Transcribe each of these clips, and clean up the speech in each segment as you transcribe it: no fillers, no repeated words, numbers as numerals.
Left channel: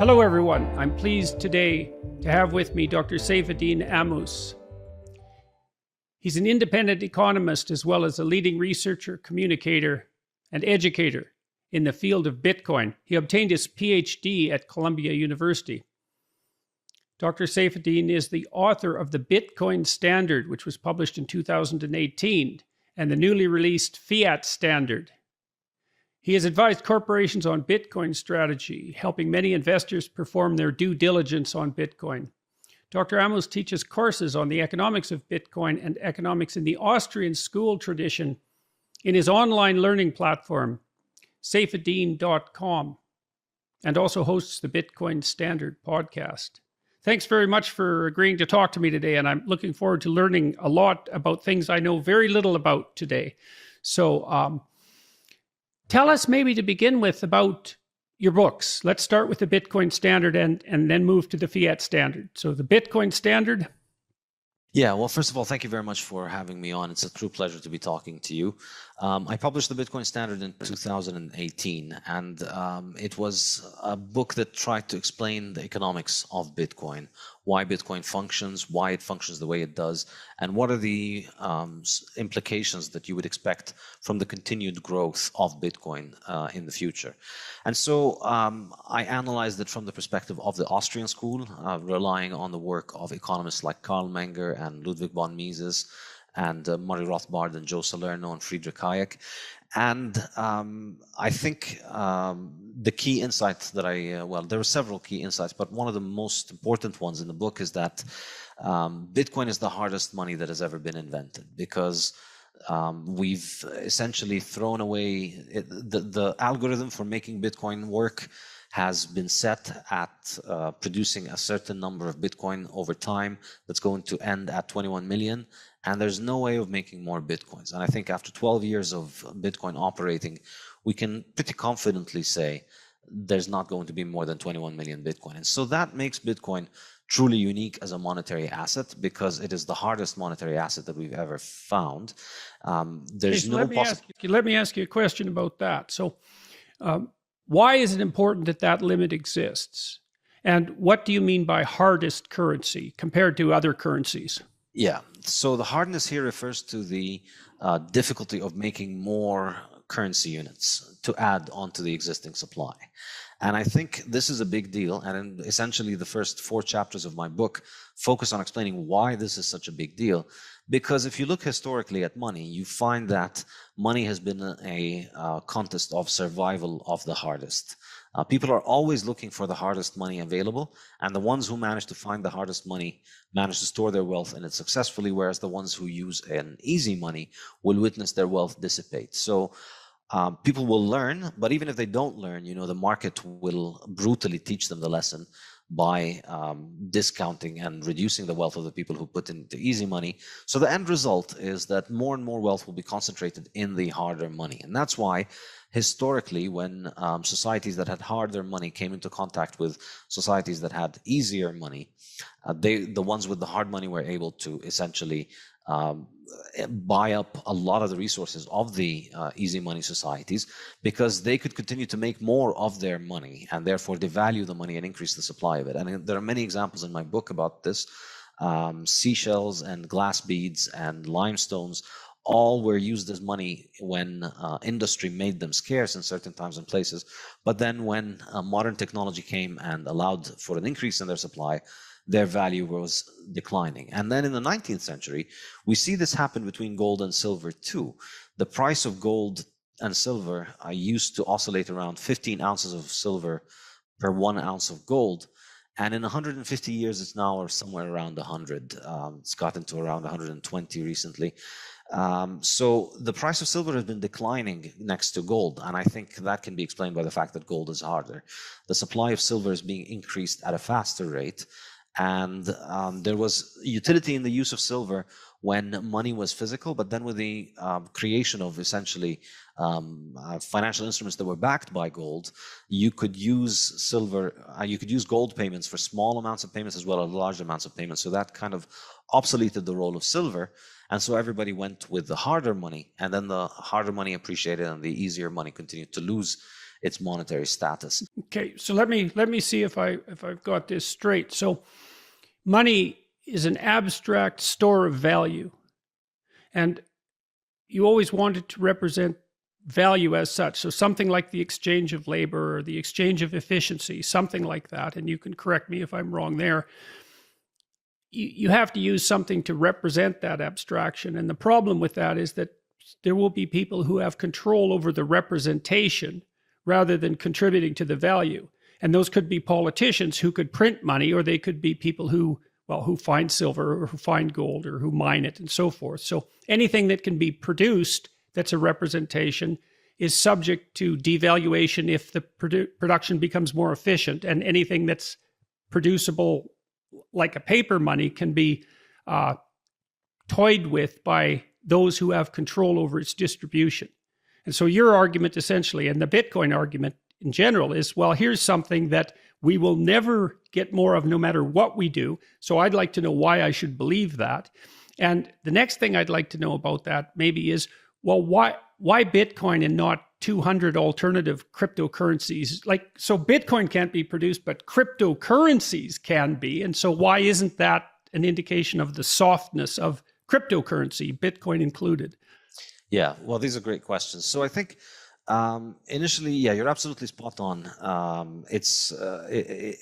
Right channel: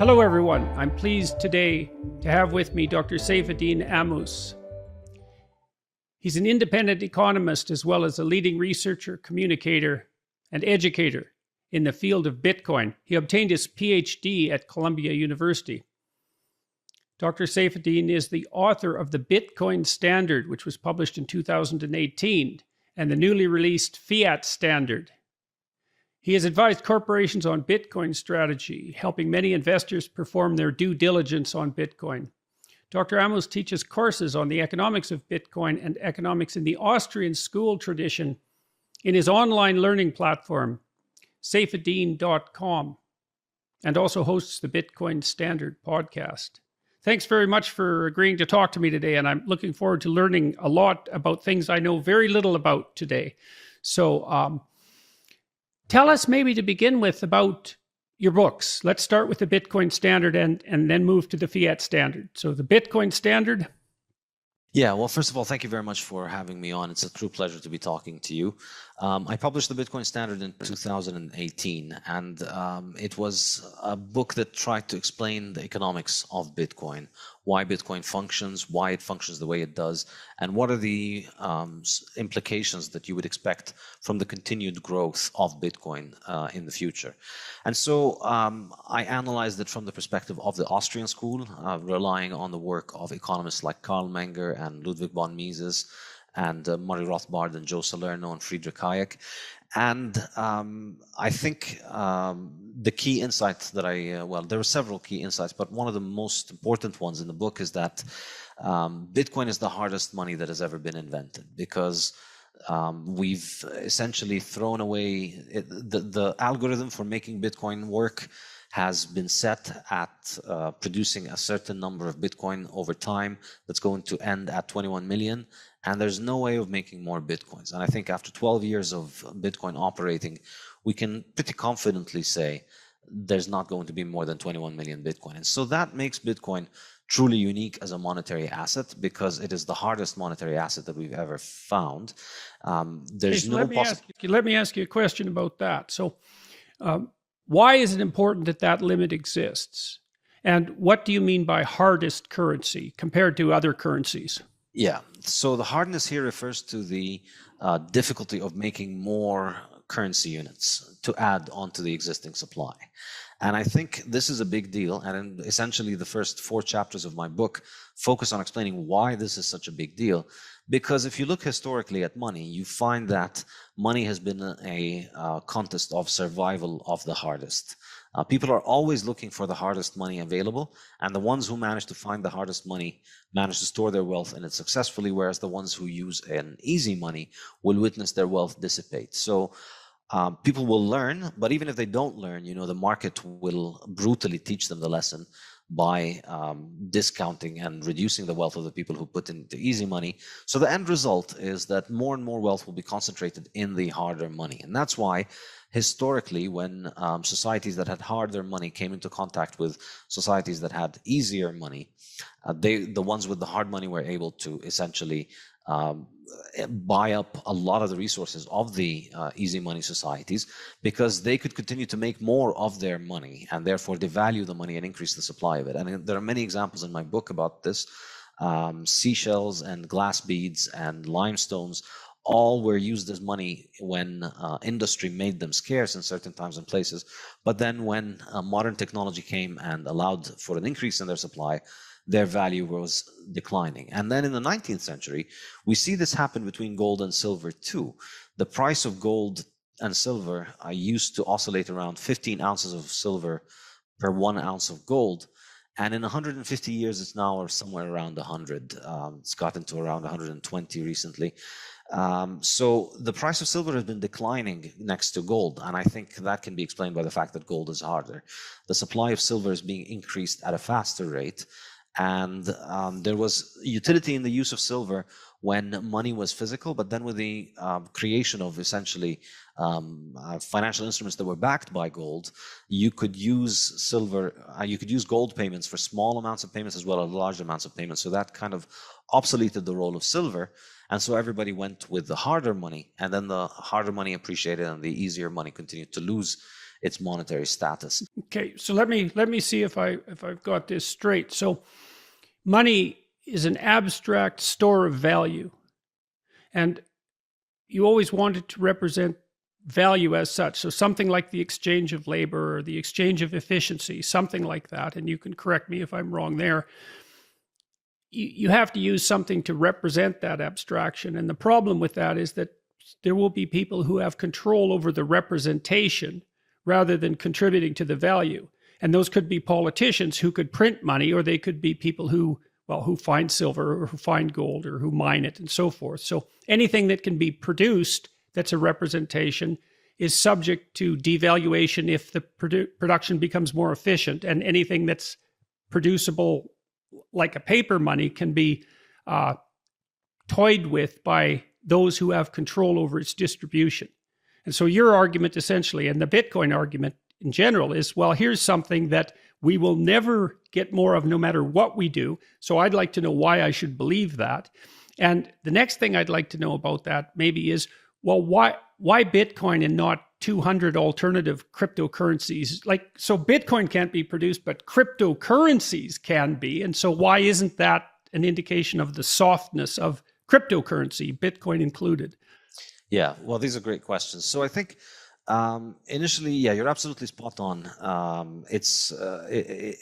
Hello everyone, I'm pleased today to have with me Dr. Saifedean Ammous. He's an independent economist as well as a leading researcher, communicator, and educator in the field of Bitcoin. He obtained his PhD at Columbia University. Dr. Saifedean is the author of the Bitcoin Standard, which was published in 2018, and the newly released Fiat Standard. He has advised corporations on Bitcoin strategy, helping many investors perform their due diligence on Bitcoin. Dr. Ammous teaches courses on the economics of Bitcoin and economics in the Austrian school tradition in his online learning platform, Saifedean.com, and also hosts the Bitcoin Standard podcast. Thanks very much for agreeing to talk to me today, and I'm looking forward to learning a lot about things I know very little about today. So, tell us maybe to begin with about your books. Let's start with the Bitcoin Standard and then move to the Fiat Standard. So the Bitcoin Standard. Yeah, well, first of all, thank you very much for having me on. It's a true pleasure to be talking to you. I published the Bitcoin Standard in 2018, and it was a book that tried to explain the economics of Bitcoin, why Bitcoin functions, why it functions the way it does, and what are the implications that you would expect from the continued growth of Bitcoin in the future. And so I analyzed it from the perspective of the Austrian school, relying on the work of economists like Karl Menger and Ludwig von Mises, and Murray Rothbard and Joe Salerno and Friedrich Hayek. And I think the key insight that well, there were several key insights, but one of the most important ones in the book is that Bitcoin is the hardest money that has ever been invented, because we've essentially thrown away the algorithm for making Bitcoin work has been set at producing a certain number of Bitcoin over time that's going to end at 21 million. And there's no way of making more Bitcoins. And I think after 12 years of Bitcoin operating, we can pretty confidently say there's not going to be more than 21 million Bitcoin. And so that makes Bitcoin truly unique as a monetary asset, because it is the hardest monetary asset that we've ever found. Let me ask you a question about that. So why is it important that that limit exists? And what do you mean by hardest currency compared to other currencies? Yeah, so the hardness here refers to the difficulty of making more currency units to add onto the existing supply. And I think this is a big deal. And essentially the first 4 chapters of my book focus on explaining why this is such a big deal. Because if you look historically at money, you find that money has been a contest of survival of the hardest. People are always looking for the hardest money available, and the ones who manage to find the hardest money manage to store their wealth in it successfully, whereas the ones who use an easy money will witness their wealth dissipate. So people will learn, but even if they don't learn, the market will brutally teach them the lesson by discounting and reducing the wealth of the people who put in the easy money. So the end result is that more and more wealth will be concentrated in the harder money. And that's why historically, when societies that had harder money came into contact with societies that had easier money, the ones with the hard money were able to essentially buy up a lot of the resources of the easy money societies, because they could continue to make more of their money and therefore devalue the money and increase the supply of it. And there are many examples in my book about this. Seashells and glass beads and limestones all were used as money when industry made them scarce in certain times and places. But then when modern technology came and allowed for an increase in their supply, their value was declining. And then in the 19th century, we see this happen between gold and silver too. The price of gold and silver used to oscillate around 15 ounces of silver per 1 ounce of gold. And in 150 years, it's now somewhere around 100. It's gotten to around 120 recently. So the price of silver has been declining next to gold, and I think that can be explained by the fact that gold is harder. The supply of silver is being increased at a faster rate, and there was utility in the use of silver when money was physical, but then with the creation of essentially financial instruments that were backed by gold, you could use silver, you could use gold payments for small amounts of payments as well as large amounts of payments. So that kind of obsoleted the role of silver. And so everybody went with the harder money, and then the harder money appreciated and the easier money continued to lose its monetary status. Okay, so let me see if I've got this straight. So money is an abstract store of value, and you always want it to represent value as such. So something like the exchange of labor or the exchange of efficiency, something like that. And you can correct me if I'm wrong there. You have to use something to represent that abstraction. And the problem with that is that there will be people who have control over the representation rather than contributing to the value. And those could be politicians who could print money, or they could be people who find silver or who find gold or who mine it and so forth. So anything that can be produced that's a representation is subject to devaluation if the production becomes more efficient, and anything that's producible like a paper money can be toyed with by those who have control over its distribution. And so your argument essentially, and the Bitcoin argument in general, is, well, here's something that we will never get more of no matter what we do. So I'd like to know why I should believe that. And the next thing I'd like to know about that maybe is, well, why Bitcoin and not 200 alternative cryptocurrencies? Like, so Bitcoin can't be produced, but cryptocurrencies can be. And so why isn't that an indication of the softness of cryptocurrency, Bitcoin included? Yeah, well, these are great questions. So I think initially, yeah, you're absolutely spot on. It's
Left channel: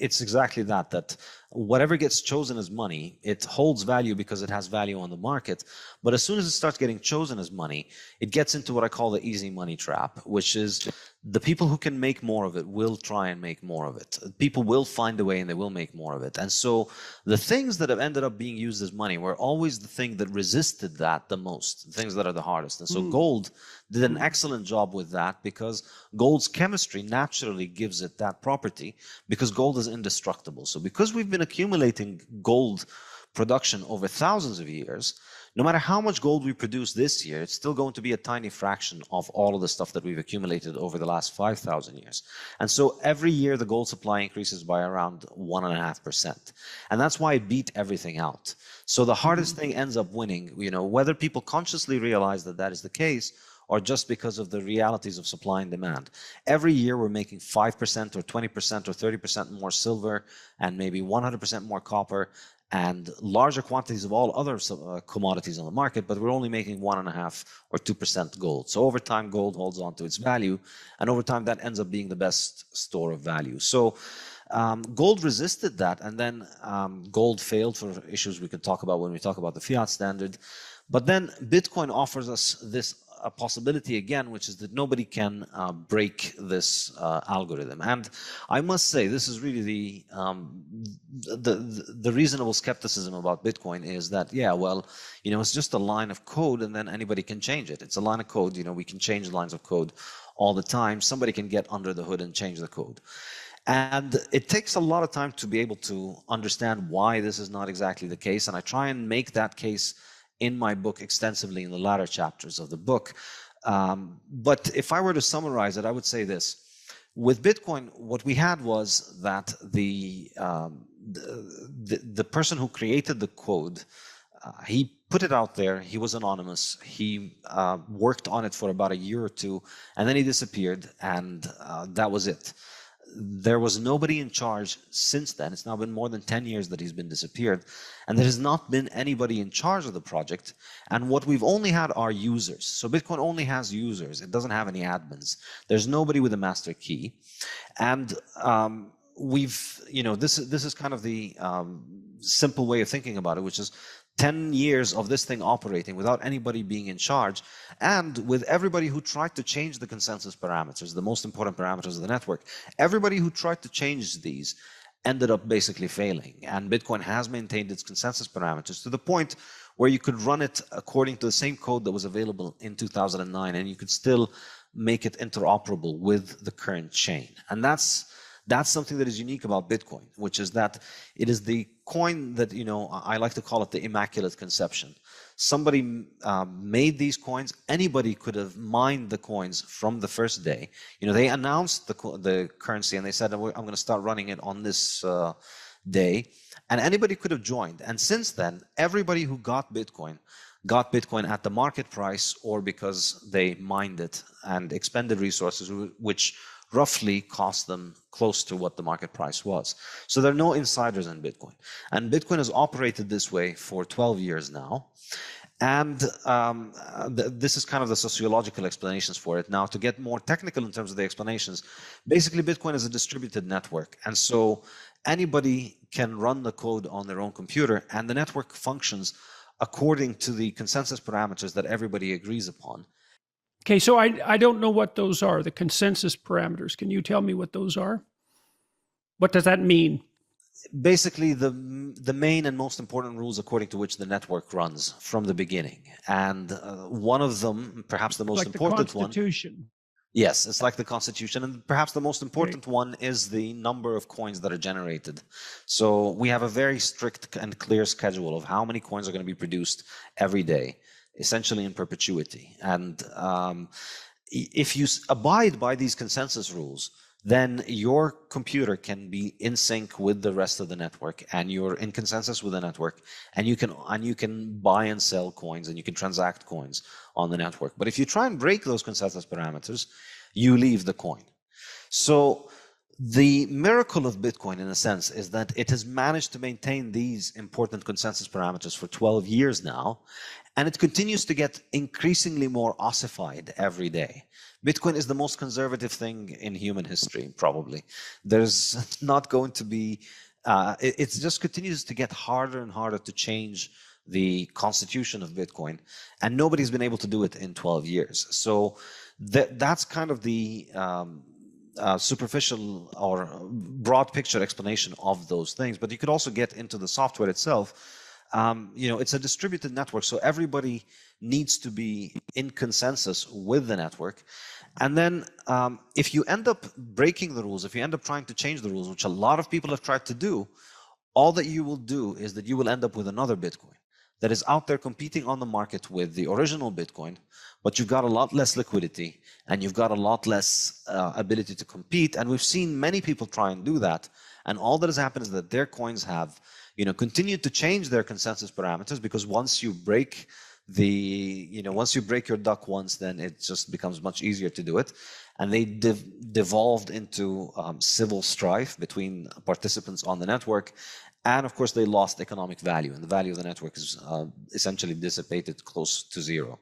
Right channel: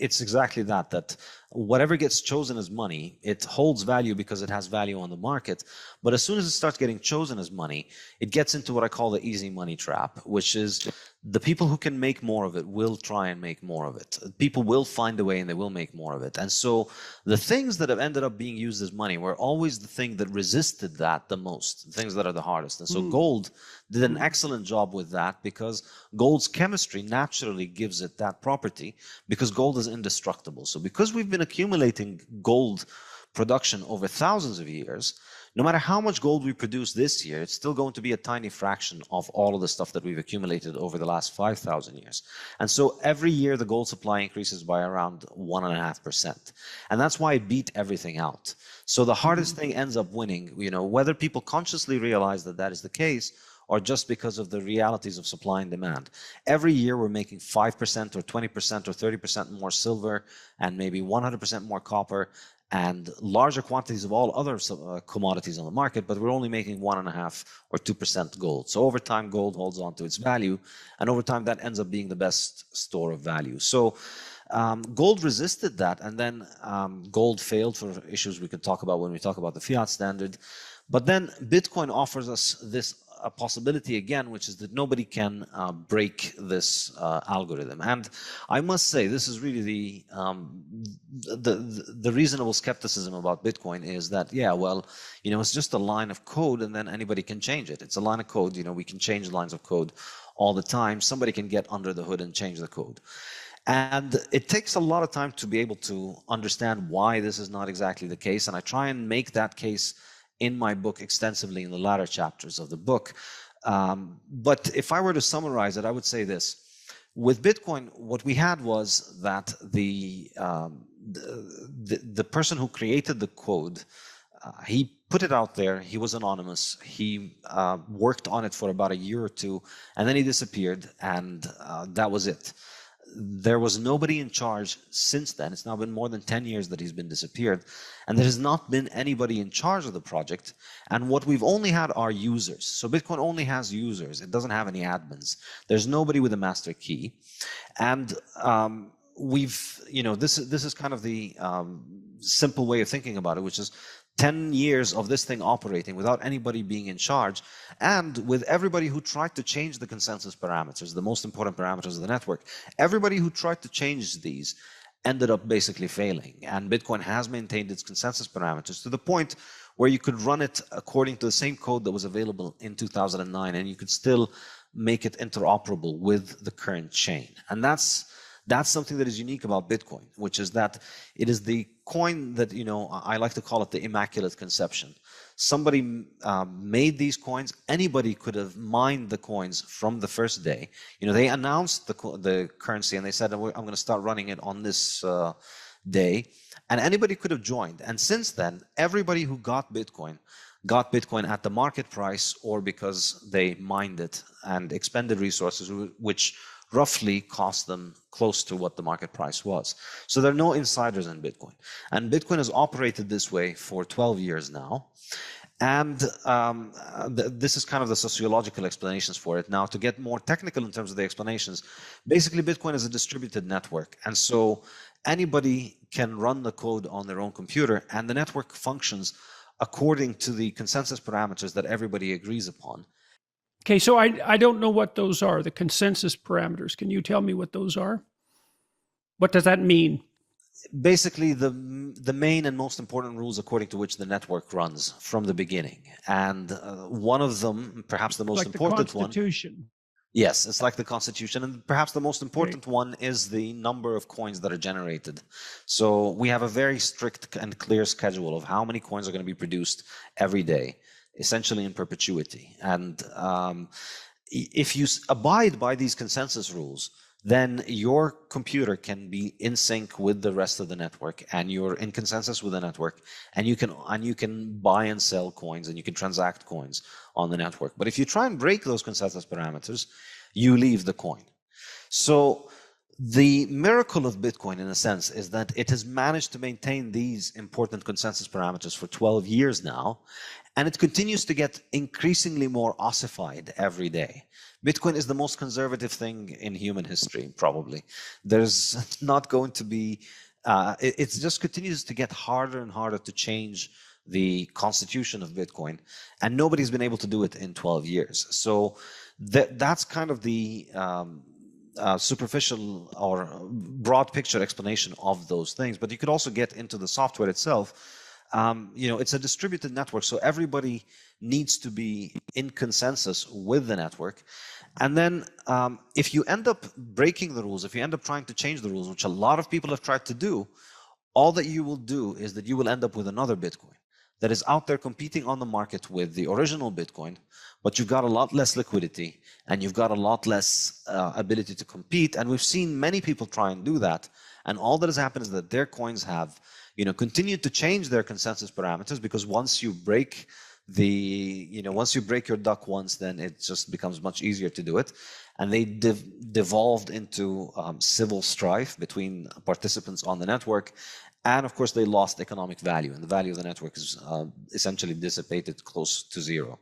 exactly that whatever gets chosen as money, it holds value because it has value on the market. But as soon as it starts getting chosen as money, it gets into what I call the easy money trap, which is the people who can make more of it will try and make more of it. People will find a way and they will make more of it. And so the things that have ended up being used as money were always the thing that resisted that the most, the things that are the hardest. And so gold did an excellent job with that, because gold's chemistry naturally gives it that property, because gold is indestructible. So because we've been accumulating gold production over thousands of years, no matter how much gold we produce this year, it's still going to be a tiny fraction of all of the stuff that we've accumulated over the last 5,000 years. And so every year the gold supply increases by around 1.5%. And that's why it beat everything out. So the hardest thing ends up winning, whether people consciously realize that that is the case, or just because of the realities of supply and demand. Every year we're making 5% or 20% or 30% more silver, and maybe 100% more copper, and larger quantities of all other commodities on the market, but we're only making 1.5 or 2% gold. So over time, gold holds on to its value, and over time that ends up being the best store of value. So gold resisted that, and then gold failed for issues we could talk about when we talk about the Fiat Standard. But then Bitcoin offers us this a possibility again, which is that nobody can break this algorithm. And I must say, this is really the reasonable skepticism about Bitcoin is that, yeah, well, it's just a line of code and then anybody can change it. It's a line of code, we can change lines of code all the time. Somebody can get under the hood and change the code. And it takes a lot of time to be able to understand why this is not exactly the case. And I try and make that case in my book extensively in the latter chapters of the book. But if I were to summarize it, I would say this. With Bitcoin, what we had was that the person who created the code, he put it out there. He was anonymous. He worked on it for about a year or two, and then he disappeared, and that was it. There was nobody in charge since then. It's now been more than 10 years that he's been disappeared, and there has not been anybody in charge of the project. And what we've only had are users. So Bitcoin only has users. It doesn't have any admins. There's nobody with a master key. And this is kind of the simple way of thinking about it, which is 10 years of this thing operating without anybody being in charge, and with everybody who tried to change the consensus parameters, the most important parameters of the network, everybody who tried to change these ended up basically failing. And Bitcoin has maintained its consensus parameters to the point where you could run it according to the same code that was available in 2009, and you could still make it interoperable with the current chain. And that's something that is unique about Bitcoin, which is that it is the coin that, I like to call it the Immaculate conception. Somebody made these coins. Anybody could have mined the coins from the first day. They announced the currency and they said, I'm going to start running it on this day. And anybody could have joined. And since then, everybody who got Bitcoin at the market price, or because they mined it and expended resources which roughly cost them close to what the market price was. So there are no insiders in Bitcoin. And Bitcoin has operated this way for 12 years now. And this is kind of the sociological explanations for it. Now, to get more technical in terms of the explanations, basically Bitcoin is a distributed network. And so anybody can run the code on their own computer, and the network functions according to the consensus parameters that everybody agrees upon. Okay, so I don't know what those are, the consensus parameters. Can you tell me what those are? What does that mean? Basically, the main and most important rules according to which the network runs from the beginning. And one of them, perhaps the most important one. Constitution. Yes, it's like the Constitution. And perhaps the most important one is the number of coins that are generated. So we have a very strict and clear schedule of how many coins are going to be produced every day, essentially in perpetuity. And if you abide by these consensus rules, then your computer can be in sync with the rest of the network, and you're in consensus with the network, and you can buy and sell coins, and you can transact coins on the network. But if you try and break those consensus parameters, you leave the coin. So the miracle of Bitcoin, in a sense, is that it has managed to maintain these important consensus parameters for 12 years now, and it continues to get increasingly more ossified every day. Bitcoin is the most conservative thing in human history, probably. There's not going to be, it just continues to get harder and harder to change the constitution of Bitcoin, and nobody's been able to do it in 12 years. So that's kind of the superficial or broad picture explanation of those things. But you could also get into the software itself. It's a distributed network, so everybody needs to be in consensus with the network. And then if you end up breaking the rules, if you end up trying to change the rules, which a lot of people have tried to do, all that you will do is that you will end up with another Bitcoin that is out there competing on the market with the original Bitcoin, but you've got a lot less liquidity and you've got a lot less ability to compete. And we've seen many people try and do that. And all that has happened is that their coins have continued to change their consensus parameters, because once you break your duck once, then it just becomes much easier to do it. And they devolved into civil strife between participants on the network. And of course, they lost economic value, and the value of the network is essentially dissipated close to zero.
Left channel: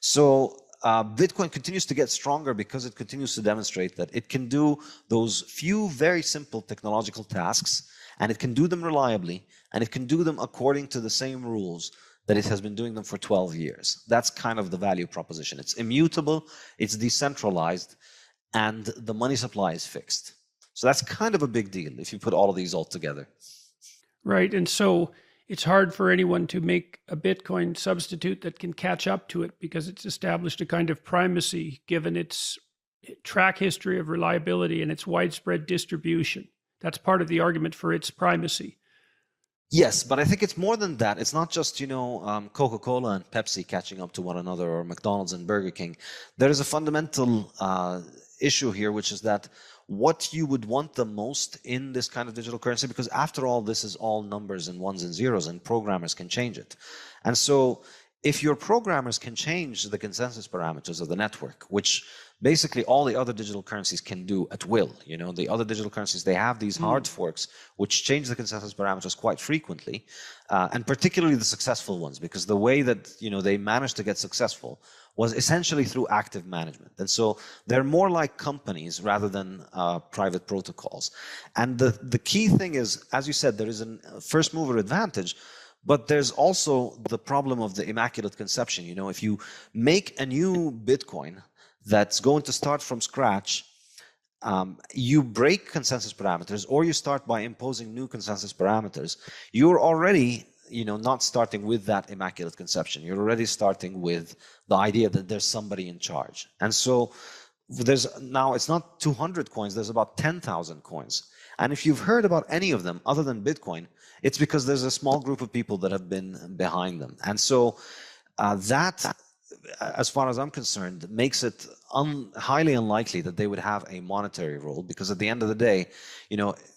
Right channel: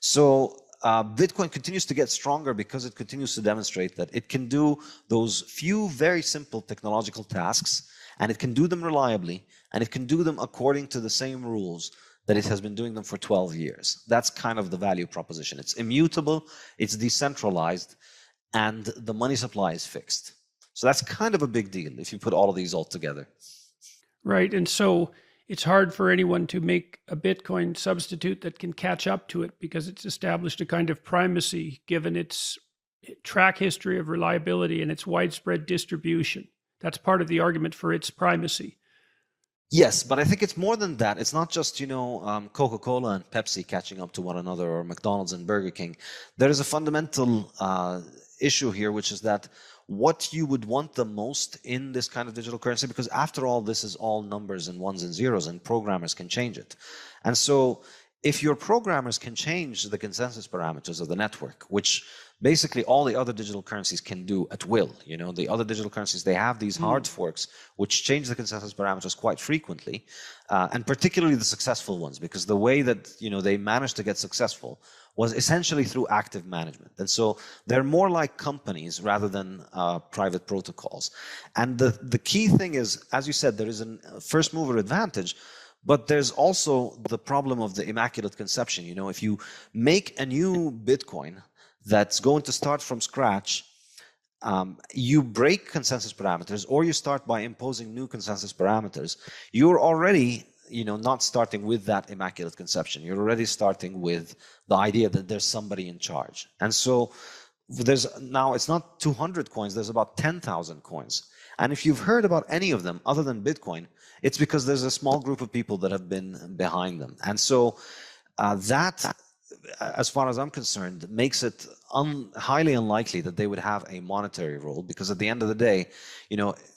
So Bitcoin continues to get stronger because it continues to demonstrate that it can do those few very simple technological tasks, and it can do them reliably, and it can do them according to the same rules that it has been doing them for 12 years. That's kind of the value proposition. It's immutable, it's decentralized, and the money supply is fixed. So that's kind of a big deal if you put all of these all together. Right. And so it's hard for anyone to make a Bitcoin substitute that can catch up to it, because it's established a kind of primacy given its track history of reliability and its widespread distribution. That's part of the argument for its primacy. Yes, but I think it's more than that. It's not just, Coca-Cola and Pepsi catching up to one another, or McDonald's and Burger King. There is a fundamental issue here, which is that what you would want the most in this kind of digital currency, because after all, this is all numbers and ones and zeros, and programmers can change it. And so if your programmers can change the consensus parameters of the network, which basically all the other digital currencies can do at will, the other digital currencies, they have these hard forks which change the consensus parameters quite frequently, and particularly the successful ones, because the way that they managed to get successful was essentially through active management. And so they're more like companies rather than private protocols. And the key thing is, as you said, there is a first mover advantage, but there's also the problem of the Immaculate Conception. If you make a new Bitcoin that's going to start from scratch, you break consensus parameters, or you start by imposing new consensus parameters, you're already not starting with that Immaculate Conception. You're already starting with the idea that there's somebody in charge. And so now it's not 200 coins, there's about 10,000 coins. And if you've heard about any of them other than Bitcoin, it's because there's a small group of people that have been behind them. And so that, as far as I'm concerned, makes it highly unlikely that they would have a monetary role, because at the end of the day,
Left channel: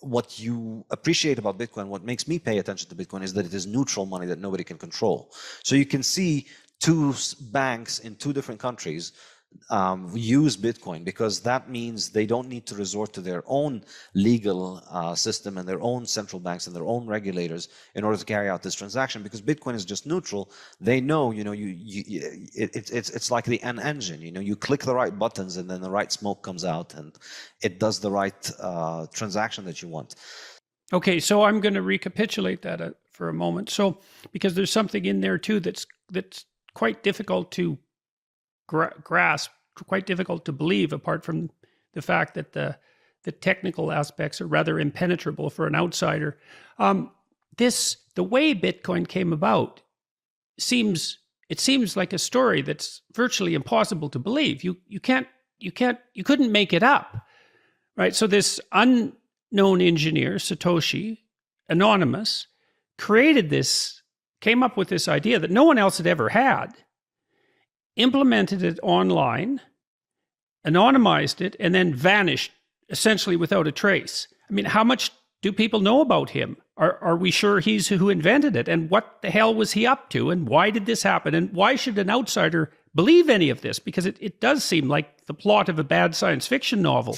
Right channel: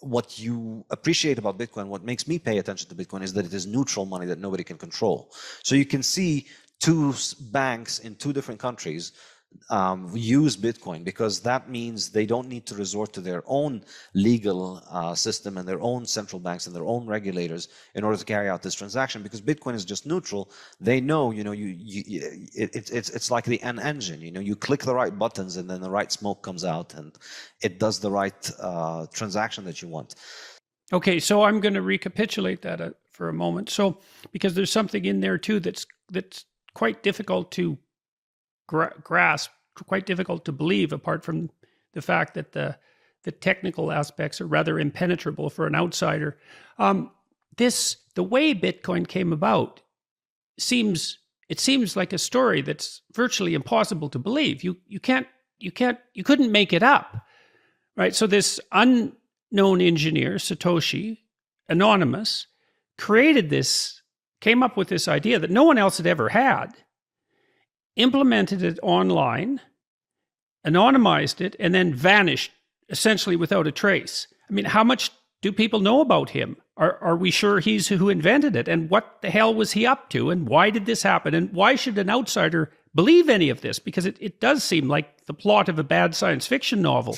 what you appreciate about Bitcoin, what makes me pay attention to Bitcoin, is that it is neutral money that nobody can control. So you can see two banks in two different countries use Bitcoin, because that means they don't need to resort to their own legal system and their own central banks and their own regulators in order to carry out this transaction, because Bitcoin is just neutral. They know, it's like the an engine, you click the right buttons and then the right smoke comes out and it does the right transaction that you want. Okay, so I'm going to recapitulate that for a moment. So, because there's something in there too that's quite difficult to grasp, quite difficult to believe, apart from the fact that the technical aspects are rather impenetrable for an outsider. The way Bitcoin came about seems like a story that's virtually impossible to believe. You couldn't make it up, right? So this unknown engineer, Satoshi, anonymous, came up with this idea that no one else had ever had, implemented it online, anonymized it, and then vanished essentially without a trace. I mean, how much do people know about him? Are we sure he's who invented it? And what the hell was he up to? And why did this happen? And why should an outsider believe any of this? Because it does seem like the plot of a bad science fiction novel.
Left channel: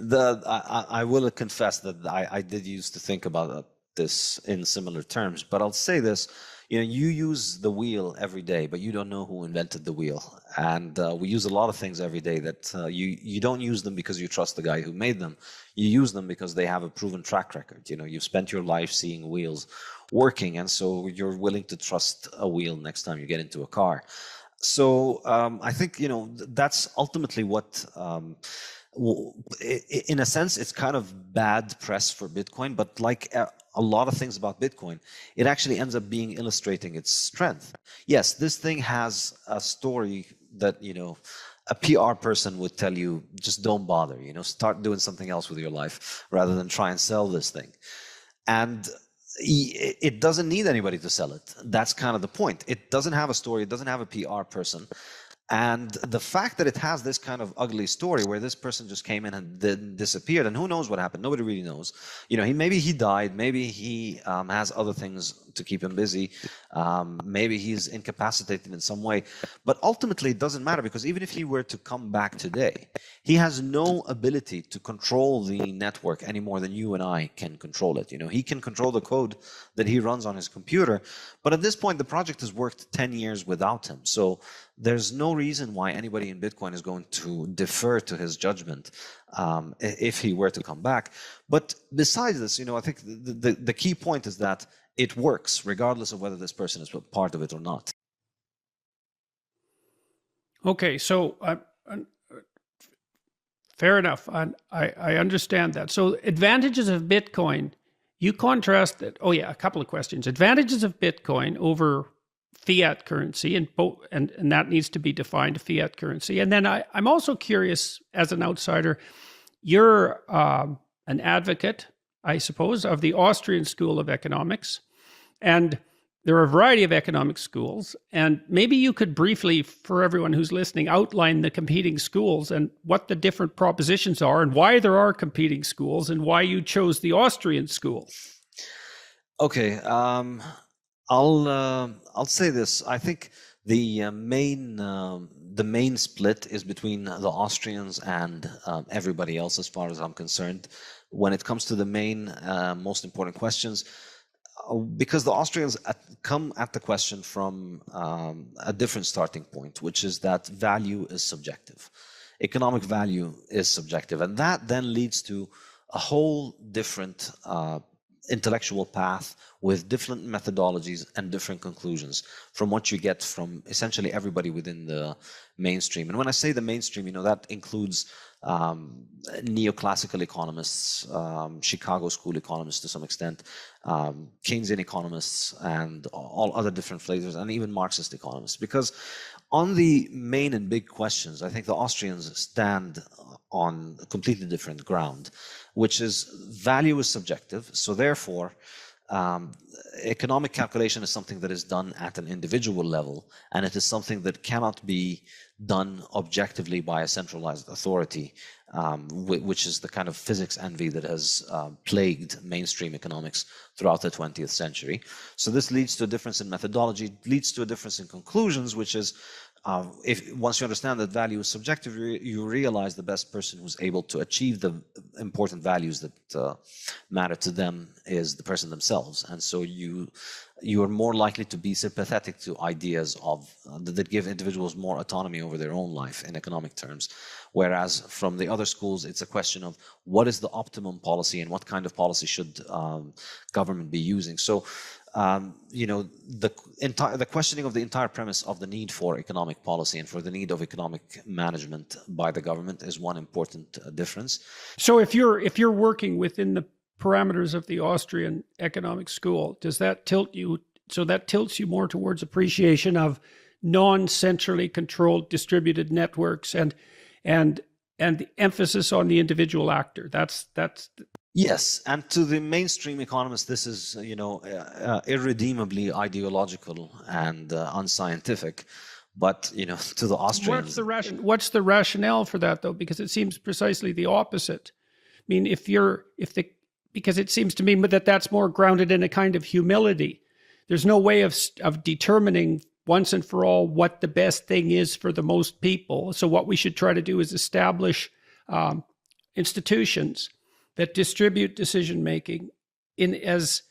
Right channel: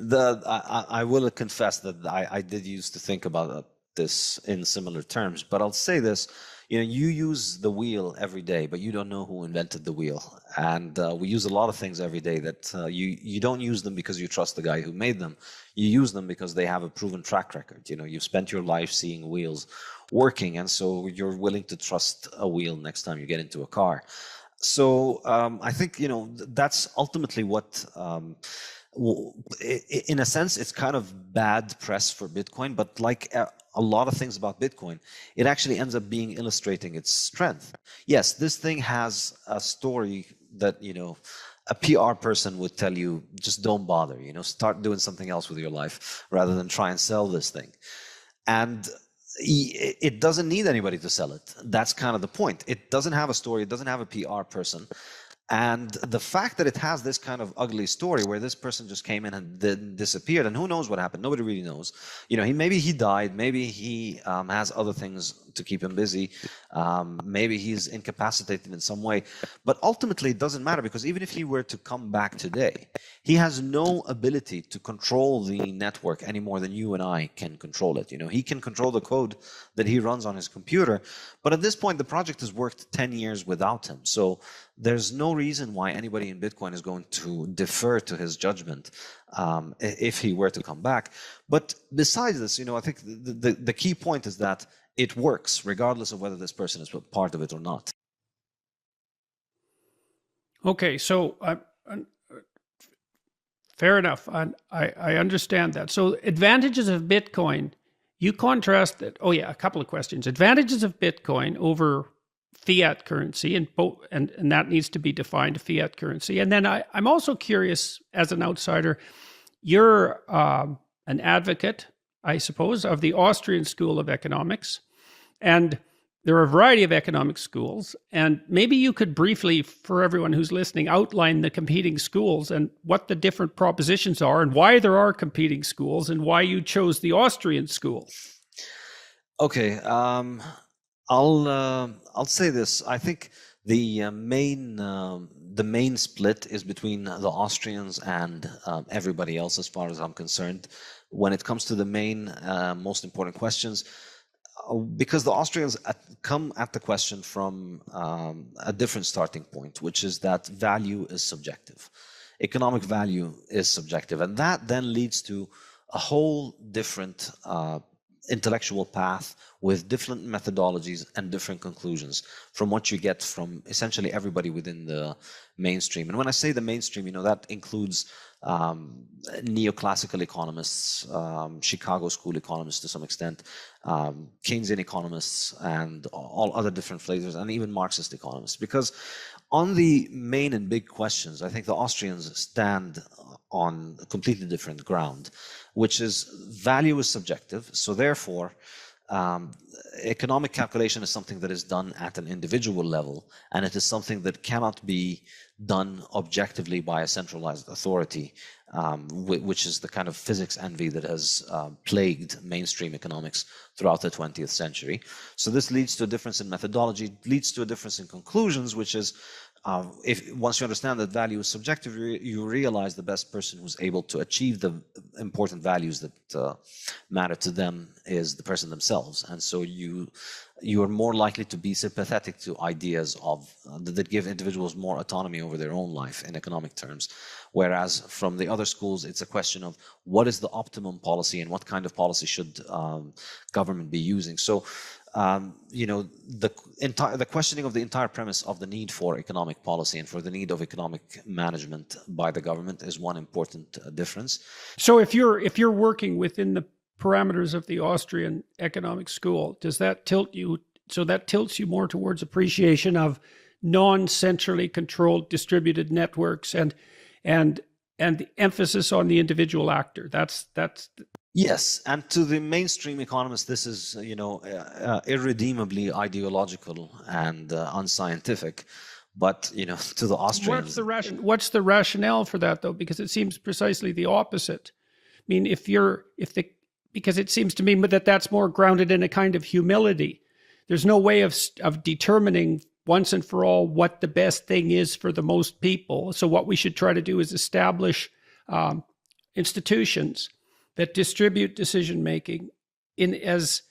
I will confess that I did used to think about this in similar terms, but I'll say this. You use the wheel every day, but you don't know who invented the wheel. And we use a lot of things every day that you don't use them because you trust the guy who made them. You use them because they have a proven track record. You've spent your life seeing wheels working, and so you're willing to trust a wheel next time you get into a car. So I think, that's ultimately what... in a sense, it's kind of bad press for Bitcoin, but like a lot of things about Bitcoin, it actually ends up being illustrating its strength. Yes, this thing has a story that, a PR person would tell you, just don't bother, start doing something else with your life rather than try and sell this thing. And it doesn't need anybody to sell it. That's kind of the point. It doesn't have a story. It doesn't have a PR person. And the fact that it has this kind of ugly story where this person just came in and then disappeared, and who knows what happened? Nobody really knows. Maybe he died. Maybe he has other things to keep him busy. Maybe he's incapacitated in some way. But ultimately, it doesn't matter, because even if he were to come back today, he has no ability to control the network any more than you and I can control it. He can control the code that he runs on his computer. But at this point, the project has worked 10 years without him. So there's no reason why anybody in Bitcoin is going to defer to his judgment if he were to come back. But besides this, I think the key point is that it works regardless of whether this person is part of it or not. Okay, so fair enough. I understand that. So advantages of Bitcoin, you contrast that. Oh yeah, a couple of questions. Advantages of Bitcoin over fiat currency, and that needs to be defined, fiat currency. And then I'm also curious, as an outsider, you're an advocate, I suppose, of the Austrian School of Economics, and there are a variety of economic schools, and maybe you could briefly, for everyone who's listening, outline the competing schools and what the different propositions are and why there are competing schools and why you chose the Austrian school. Okay, I'll say this. I think the main split is between the Austrians and everybody else, as far as I'm concerned, when it comes to the main most important questions, because the Austrians come at the question from a different starting point, which is that value is subjective. Economic value is subjective, and that then leads to a whole different intellectual path with different methodologies and different conclusions from what you get from essentially everybody within the mainstream. And when I say the mainstream, that includes neoclassical economists, Chicago School economists to some extent, Keynesian economists, and all other different flavors, and even Marxist economists. Because on the main and big questions, I think the Austrians stand on a completely different ground, which is value is subjective. So therefore, economic calculation is something that is done at an individual level, and it is something that cannot be done objectively by a centralized authority, which is the kind of physics envy that has plagued mainstream economics throughout the 20th century. So this leads to a difference in methodology, leads to a difference in conclusions, which is if once you understand that value is subjective, you realize the best person who's able to achieve the important values that matter to them is the person themselves, and so you are more likely to be sympathetic to ideas of that give individuals more autonomy over their own life in economic terms. Whereas from the other schools, it's a question of what is the optimum policy and what kind of policy should government be using. So, the questioning of the entire premise of the need for economic policy and for the need of economic management by the government is one important difference. So, if you're working within the parameters of the Austrian economic school, does that tilt you? So that tilts you more towards appreciation of non-centrally controlled distributed networks and the emphasis on the individual actor. That's Yes, and to the mainstream economists, this is irredeemably ideological and unscientific. But to the Austrians, what's the rationale for that, though? Because it seems precisely the opposite. I mean, because it seems to me that that's more grounded in a kind of humility. There's no way of determining once and for all what the best thing is for the most people. So what we should try to do is establish institutions that distribute decision making in as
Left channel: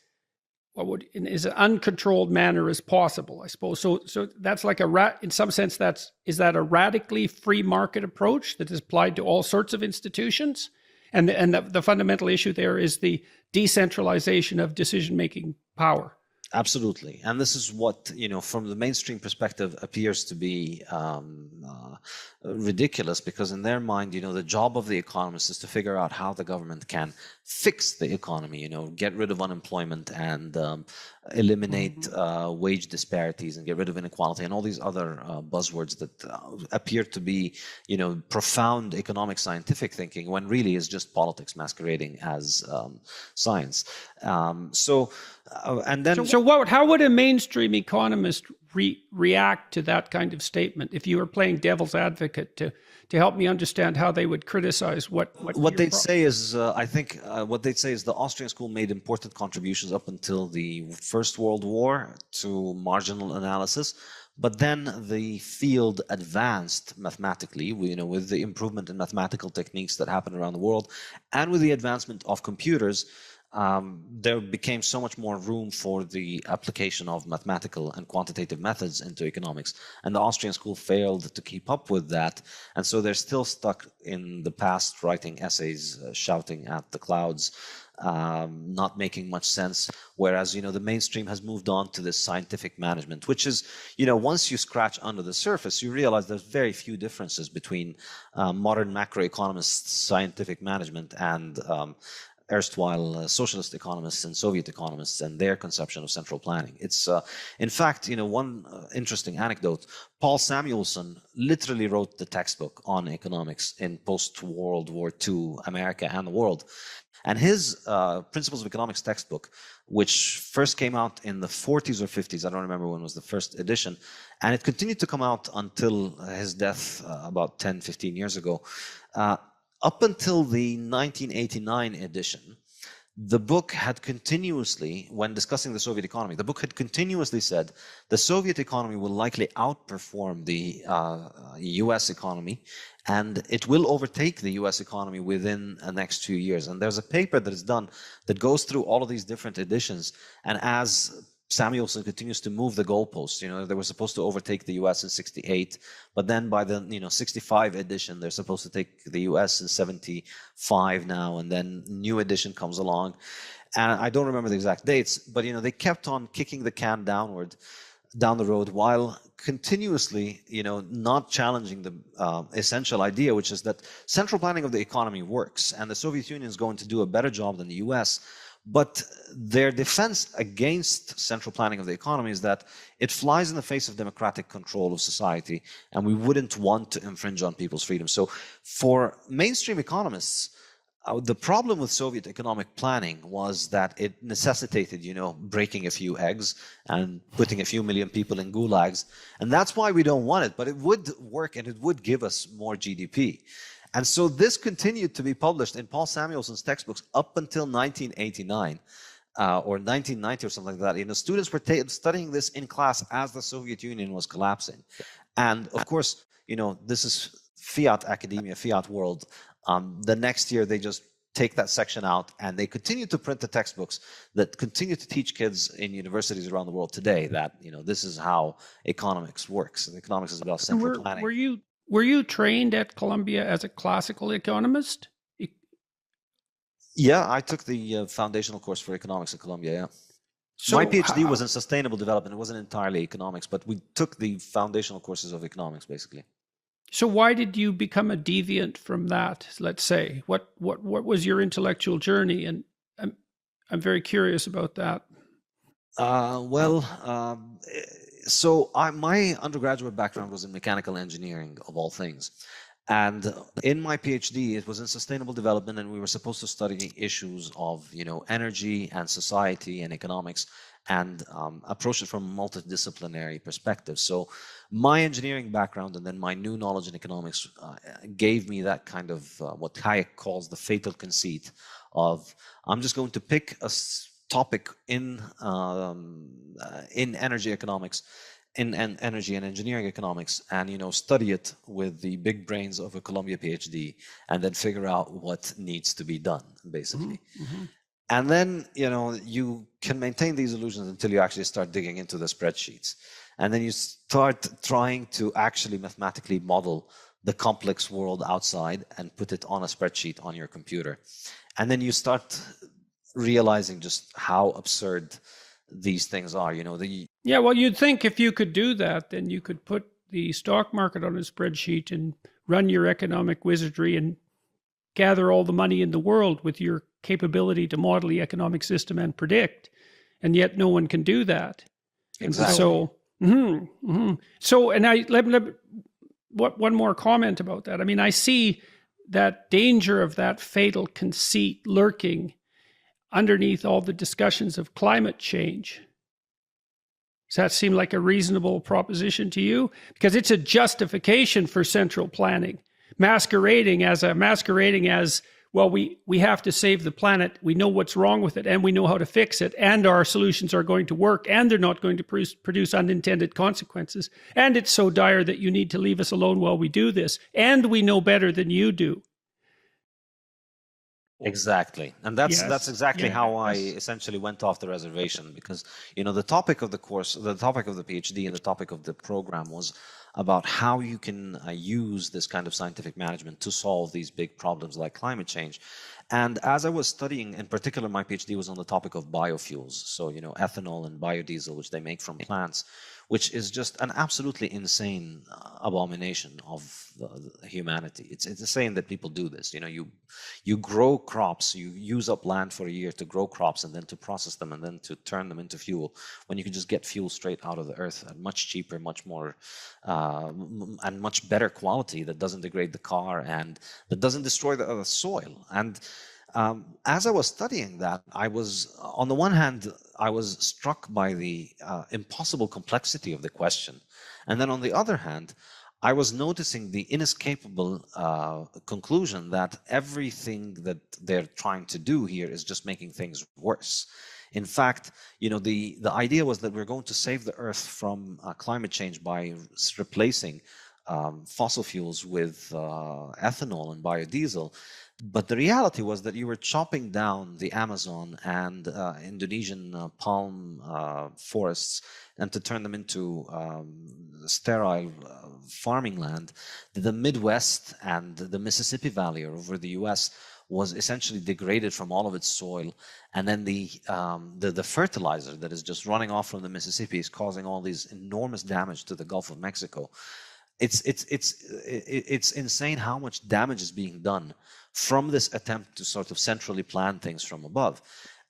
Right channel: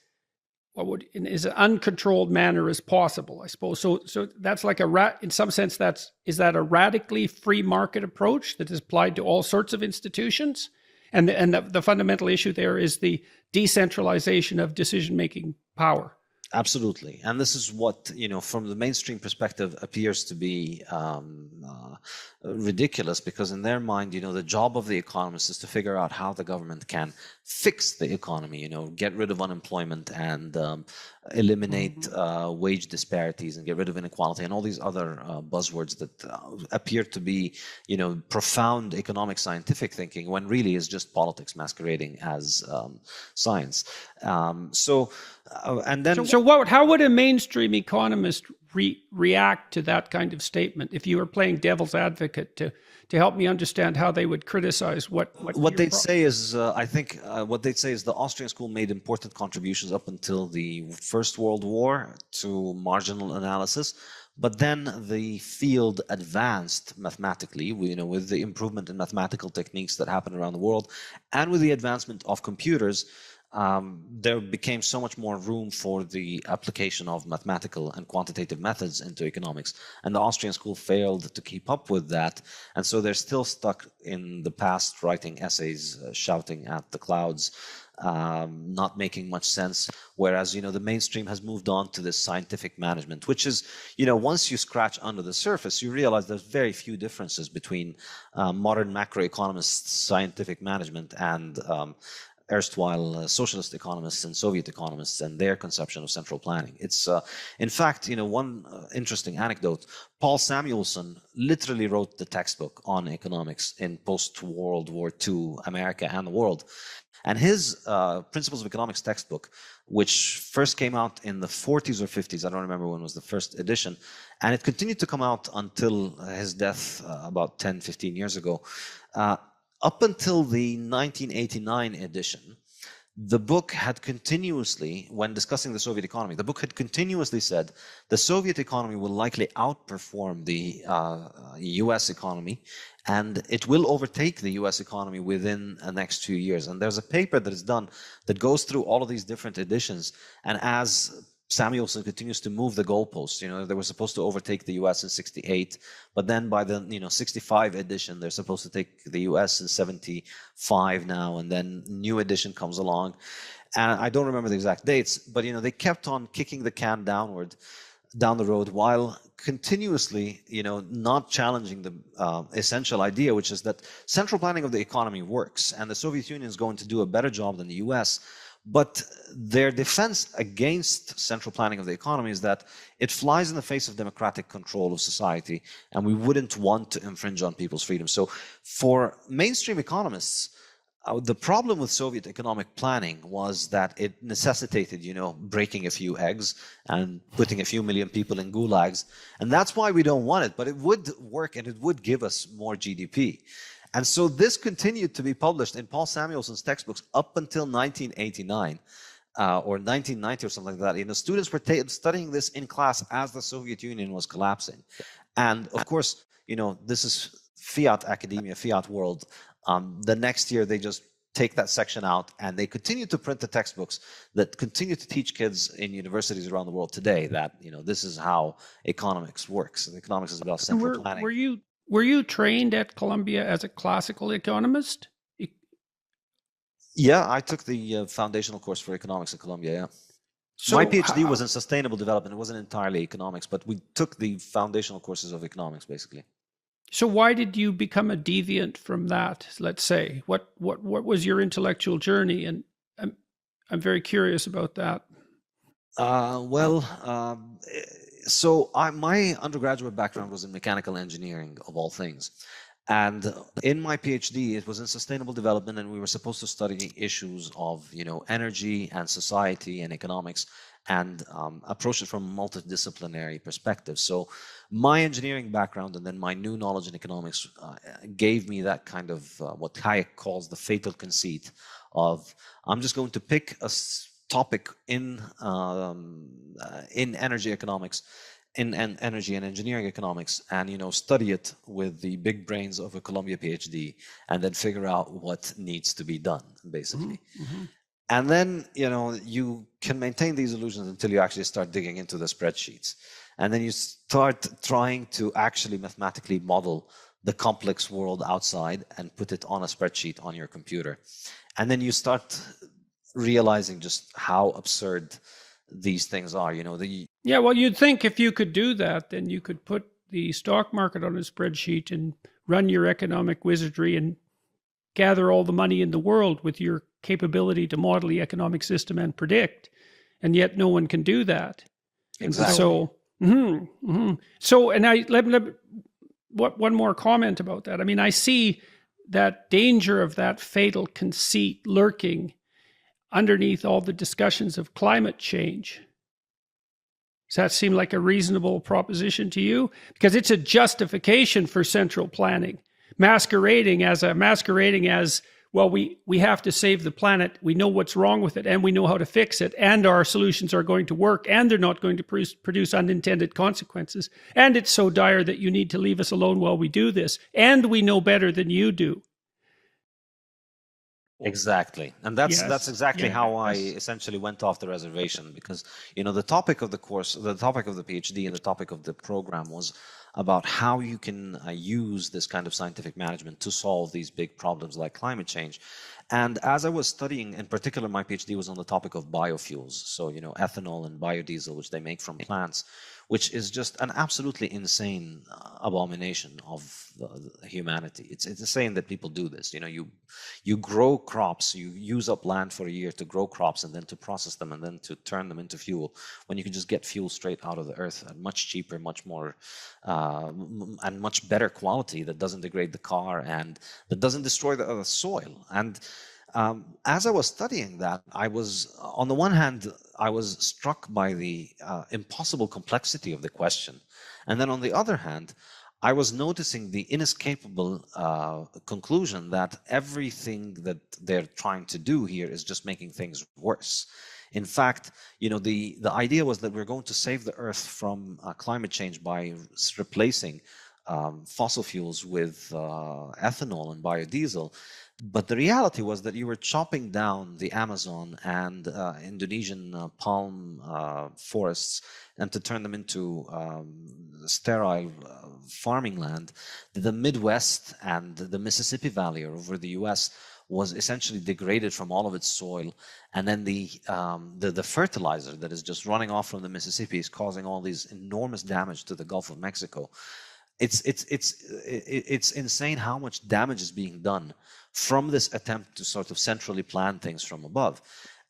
an uncontrolled manner as possible, I suppose. So that's like in some sense, is that a radically free market approach that is applied to all sorts of institutions? And the fundamental issue there is the decentralization of decision making power. Absolutely. And this is what, from the mainstream perspective appears to be ridiculous, because in their mind, the job of the economist is to figure out how the government can fix the economy, get rid of unemployment and eliminate wage disparities and get rid of inequality and all these other buzzwords that appear to be, profound economic scientific thinking, when really is just politics masquerading as science. So how would a mainstream economist react to that kind of statement if you were playing devil's advocate to help me understand how they would criticize what they'd say is what they'd say is the Austrian school made important contributions up until the First World War to marginal analysis, but then the field advanced mathematically, with the improvement in mathematical techniques that happened around the world, and with the advancement of computers. There became so much more room for the application of mathematical and quantitative methods into economics, and the Austrian school failed to keep up with that, and so they're still stuck in the past, writing essays, shouting at the clouds, not making much sense. Whereas the mainstream has moved on to this scientific management, which is once you scratch under the surface, you realize there's very few differences between modern macroeconomists' scientific management and erstwhile socialist economists and Soviet economists and their conception of central planning. It's, in fact, one interesting anecdote. Paul Samuelson literally wrote the textbook on economics in post-World War II America and the world. And his Principles of Economics textbook, which first came out in the 40s or 50s, I don't remember when was the first edition, and it continued to come out until his death about 10, 15 years ago. Up until the 1989 edition, the book had continuously, when discussing the Soviet economy, the book had continuously said the Soviet economy will likely outperform the US economy, and it will overtake the US economy within the next few years. And there's a paper that is done that goes through all of these different editions, and as Samuelson continues to move the goalposts. They were supposed to overtake the US in 68, but then by the 65 edition, they're supposed to take the US in 75 now, and then new edition comes along. And I don't remember the exact dates, but they kept on kicking the can down the road while continuously, not challenging the essential idea, which is that central planning of the economy works, and the Soviet Union is going to do a better job than the US. But their defense against central planning of the economy is that it flies in the face of democratic control of society, and we wouldn't want to infringe on people's freedom. So for mainstream economists, the problem with Soviet economic planning was that it necessitated, breaking a few eggs and putting a few million people in gulags. And that's why we don't want it, but it would work and it would give us more GDP. And so this continued to be published in Paul Samuelson's textbooks up until 1989 or 1990 or something like that. Students were studying this in class as the Soviet Union was collapsing. And of course, this is fiat academia, fiat world. The next year, they just take that section out, and they continue to print the textbooks that continue to teach kids in universities around the world today that this is how economics works. And economics is about central planning. Were you trained at Columbia as a classical economist? Yeah, I took the foundational course for economics at Columbia. Yeah. So my PhD was in sustainable development. It wasn't entirely economics, but we took the foundational courses of economics, basically. So why did you become a deviant from that? Let's say, what was your intellectual journey? And I'm very curious about that. So my undergraduate background was in mechanical engineering, of all things. And in my PhD, it was in sustainable development, and we were supposed to study issues of, energy and society and economics, and approach it from a multidisciplinary perspective. So my engineering background and then my new knowledge in economics gave me that kind of what Hayek calls the fatal conceit of, I'm just going to pick a topic in energy economics, in energy and engineering economics, and study it with the big brains of a Columbia PhD, and then figure out what needs to be done, basically. Mm-hmm. And then you can maintain these illusions until you actually start digging into the spreadsheets, and then you start trying to actually mathematically model the complex world outside and put it on a spreadsheet on your computer, and then you start realizing just how absurd these things are. Yeah, well, you'd think if you could do that, then you could put the stock market on a spreadsheet and run your economic wizardry and gather all the money in the world with your capability to model the economic system and predict, and yet no one can do that. Exactly. So, so, and one more comment about that. I mean, I see that danger of that fatal conceit lurking underneath all the discussions of climate change. Does that seem like a reasonable proposition to you? Because it's a justification for central planning, masquerading as, well, we have to save the planet. We know what's wrong with it, and we know how to fix it, and our solutions are going to work, and they're not going to produce unintended consequences. And it's so dire that you need to leave us alone while we do this, and we know better than you do. Exactly. And that's exactly how I essentially went off the reservation, because, the topic of the course, the topic of the PhD and the topic of the program was about how you can use this kind of scientific management to solve these big problems like climate change. And as I was studying, in particular, my PhD was on the topic of biofuels. So, ethanol and biodiesel, which they make from plants, which is just an absolutely insane abomination of humanity. It's insane that people do this. You grow crops, you use up land for a year to grow crops and then to process them and then to turn them into fuel, when you can just get fuel straight out of the earth at much cheaper, much more, and much better quality, that doesn't degrade the car and that doesn't destroy the soil. And as I was studying that, I was, on the one hand, I was struck by the impossible complexity of the question. And then on the other hand, I was noticing the inescapable conclusion that everything that they're trying to do here is just making things worse. In fact, the idea was that we're going to save the earth from climate change by replacing fossil fuels with ethanol and biodiesel. But the reality was that you were chopping down the Amazon and Indonesian palm forests, and to turn them into sterile farming land. The Midwest and the Mississippi Valley over the US was essentially degraded from all of its soil, and then the fertilizer that is just running off from the Mississippi is causing all these enormous damage to the Gulf of Mexico. It's insane how much damage is being done from this attempt to sort of centrally plan things from above.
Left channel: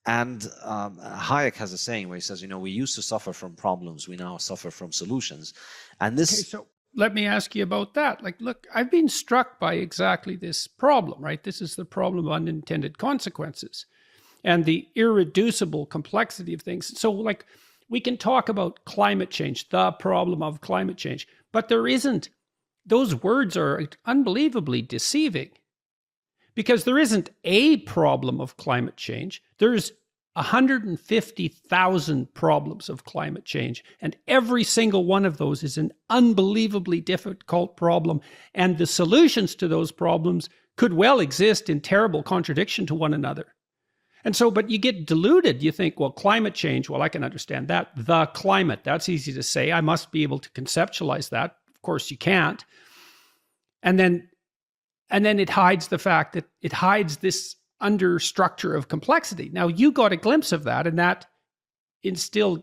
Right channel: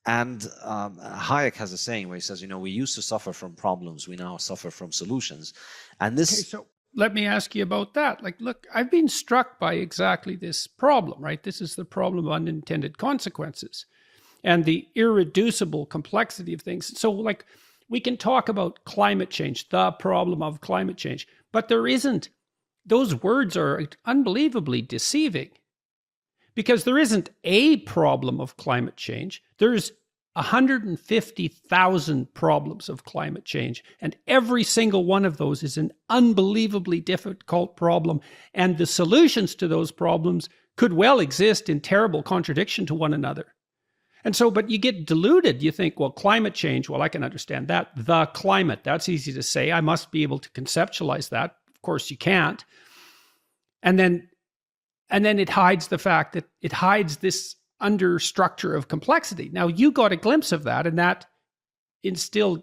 And Hayek has a saying where he says, we used to suffer from problems, we now suffer from solutions. And this. Okay, so let me ask you about that. Look, I've been struck by exactly this problem, right? This is the problem of unintended consequences and the irreducible complexity of things. So, we can talk about climate change, the problem of climate change, but there isn't. Those words are unbelievably deceiving, because there isn't a problem of climate change. There's 150,000 problems of climate change. And every single one of those is an unbelievably difficult problem. And the solutions to those problems could well exist in terrible contradiction to one another. And so, but you get deluded. You think, well, climate change, well, I can understand that. The climate, that's easy to say. I must be able to conceptualize that. Of course, you can't. And then it hides the fact that it hides this under structure of complexity. Now, you got a glimpse of that, and that instilled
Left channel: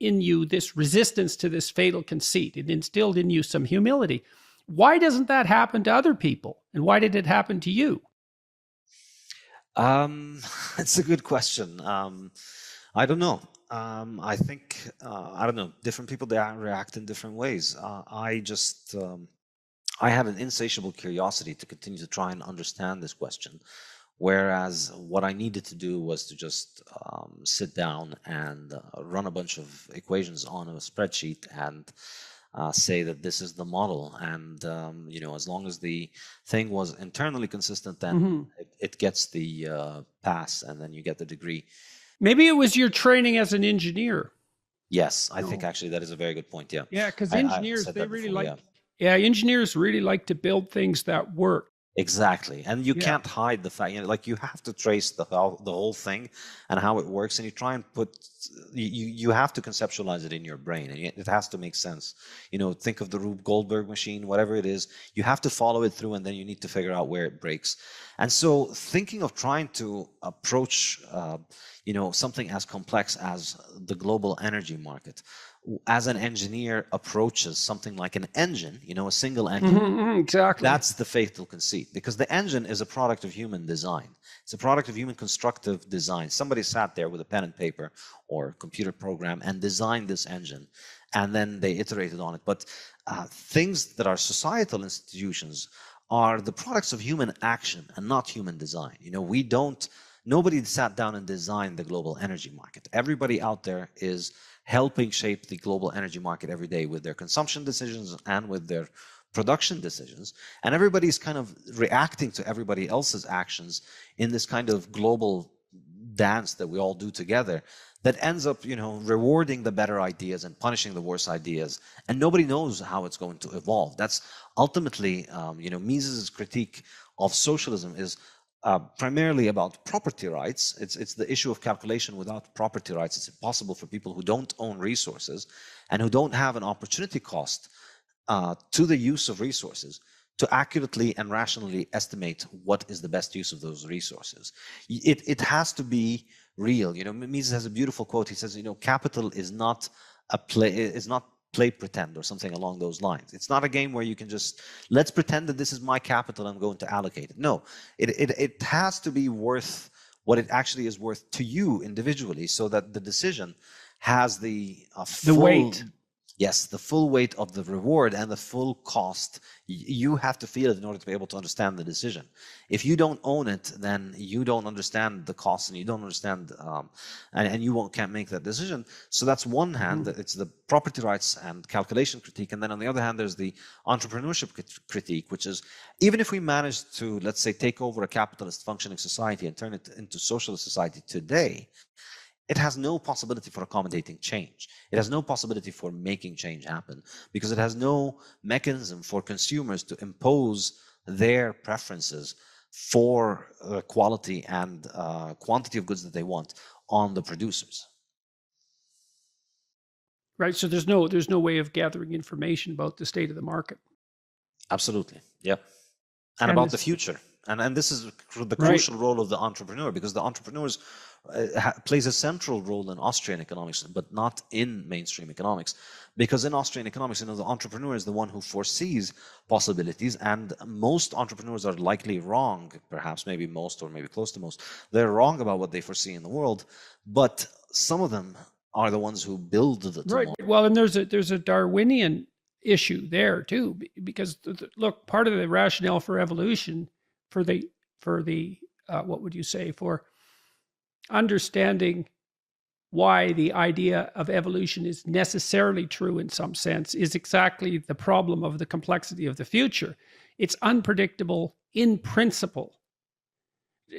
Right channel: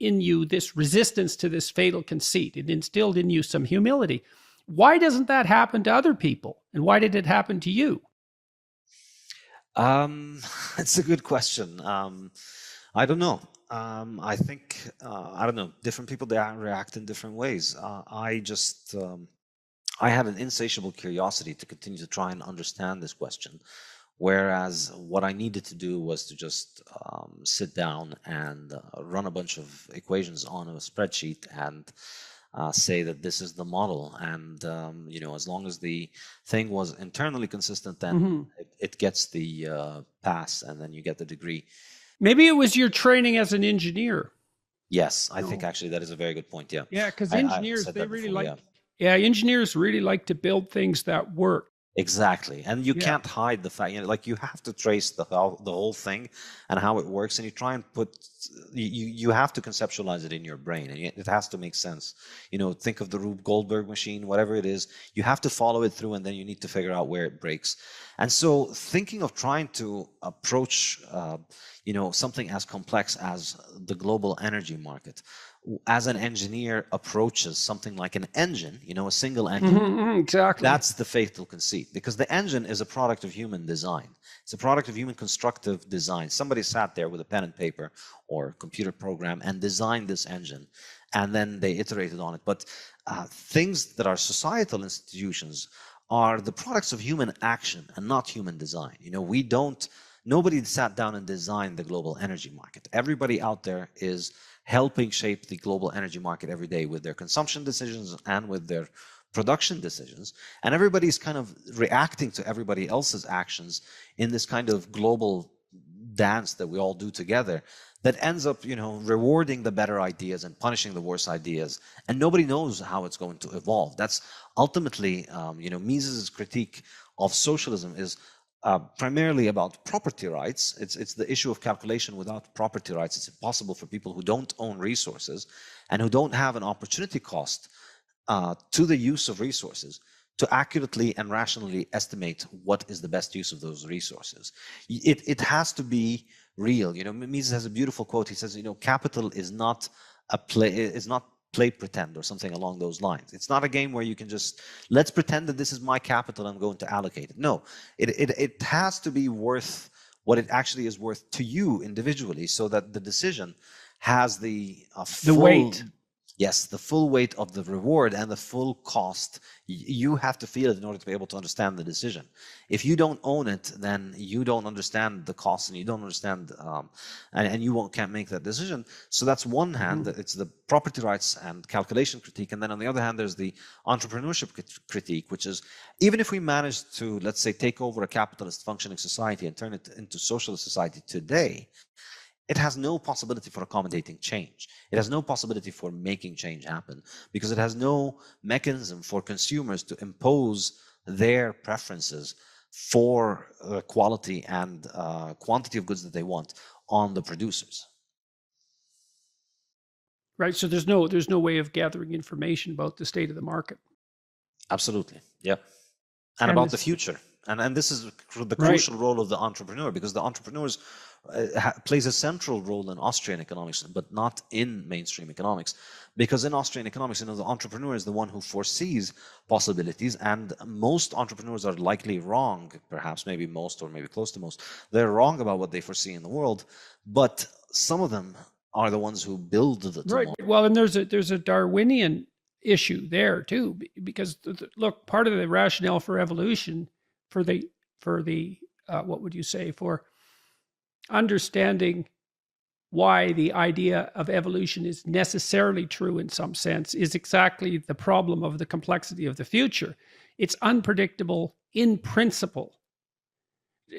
in you this resistance to this fatal conceit. It instilled in you some humility. Why doesn't that happen to other people? And why did it happen to you? It's a good question. I don't know. I think, I don't know, different people, they react in different ways. I had an insatiable curiosity to continue to try and understand this question. Whereas what I needed to do was to just sit down and run a bunch of equations on a spreadsheet and say that this is the model. And, as long as the thing was internally consistent, then it gets the pass and then you get the degree. Maybe it was your training as an engineer. Yes, I think actually that is a very good point. Yeah. Yeah, because engineers, they really like, engineers really like to build things that work. Exactly. And you can't hide the fact, you have to trace the whole thing and how it works. And you try and you have to conceptualize it in your brain, and it has to make sense. Think of the Rube Goldberg machine, whatever it is, you have to follow it through, and then you need to figure out where it breaks. And so thinking of trying to approach, something as complex as the global energy market, as an engineer approaches something like an engine, a single engine. Exactly. That's the fatal conceit, because the engine is a product of human design. It's a product of human constructive design. Somebody sat there with a pen and paper or computer program and designed this engine, and then they iterated on it. But things that are societal institutions are the products of human action and not human design. Nobody sat down and designed the global energy market. Everybody out there is helping shape the global energy market every day with their consumption decisions and with their production decisions. And everybody's kind of reacting to everybody else's actions in this kind of global dance that we all do together that ends up, rewarding the better ideas and punishing the worse ideas. And nobody knows how it's going to evolve. That's ultimately, Mises's critique of socialism is primarily about property rights. It's the issue of calculation without property rights. It's impossible for people who don't own resources and who don't have an opportunity cost to the use of resources to accurately and rationally estimate what is the best use of those resources. It has to be real. Mises has a beautiful quote. He says, capital is not play pretend or something along those lines. It's not a game where you can just, let's pretend that this is my capital, I'm going to allocate it. No, it has to be worth what it actually is worth to you individually, so that the decision has the weight. Yes, the full weight of the reward and the full cost. You have to feel it in order to be able to understand the decision. If you don't own it, then you don't understand the cost, and you don't understand, and you can't make that decision. So that's one hand, it's the property rights and calculation critique. And then on the other hand, there's the entrepreneurship critique, which is, even if we manage to, let's say, take over a capitalist functioning society and turn it into socialist society today, it has no possibility for accommodating change. It has no possibility for making change happen, because it has no mechanism for consumers to impose their preferences for quality and quantity of goods that they want on the producers. Right. So there's no way of gathering information about the state of the market. Absolutely. Yep. And about the future. And this is the crucial role of the entrepreneur, because the entrepreneurs plays a central role in Austrian economics, but not in mainstream economics. Because in Austrian economics, the entrepreneur is the one who foresees possibilities, and most entrepreneurs are likely wrong, perhaps maybe most or maybe close to most. They're wrong about what they foresee in the world, but some of them are the ones who build the tomorrow. Right. Well, and there's a Darwinian issue there too, because look, part of the rationale for evolution, for what would you say, for understanding why the idea of evolution is necessarily true in some sense, is exactly the problem of the complexity of the future. It's unpredictable in principle.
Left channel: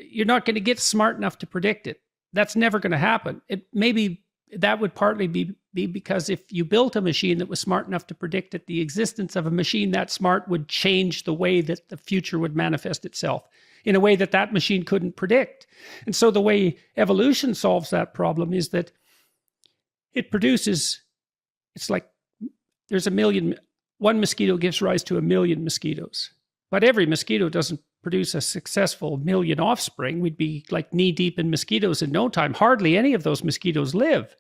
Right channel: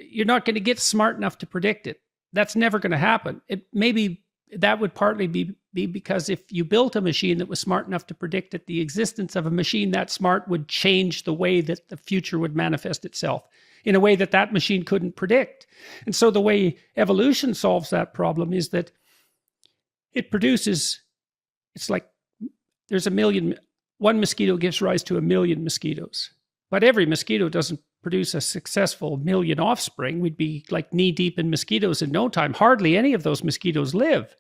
You're not going to get smart enough to predict it. that's never going to happen. Maybe that would partly be because if you built a machine that was smart enough to predict that the existence of a machine that smart would change the way that the future would manifest itself in a way that that machine couldn't predict. And so the way evolution solves that problem is that it produces, it's like there's one mosquito gives rise to 1,000,000 mosquitoes. But every mosquito doesn't produce a successful 1,000,000 offspring. We'd be like knee deep in mosquitoes in no time. Hardly any of those mosquitoes live.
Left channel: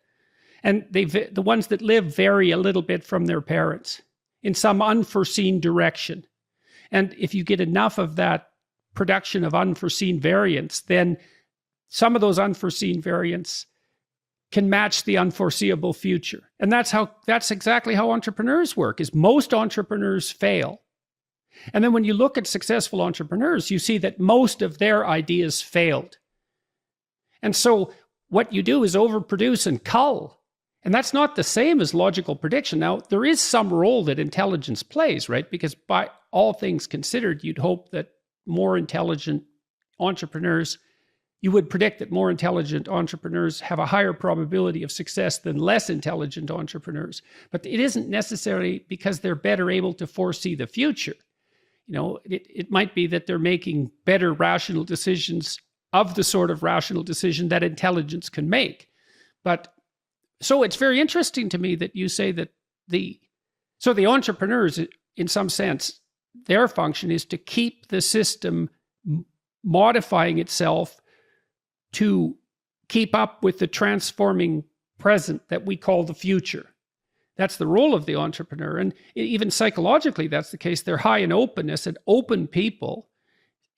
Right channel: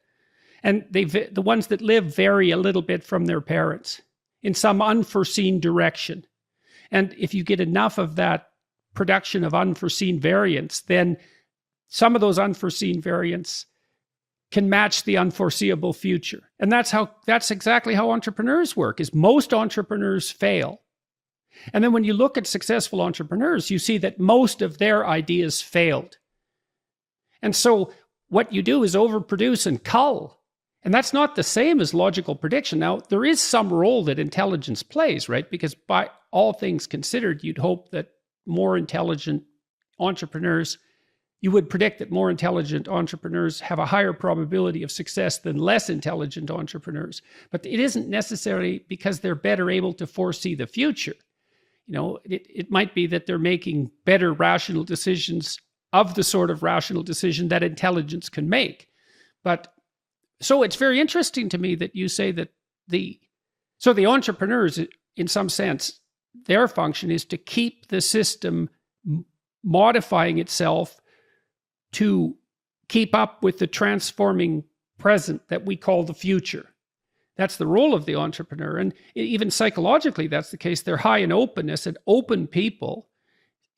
And the ones that live vary a little bit from their parents in some unforeseen direction. And if you get enough of that production of unforeseen variants, then some of those unforeseen variants can match the unforeseeable future. And that's exactly how entrepreneurs work, is most entrepreneurs fail. And then when you look at successful entrepreneurs, you see that most of their ideas failed. And so what you do is overproduce and cull. And that's not the same as logical prediction. Now, there is some role that intelligence plays, right? Because by all things considered, you'd hope that more intelligent entrepreneurs, you would predict that more intelligent entrepreneurs have a higher probability of success than less intelligent entrepreneurs. But it isn't necessarily because they're better able to foresee the future. You know, it might be that they're making better rational decisions of the sort of rational decision that intelligence can make. But so it's very interesting to me that you say that the entrepreneurs, in some sense, their function is to keep the system modifying itself to keep up with the transforming present that we call the future. That's the role of the entrepreneur. And even psychologically, that's the case. They're high in openness, and open people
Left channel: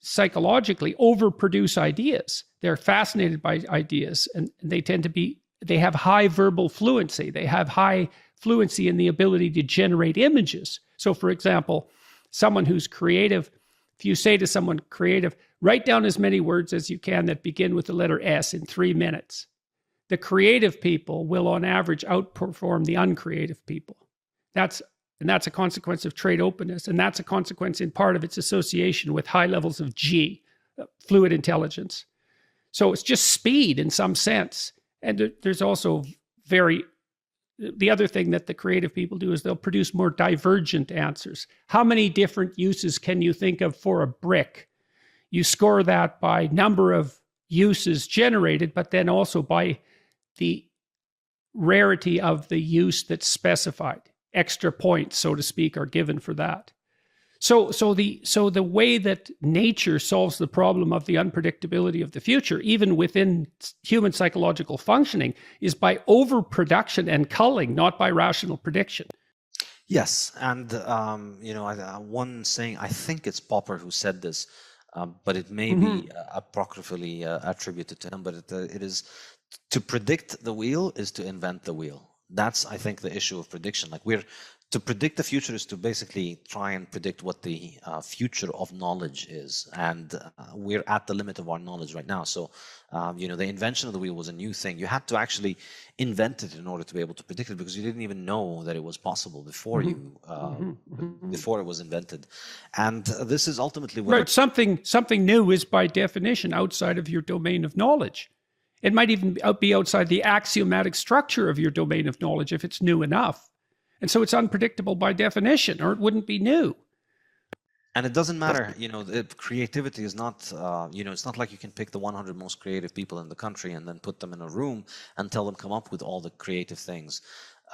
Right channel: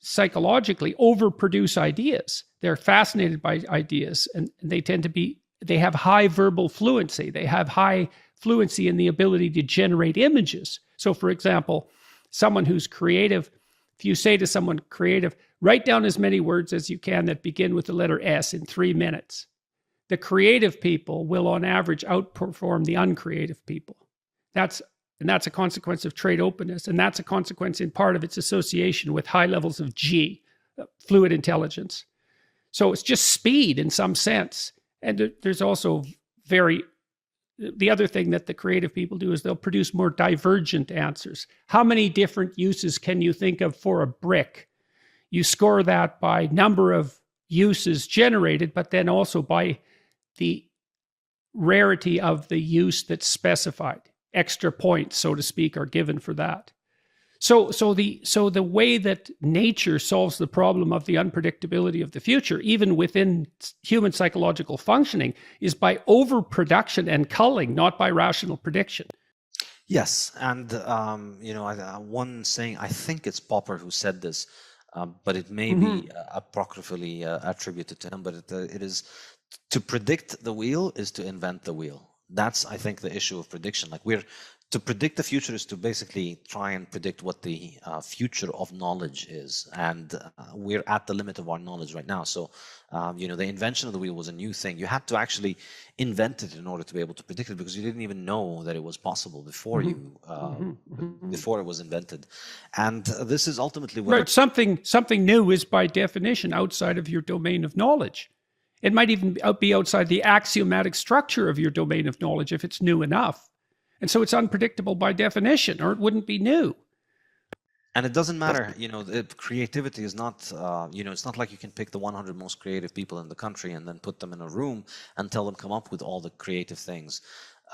psychologically overproduce ideas. They're fascinated by ideas, and they have high verbal fluency. They have high fluency in the ability to generate images. So for example, someone who's creative, if you say to someone creative, write down as many words as you can that begin with the letter S in 3 minutes. The creative people will on average outperform the uncreative people. That's a consequence of trait openness. And that's a consequence in part of its association with high levels of G, fluid intelligence. So it's just speed in some sense. And there's also the other thing that the creative people do is they'll produce more divergent answers. How many different uses can you think of for a brick? You score that by number of uses generated, but then also by the rarity of the use that's specified. Extra points, so to speak, are given for that. So the way that nature solves the problem of the unpredictability of the future, even within human psychological functioning, is by overproduction and culling, not by rational prediction. Yes, and one saying, I think it's Popper who said this, but it may be apocryphally attributed to him, but it is, to predict the wheel is to invent the wheel. That's, I think, the issue of prediction. To predict the future is to basically try and predict what the future of knowledge is. And we're at the limit of our knowledge right now. So, the invention of the wheel was a new thing. You had to actually invent it in order to be able to predict it, because you didn't even know that it was possible before before it was invented. And this is ultimately what... Right, something new is by definition outside of your domain of knowledge. It might even be outside the axiomatic structure of your domain of knowledge if it's new enough. And so it's unpredictable by definition, or it wouldn't be new. And it doesn't matter, creativity is not, it's not like you can pick the 100 most creative people in the country and then put them in a room and tell them come up with all the creative things.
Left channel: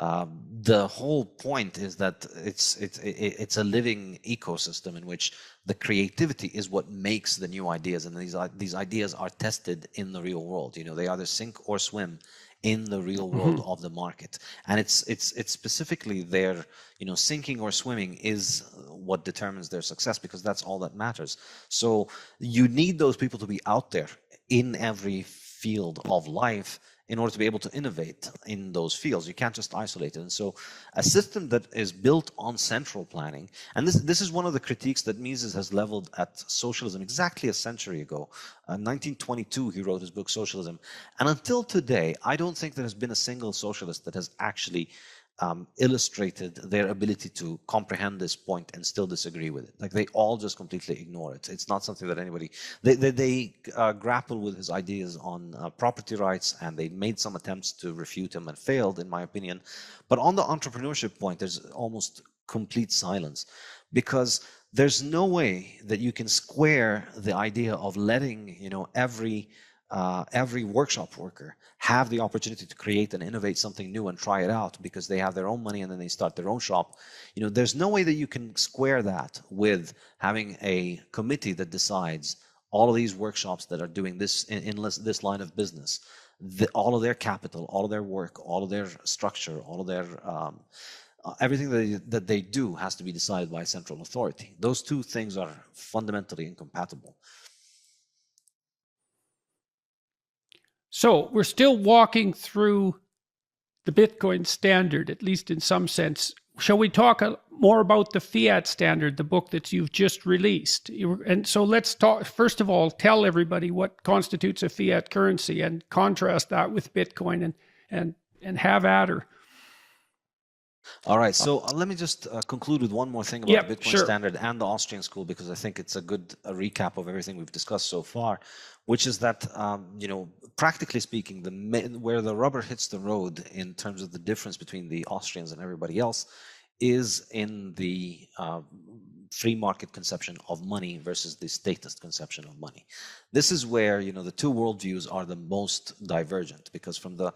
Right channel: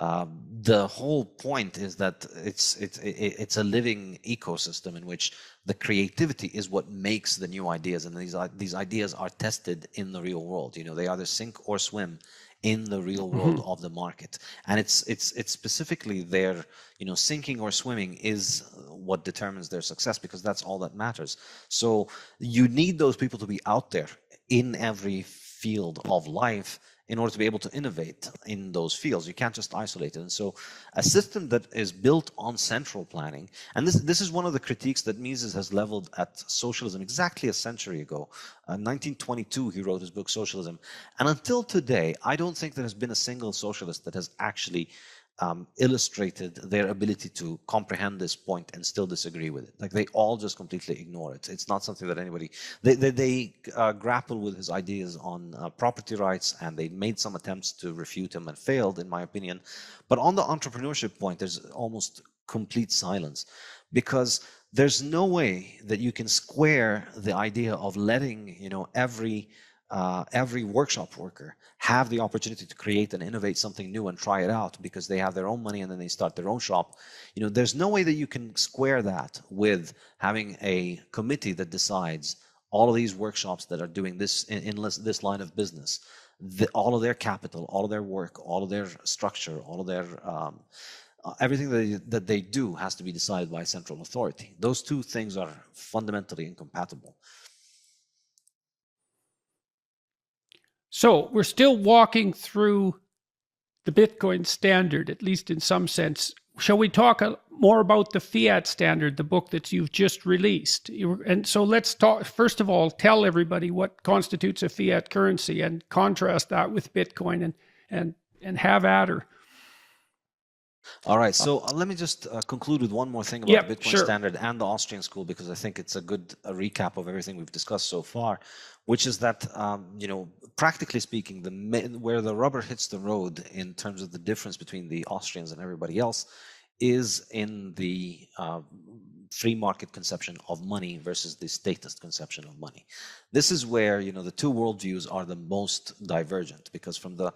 The whole point is that it's a living ecosystem in which the creativity is what makes the new ideas, and these ideas are tested in the real world. They either sink or swim in the real world of the market, and it's specifically their sinking or swimming is what determines their success, because that's all that matters. So you need those people to be out there in every field of life in order to be able to innovate in those fields. You can't just isolate it. And so a system that is built on central planning, and this is one of the critiques that Mises has leveled at socialism exactly a century ago. In 1922, he wrote his book Socialism. And until today, I don't think there has been a single socialist that has actually illustrated their ability to comprehend this point and still disagree with it. Like they all just completely ignore it. It's not something that anybody, they grapple with his ideas on property rights, and they made some attempts to refute him and failed, in my opinion. But on the entrepreneurship point, there's almost complete silence, because there's no way that you can square the idea of letting, every workshop worker have the opportunity to create and innovate something new and try it out because they have their own money and then they start their own shop. There's no way that you can square that with having a committee that decides all of these workshops that are doing this in this line of business, all of their capital, all of their work, all of their structure, all of their everything that they do has to be decided by a central authority. Those two things are fundamentally incompatible. So we're still walking through the Bitcoin standard, at least in some sense. Shall we talk more about the Fiat Standard, the book that you've just released? And so let's talk, first of all, tell everybody what constitutes a fiat currency and contrast that with Bitcoin and have at her. All right, so let me just conclude with one more thing about the Bitcoin sure. Standard and the Austrian School, because I think it's a good recap of everything we've discussed so far, which is that, practically speaking, where the rubber hits the road in terms of the difference between the Austrians and everybody else is in the free market conception of money versus the statist conception of money. This is where, the two worldviews are the most divergent, because from the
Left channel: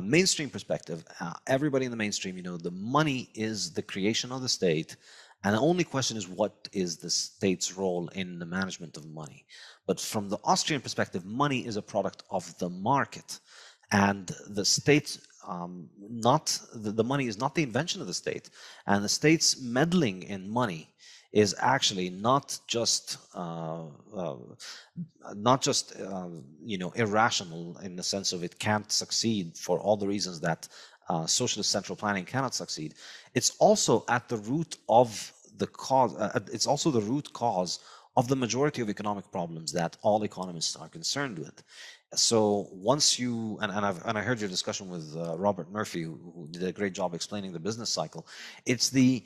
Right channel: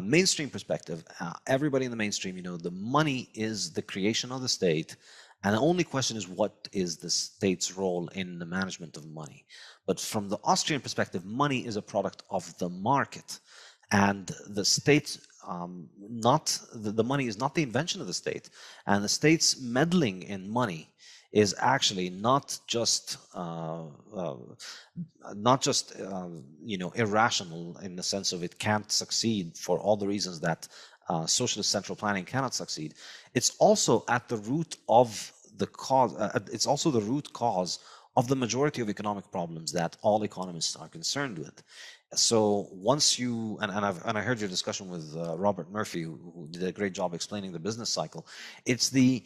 mainstream perspective, everybody in the mainstream, the money is the creation of the state, and the only question is what is the state's role in the management of money. But from the Austrian perspective, money is a product of the market, and the state, the money is not the invention of the state, and the state's meddling in money is actually not just irrational in the sense of it can't succeed for all the reasons that socialist central planning cannot succeed. It's also at the root of the cause. It's also the root cause of the majority of economic problems that all economists are concerned with. So once you, and I heard your discussion with Robert Murphy, who did a great job explaining the business cycle. It's the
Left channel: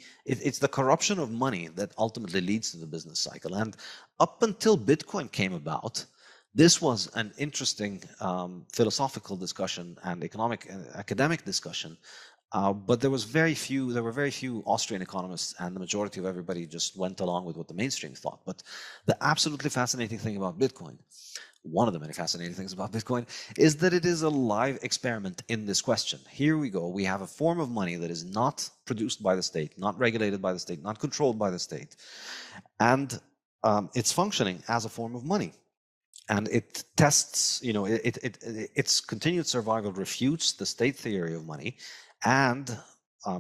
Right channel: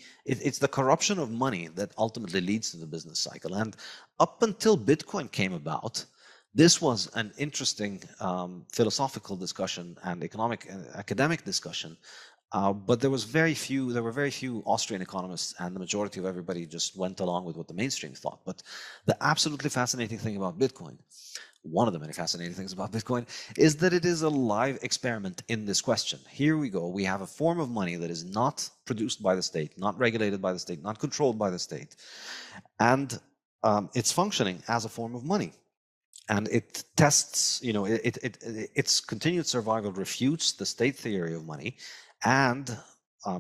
corruption of money that ultimately leads to the business cycle. And up until Bitcoin came about, this was an interesting philosophical discussion and academic discussion. But there were very few Austrian economists, and the majority of everybody just went along with what the mainstream thought. But the absolutely fascinating thing about Bitcoin, one of the many fascinating things about Bitcoin, is that it is a live experiment in this question. Here we go. We have a form of money that is not produced by the state, not regulated by the state, not controlled by the state. And it's functioning as a form of money. And it tests, its continued survival refutes the state theory of money, and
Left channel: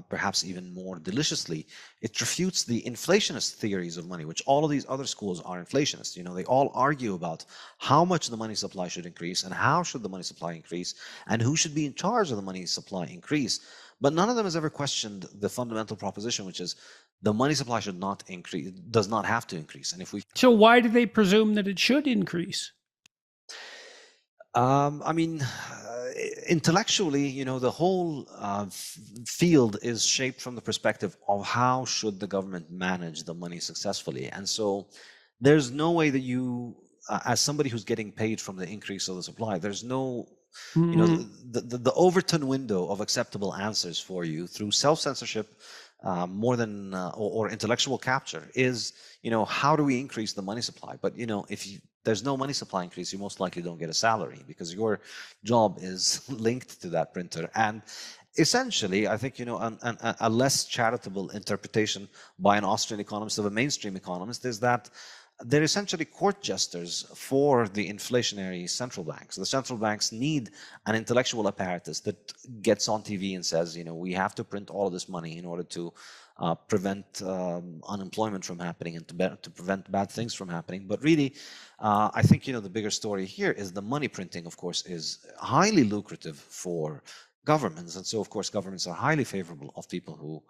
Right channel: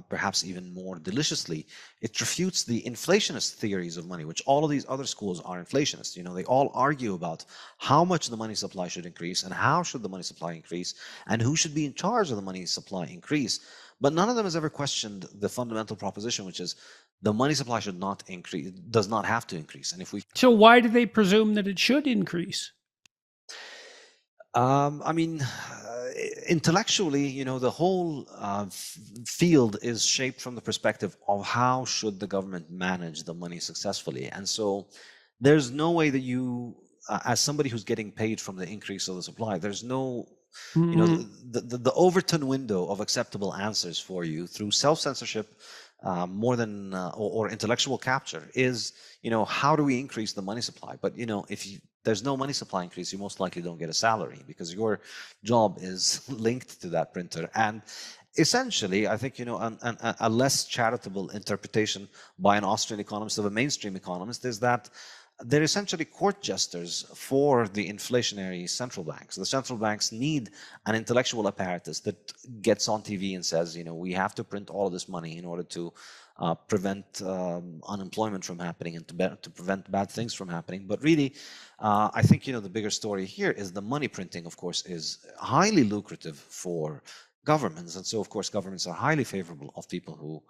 perhaps even more deliciously, it refutes the inflationist theories of money, which all of these other schools are inflationists. They all argue about how much the money supply should increase and how should the money supply increase and who should be in charge of the money supply increase. But none of them has ever questioned the fundamental proposition, which is the money supply should not increase, does not have to increase. And so why do they presume that it should increase? Intellectually, the whole field is shaped from the perspective of how should the government manage the money successfully. And so there's no way that you, as somebody who's getting paid from the increase of the supply, there's no, the Overton window of acceptable answers for you through self-censorship, more than or intellectual capture is, how do we increase the money supply? But if there's no money supply increase, you most likely don't get a salary because your job is linked to that printer. And essentially, I think a less charitable interpretation by an Austrian economist of a mainstream economist is that they're essentially court jesters for the inflationary central banks. The central banks need an intellectual apparatus that gets on TV and says, we have to print all of this money in order to prevent unemployment from happening and to prevent bad things from happening. But really, I think, the bigger story here is the money printing, of course, is highly lucrative for governments. And so, of course, governments are highly favorable of people who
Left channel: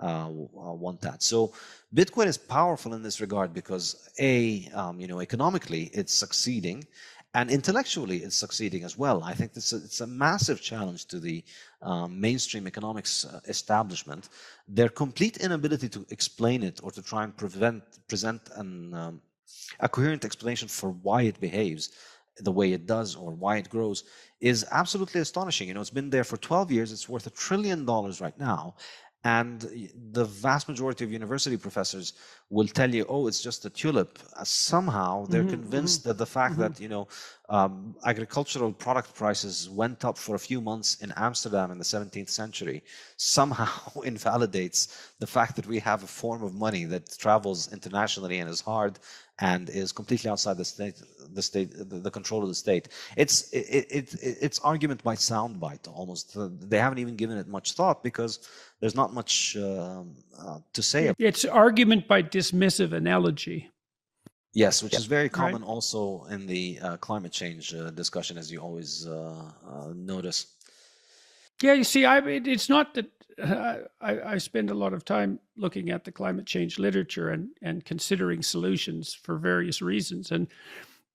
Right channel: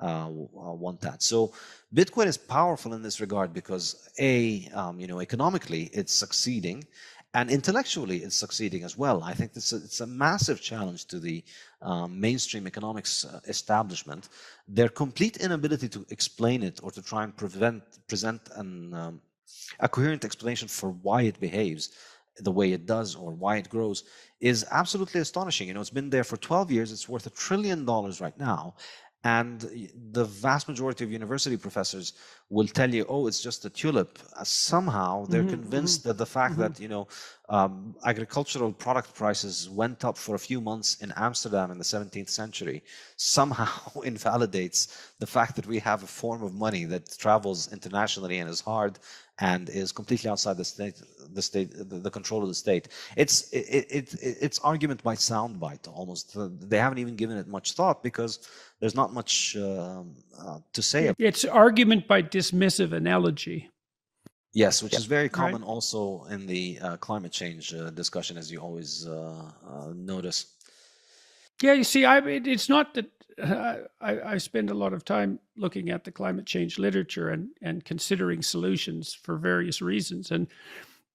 want that. So Bitcoin is powerful in this regard because economically it's succeeding, and intellectually it's succeeding as well. I think it's a massive challenge to the mainstream economics establishment. Their complete inability to explain it or to try and present a coherent explanation for why it behaves the way it does or why it grows is absolutely astonishing. It's been there for 12 years. It's worth $1 trillion right now. And the vast majority of university professors will tell you, oh, it's just a tulip. Somehow they're convinced that the fact that, agricultural product prices went up for a few months in Amsterdam in the 17th century somehow invalidates the fact that we have a form of money that travels internationally and is hard and is completely outside the control of the state. It's argument by soundbite almost. They haven't even given it much thought because there's not much to say. It's argument by dismissive analogy. Yes, which is very common also in the climate change discussion, as you always notice. Yeah, you see, it's not that I spend a lot of time looking at the climate change literature and considering solutions for various reasons. And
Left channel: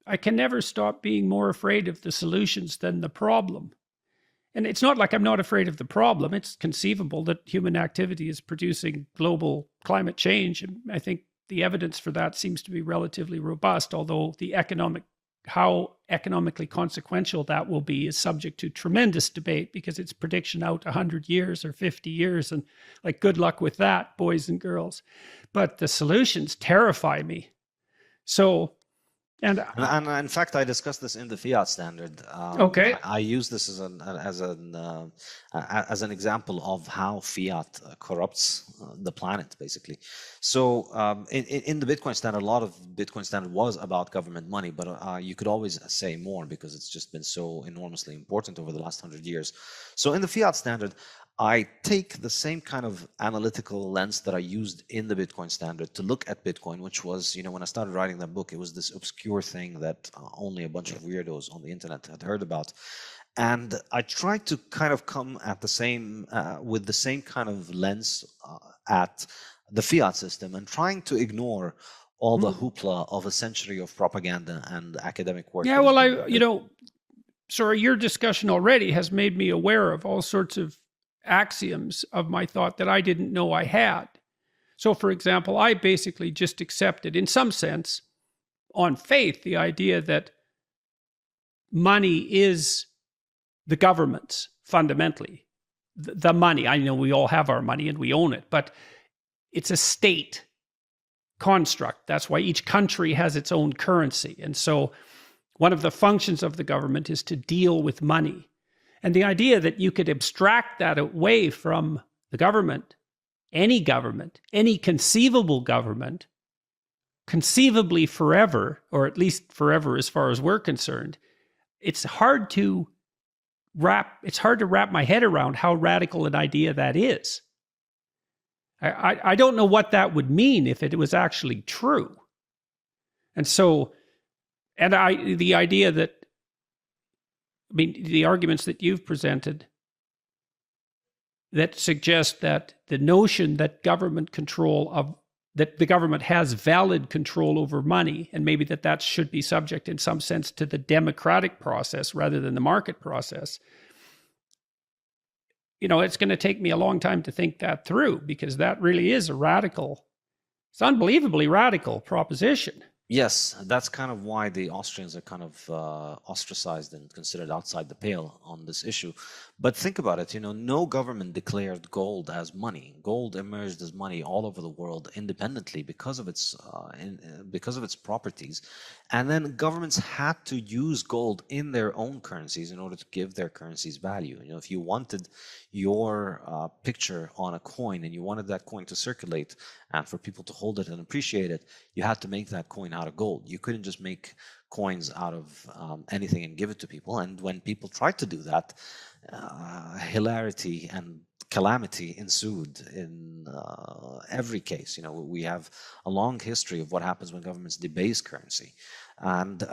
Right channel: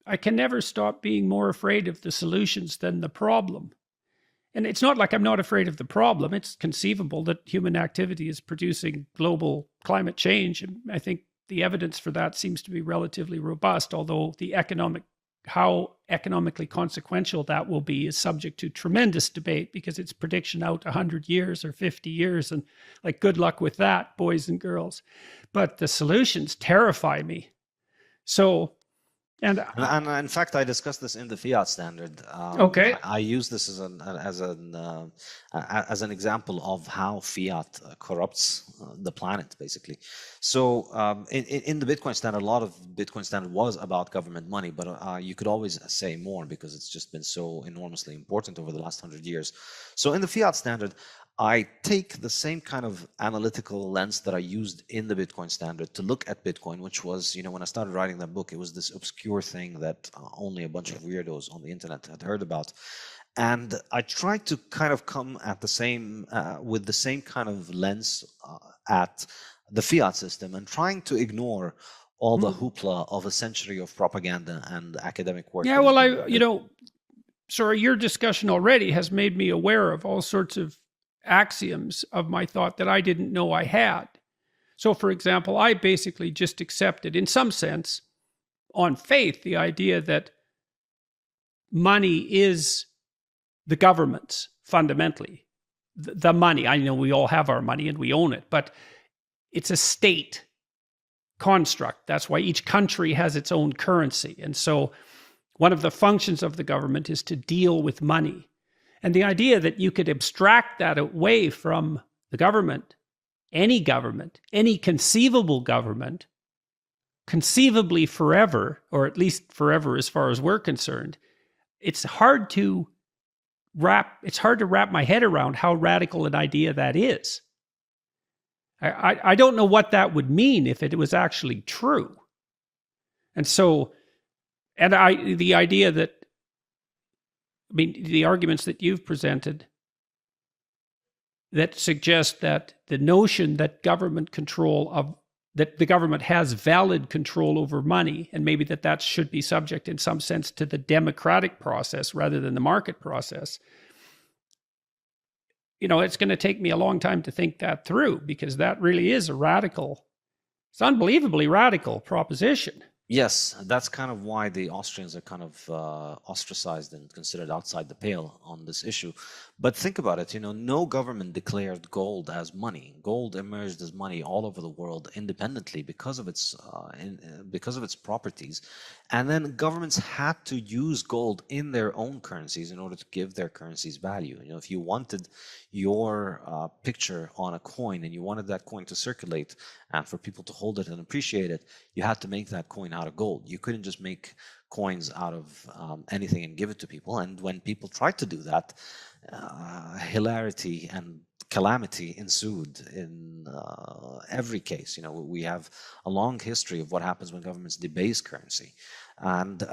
I can never stop being more afraid of the solutions than the problem. And it's not like I'm not afraid of the problem. It's conceivable that human activity is producing global climate change. And I think the evidence for that seems to be relatively robust, although how economically consequential that will be is subject to tremendous debate because it's prediction out 100 years or 50 years. And like, good luck with that, boys and girls. But the solutions terrify me. So, and in fact, I discussed this in the Fiat Standard. Okay. I use this as an example of how fiat corrupts the planet, basically. So in the Bitcoin Standard, a lot of Bitcoin Standard was about government money, but you could always say more because it's just been so enormously important over the last 100 years. So in the Fiat Standard, I take the same kind of analytical lens that I used in the Bitcoin Standard to look at Bitcoin, which was, when I started writing that book, it was this obscure thing that only a bunch of weirdos on the internet had heard about. And I tried to kind of come at with the same kind of lens at the fiat system and trying to ignore all the hoopla of a century of propaganda and academic work. Yeah, well, sorry, your discussion already has made me aware of all sorts of axioms of my thought that I didn't know I had. So, for example, I basically just accepted, in some sense, on faith, the idea that money is the government's, fundamentally. The money, I know we all have our money and we own it, but it's a state construct. That's why each country has its own currency. And so one of the functions of the government is to deal with money. And the idea that you could abstract that away from the government, any conceivable government, conceivably forever, or at least forever as far as we're concerned, it's hard to wrap my head around how radical an idea that is. I don't know what that would mean if it was actually true. And so, the idea that, the arguments that you've presented that suggest that the notion that that the government has valid control over money, and maybe that should be subject in some sense to the democratic process rather than the market process. It's going to take me a long time to think that through, because that really is it's unbelievably radical proposition. Yes, that's kind of why the Austrians are kind of ostracized and considered outside the pale on this issue. But think about it, no government declared gold as money. Gold emerged as money all over the world independently because of its properties. And then governments had to use gold in their own currencies in order to give their currencies value. If you wanted your picture on a coin and you wanted that coin to circulate and for people to hold it and appreciate it, you had to make that coin out of gold. You couldn't just make coins out of anything and give it to people. And when people tried to do that, hilarity and calamity ensued in every case. We have a long history of what happens when governments debase currency. And,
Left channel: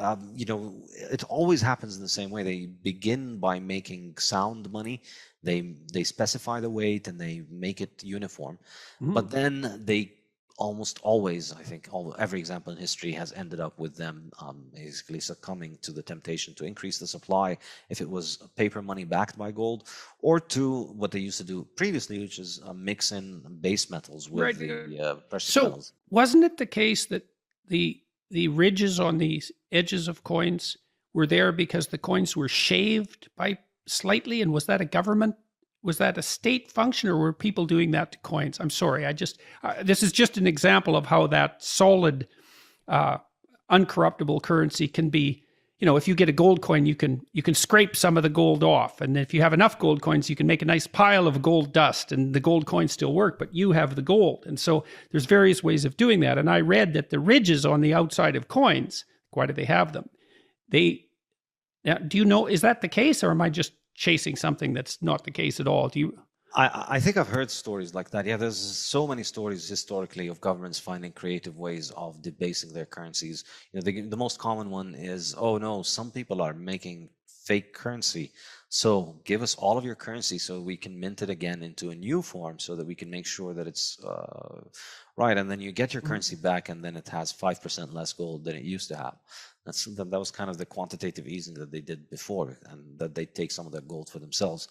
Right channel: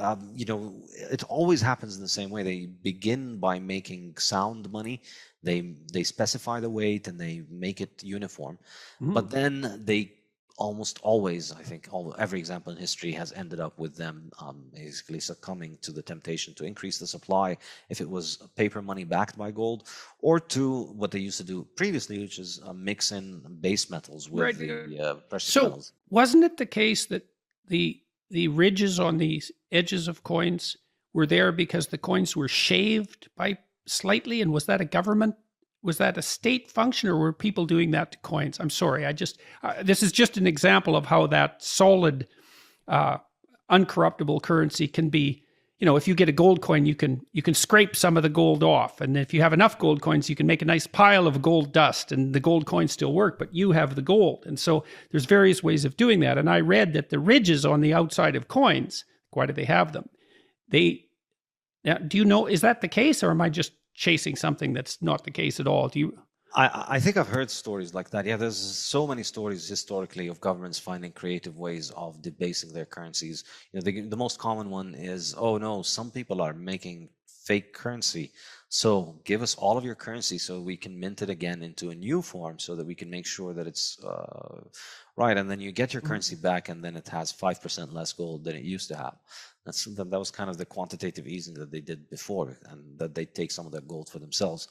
it always happens in the same way. They begin by making sound money. They specify the weight and they make it uniform. But then they almost always, I think, every example in history has ended up with them basically succumbing to the temptation to increase the supply if it was paper money backed by gold, or to what they used to do previously, which is mix in base metals with the precious metals. Wasn't it the case that the ridges on the edges of coins were there because the coins were shaved by slightly? And was that a state function, or were people doing that to coins? I'm sorry, this is just an example of how that solid, uncorruptible currency can be. If you get a gold coin, you can scrape some of the gold off, and if you have enough gold coins, you can make a nice pile of gold dust, and the gold coins still work, but you have the gold. And so there's various ways of doing that. And I read that the ridges on the outside of coins, why do they have them? Do you know, is that the case, or am I just chasing something that's not the case at all? I think I've heard stories like that. Yeah, there's so many stories historically of governments finding creative ways of debasing their currencies. The most common one is, oh no, some people are making fake currency, so give us all of your currency so we can mint it again into a new form so that we can make sure that it's right. And then you get your currency back, and then it has 5% less gold than it used to have. That was kind of the quantitative easing that they did before, and that they take some of that gold for themselves.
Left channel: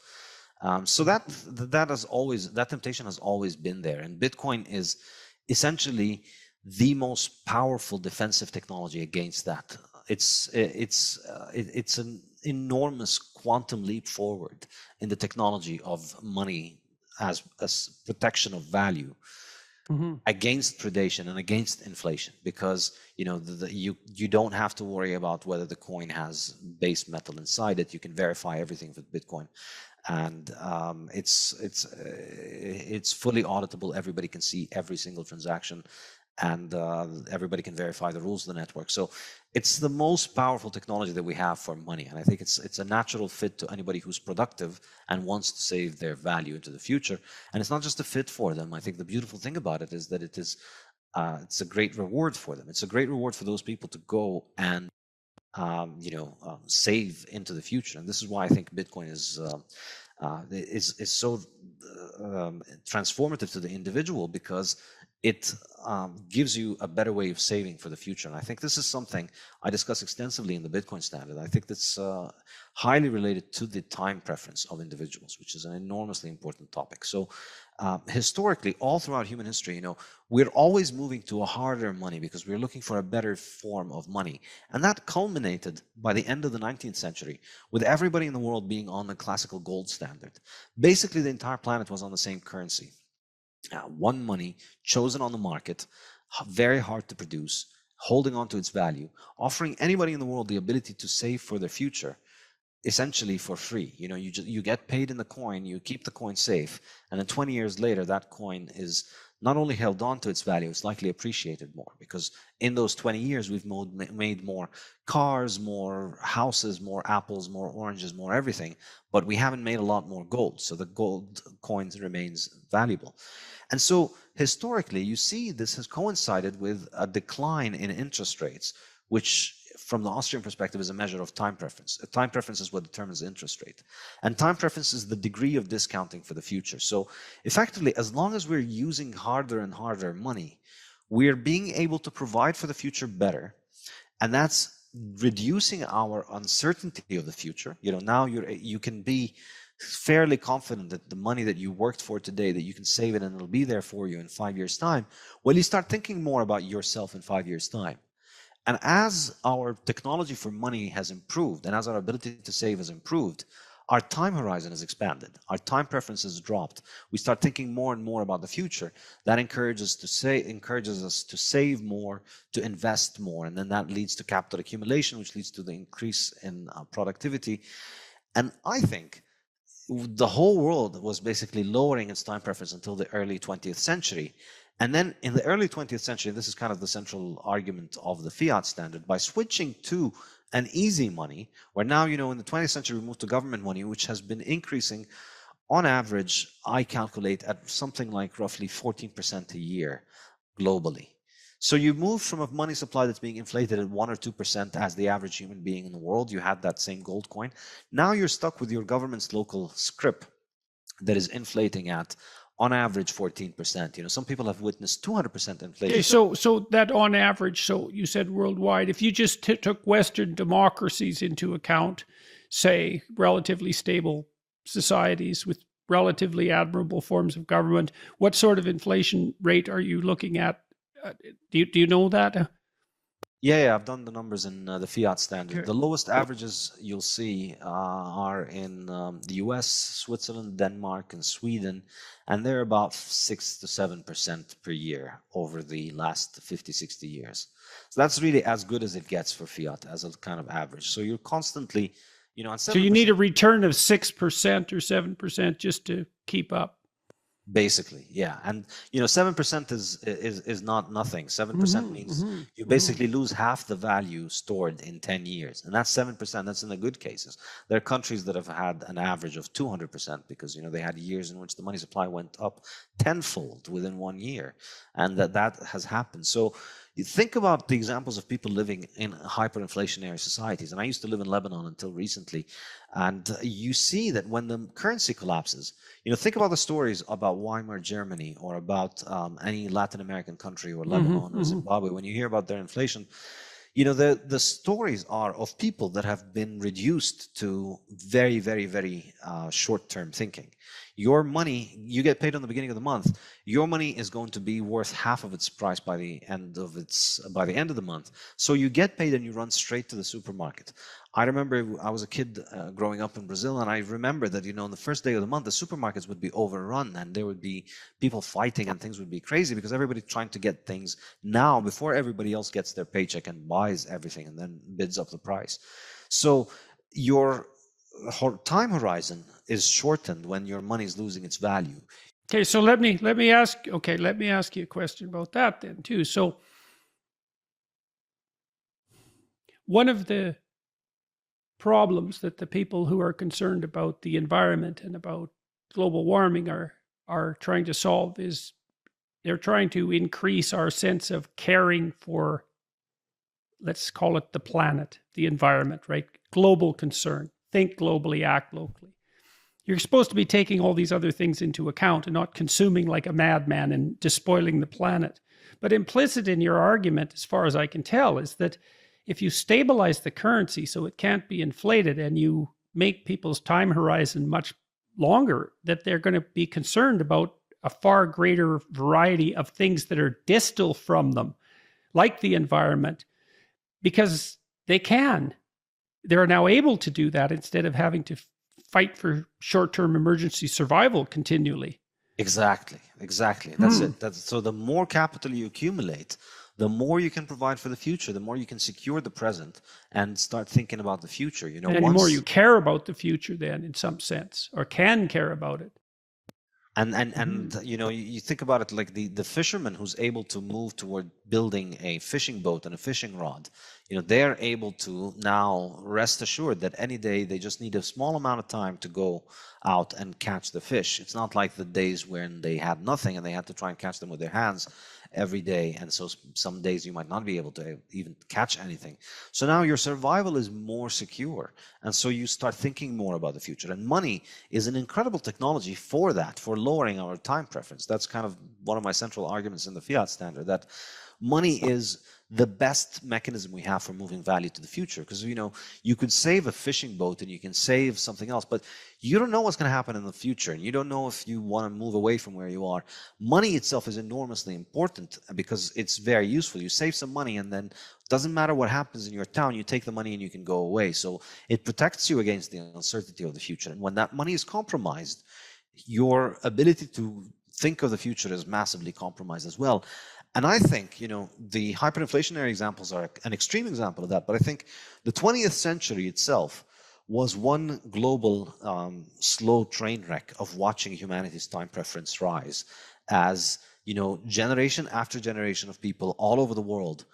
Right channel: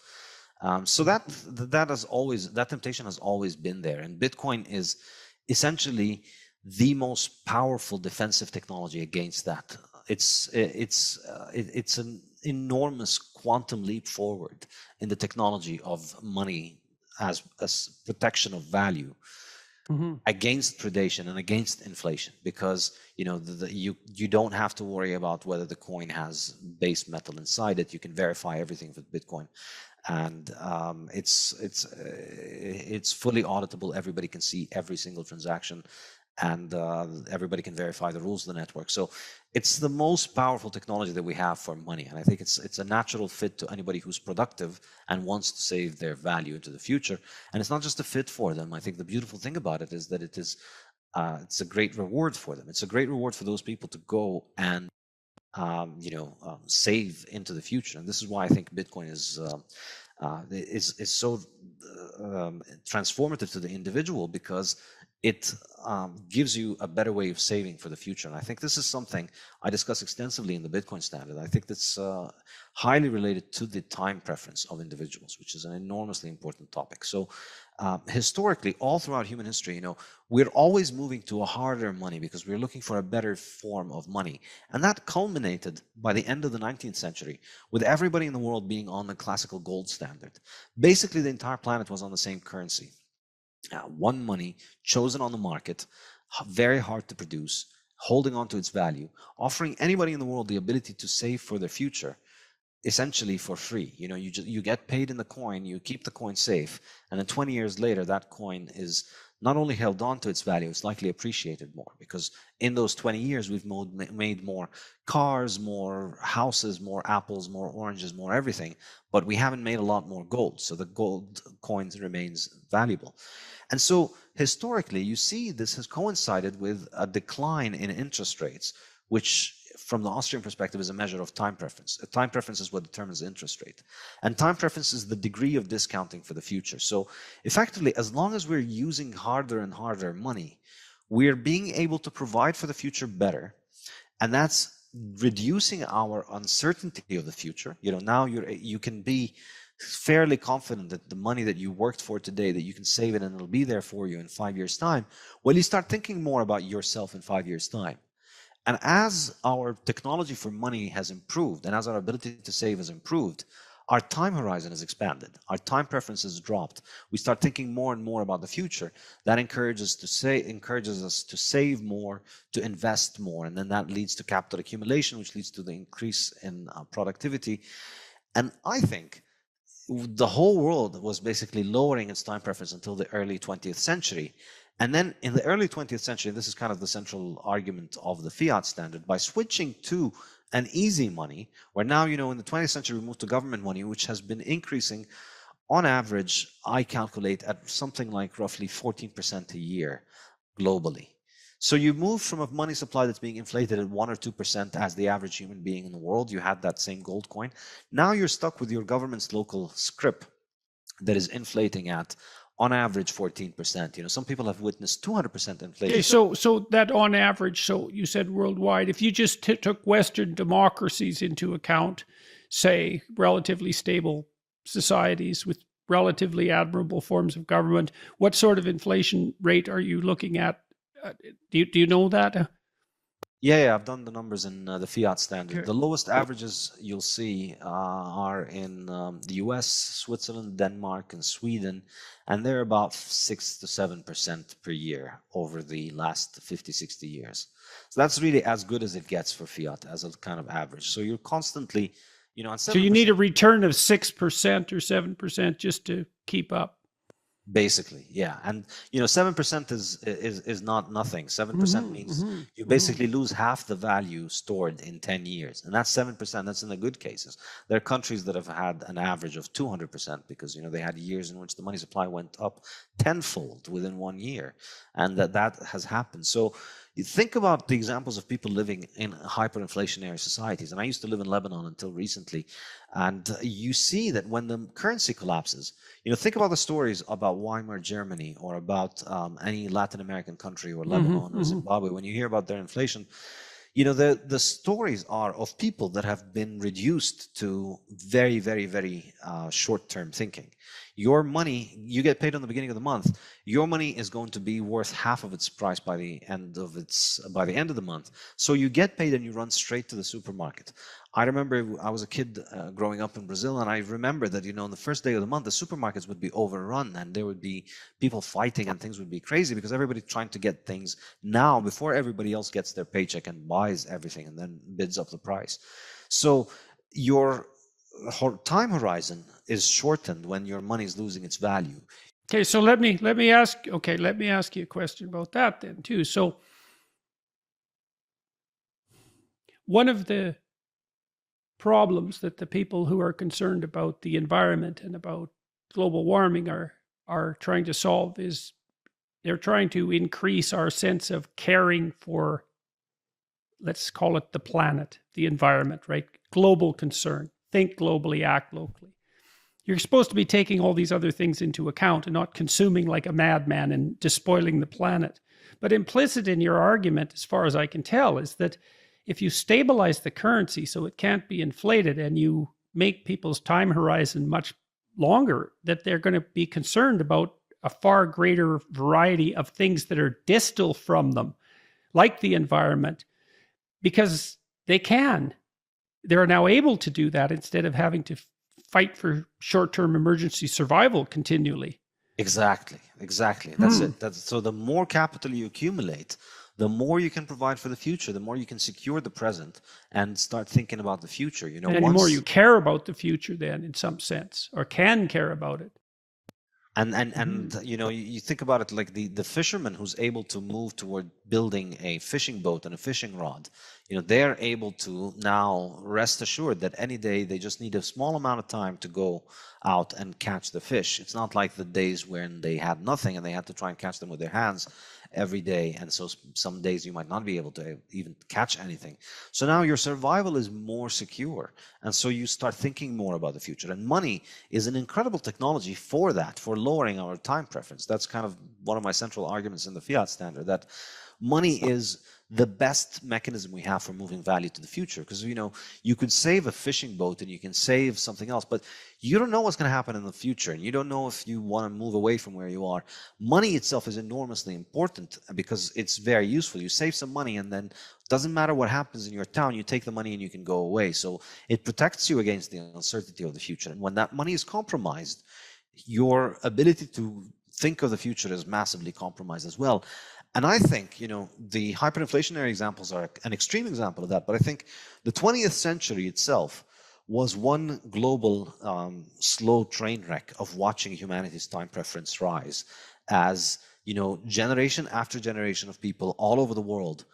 So that temptation has always been there, and Bitcoin is essentially the most powerful defensive technology against that. It's an enormous quantum leap forward in the technology of money as protection of value. Mm-hmm. Against predation and against inflation, because you don't have to worry about whether the coin has base metal inside it. You can verify everything with Bitcoin, and it's fully auditable. Everybody can see every single transaction, and everybody can verify the rules of the network. So it's the most powerful technology that we have for money, and I think it's a natural fit to anybody who's productive and wants to save their value into the future. And it's not just a fit for them. I think the beautiful thing about it is that it's a great reward for them. It's a great reward for those people to go and save into the future. And this is why I think Bitcoin is so transformative to the individual, because it gives you a better way of saving for the future. And I think this is something I discuss extensively in the Bitcoin Standard. I think that's highly related to the time preference of individuals, which is an enormously important topic. So historically, all throughout human history, we're always moving to a harder money because we're looking for a better form of money. And that culminated by the end of the 19th century with everybody in the world being on the classical gold standard. Basically, the entire planet was on the same currency. One money chosen on the market, very hard to produce, holding on to its value, offering anybody in the world the ability to save for their future, essentially for free. You get paid in the coin, you keep the coin safe, and then 20 years later, that coin is not only held on to its value, it's likely appreciated more, because in those 20 years, we've made more cars, more houses, more apples, more oranges, more everything, but we haven't made a lot more gold. So the gold coins remains valuable. And so historically, you see this has coincided with a decline in interest rates, which from the Austrian perspective is a measure of time preference. Time preference is what determines the interest rate. And time preference is the degree of discounting for the future. So effectively, as long as we're using harder and harder money, we're being able to provide for the future better. And that's reducing our uncertainty of the future. Now you can be fairly confident that the money that you worked for today, that you can save it and it'll be there for you in 5 years' time. Well, you start thinking more about yourself in 5 years' time. And as our technology for money has improved, and as our ability to save has improved, our time horizon has expanded. Our time preference has dropped. We start thinking more and more about the future. That encourages us to save more, to invest more, and then that leads to capital accumulation, which leads to the increase in productivity. And I think the whole world was basically lowering its time preference until the early 20th century. And then in the early 20th century, this is kind of the central argument of the Fiat Standard, by switching to an easy money, where now, in the 20th century, we moved to government money, which has been increasing on average, I calculate, at something like roughly 14% a year globally. So you move from a money supply that's being inflated at 1 or 2% as the average human being in the world. You had that same gold coin. Now you're stuck with your government's local scrip that is inflating at On average, 14%. Some people have witnessed 200% inflation. Okay, so that on average, so you said worldwide, if you just took Western democracies into account, say relatively stable societies with relatively admirable forms of government, what sort of inflation rate are you looking at? Do you know that? Yeah, I've done the numbers in the Fiat Standard. Okay. The lowest averages you'll see are in the US, Switzerland, Denmark, and Sweden, and they're about 6 to 7% per year over the last 50, 60 years. So that's really as good as it gets for Fiat as a kind of average. So you're constantly, at 7%. So you need a return of 6% or 7% just to keep up. Basically, yeah, and 7% is not nothing. 7% means you basically lose half the value stored in 10 years, and that's 7%. That's in the good cases. There are countries that have had an average of 200% because they had years in which the money supply went up tenfold within 1 year, and that has happened. So you think about the examples of people living in hyperinflationary societies, and I used to live in Lebanon until recently, and you see that when the currency collapses, think about the stories about Weimar Germany or about any Latin American country or Lebanon or Zimbabwe. When you hear about their inflation, the stories are of people that have been reduced to very, very, very short-term thinking. Your money, you get paid on the beginning of the month. Your money is going to be worth half of its price by the end of the month. So you get paid and you run straight to the supermarket. I remember I was a kid growing up in Brazil, and I remember that, on the first day of the month, the supermarkets would be overrun and there would be people fighting and things would be crazy because everybody's trying to get things now before everybody else gets their paycheck and buys everything and then bids up the price. So your time horizon is shortened when your money is losing its value. Okay, so let me ask you a question about that then too. So one of the problems that the people who are concerned about the environment and about global warming are trying to solve is they're trying to increase our sense of caring for, let's call it the planet, the environment, right? Global concern. Think globally, act locally. You're supposed to be taking all these other things into account and not consuming like a madman and despoiling the planet. But implicit in your argument, as far as I can tell, is that if you stabilize the currency so it can't be inflated and you make people's time horizon much longer, that they're going to be concerned about a far greater variety of things that are distal from them, like the environment, because they're now able to do that instead of having to fight for short-term emergency survival continually. Exactly. That's it. So the more capital you accumulate, the more you can provide for the future, the more you can secure the present and start thinking about the future. And the more you care about the future then, in some sense, or can care about it. And you think about it like the fisherman who's able to move toward building a fishing boat and a fishing rod. They're able to now rest assured that any day they just need a small amount of time to go out and catch the fish. It's not like the days when they had nothing and they had to try and catch them with their hands every day, and so some days you might not be able to even catch anything. So now your survival is more secure, and so you start thinking more about the future. And money is an incredible technology for that, for lowering our time preference. That's kind of one of my central arguments in the Fiat Standard, that money is the best mechanism we have for moving value to the future, because you could save a fishing boat and you can save something else, but you don't know what's going to happen in the future, and you don't know if you want to move away from where you are. Money itself is enormously important because it's very useful. You save some money, and then it doesn't matter what happens in your town, you take the money and you can go away. So it protects you against the uncertainty of the future. And when that money is compromised, your ability to think of the future is massively compromised as well. And I think, the hyperinflationary examples are an extreme example of that. But I think the 20th century itself was one global slow train wreck of watching humanity's time preference rise as, generation after generation of people all over the world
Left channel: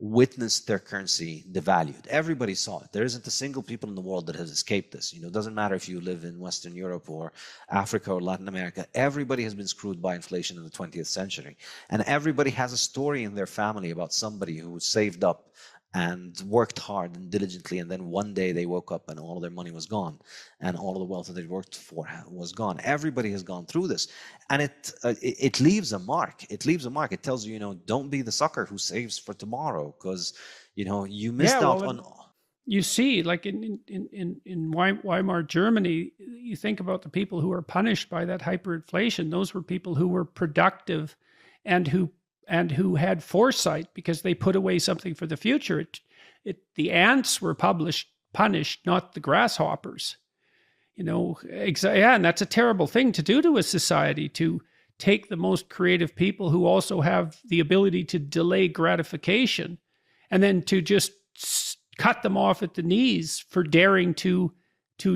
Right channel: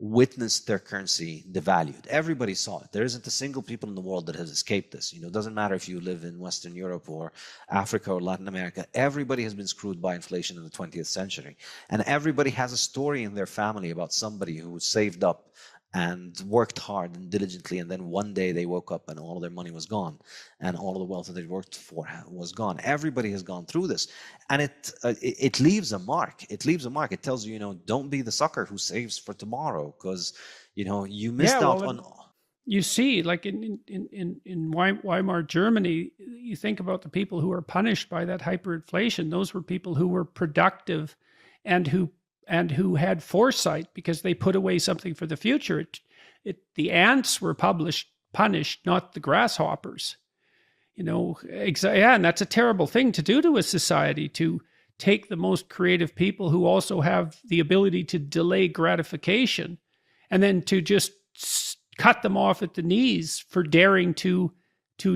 witnessed their currency devalued. Everybody saw it. There isn't a single people in the world that has escaped this. It doesn't matter if you live in Western Europe or Africa or Latin America. Everybody has been screwed by inflation in the 20th century. And everybody has a story in their family about somebody who saved up and worked hard and diligently, and then one day they woke up and all of their money was gone, and all of the wealth that they worked for was gone. Everybody has gone through this, and it leaves a mark. It leaves a mark. It tells you, don't be the sucker who saves for tomorrow, because you missed out on. You see, like in Weimar Germany, you think about the people who were punished by that hyperinflation. Those were people who were productive and who had foresight because they put away something for the future. The ants were punished, not the grasshoppers. And that's a terrible thing to do to a society, to take the most creative people who also have the ability to delay gratification, and then to just cut them off at the knees for daring to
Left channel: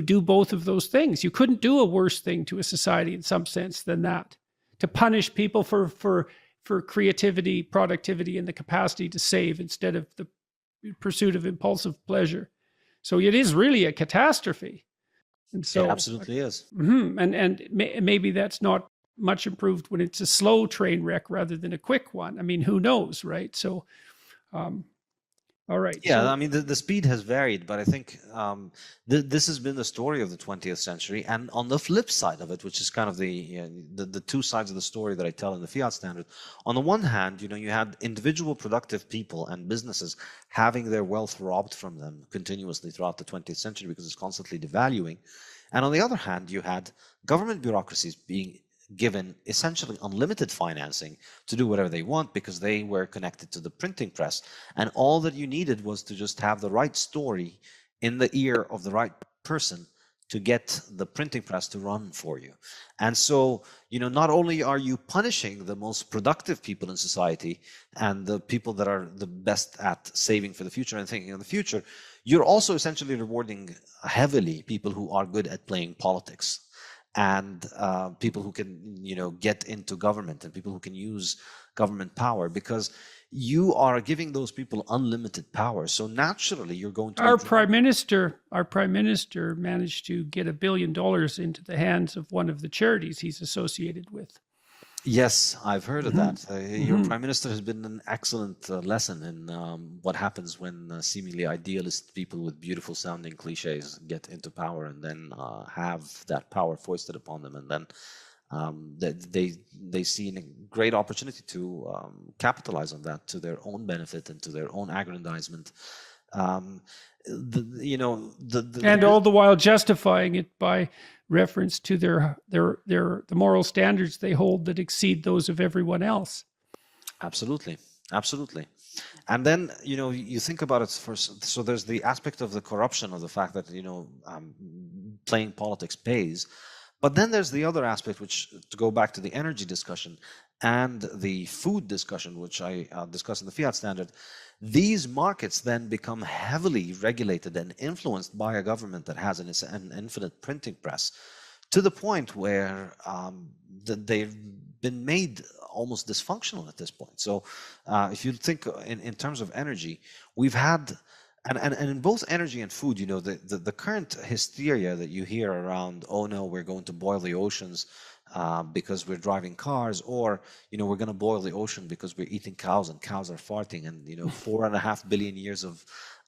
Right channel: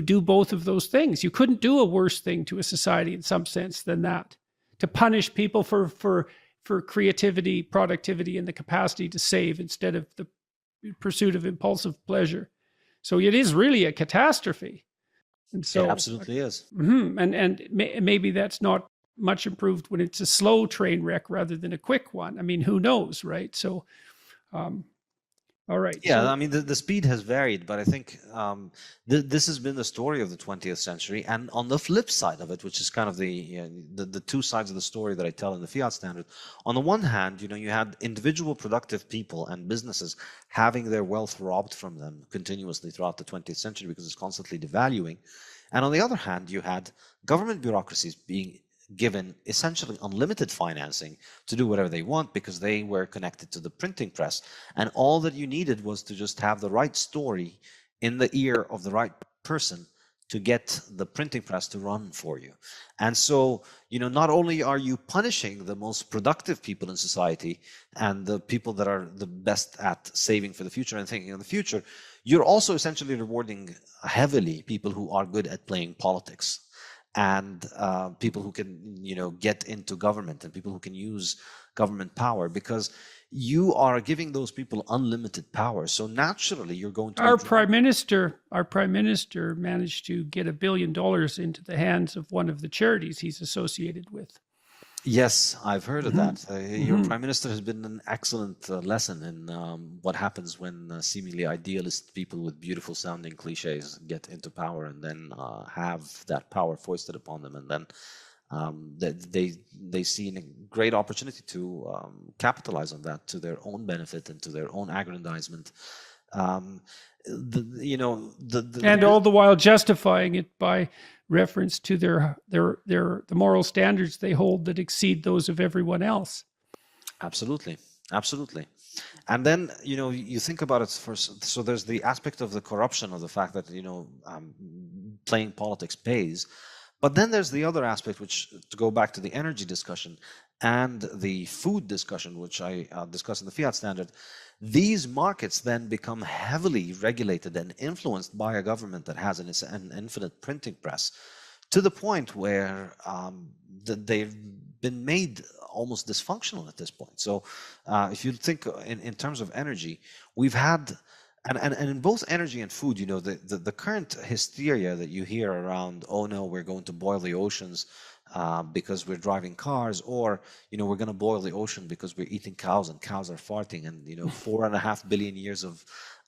do both of those things. You couldn't do a worse thing to a society in some sense than that, to punish people for creativity, productivity, and the capacity to save instead of the pursuit of impulsive pleasure. So it is really a catastrophe. And so it absolutely is. And maybe that's not much improved when it's a slow train wreck rather than a quick one. I mean, who knows, right? So, all right. Yeah, I mean, the speed has varied, but I think this has been the story of the 20th century. And on the flip side of it, which is kind of the two sides of the story that I tell in the Fiat Standard, on the one hand, you had individual productive people and businesses having their wealth robbed from them continuously throughout the 20th century because it's constantly devaluing. And on the other hand, you had government bureaucracies being given essentially unlimited financing to do whatever they want because they were connected to the printing press. And all that you needed was to just have the right story in the ear of the right person to get the printing press to run for you. And so, not only are you punishing the most productive people in society and the people that are the best at saving for the future and thinking of the future, you're also essentially rewarding heavily people who are good at playing politics, and people who can, get into government, and people who can use government power, because you are giving those people unlimited power. So naturally, you're going to. Our prime minister managed to get $1 billion into the hands of one of the charities he's associated with. Yes, I've heard of that. Your prime minister has been an excellent lesson in what happens when seemingly idealist people with beautiful sounding cliches get into power and then have that power foisted upon them, and then they see a great opportunity to capitalize on that to their own benefit and to their own aggrandizement. And all the while justifying it by reference to the moral standards they hold that exceed those of everyone else. Absolutely. And then you think about it first. So there's the aspect of the corruption, of the fact that playing politics pays, but then there's the other aspect, which, to go back to the energy discussion and the food discussion, which I discussed in the Fiat Standard. These markets then become heavily regulated and influenced by a government that has an infinite printing press, to the point where they've been made almost dysfunctional at this point. So if you think in terms of energy, we've had, and in both energy and food, the current hysteria that you hear around, oh no, we're going to boil the oceans because we're driving cars, or we're going to boil the ocean because we're eating cows and cows are farting, and 4.5 billion years of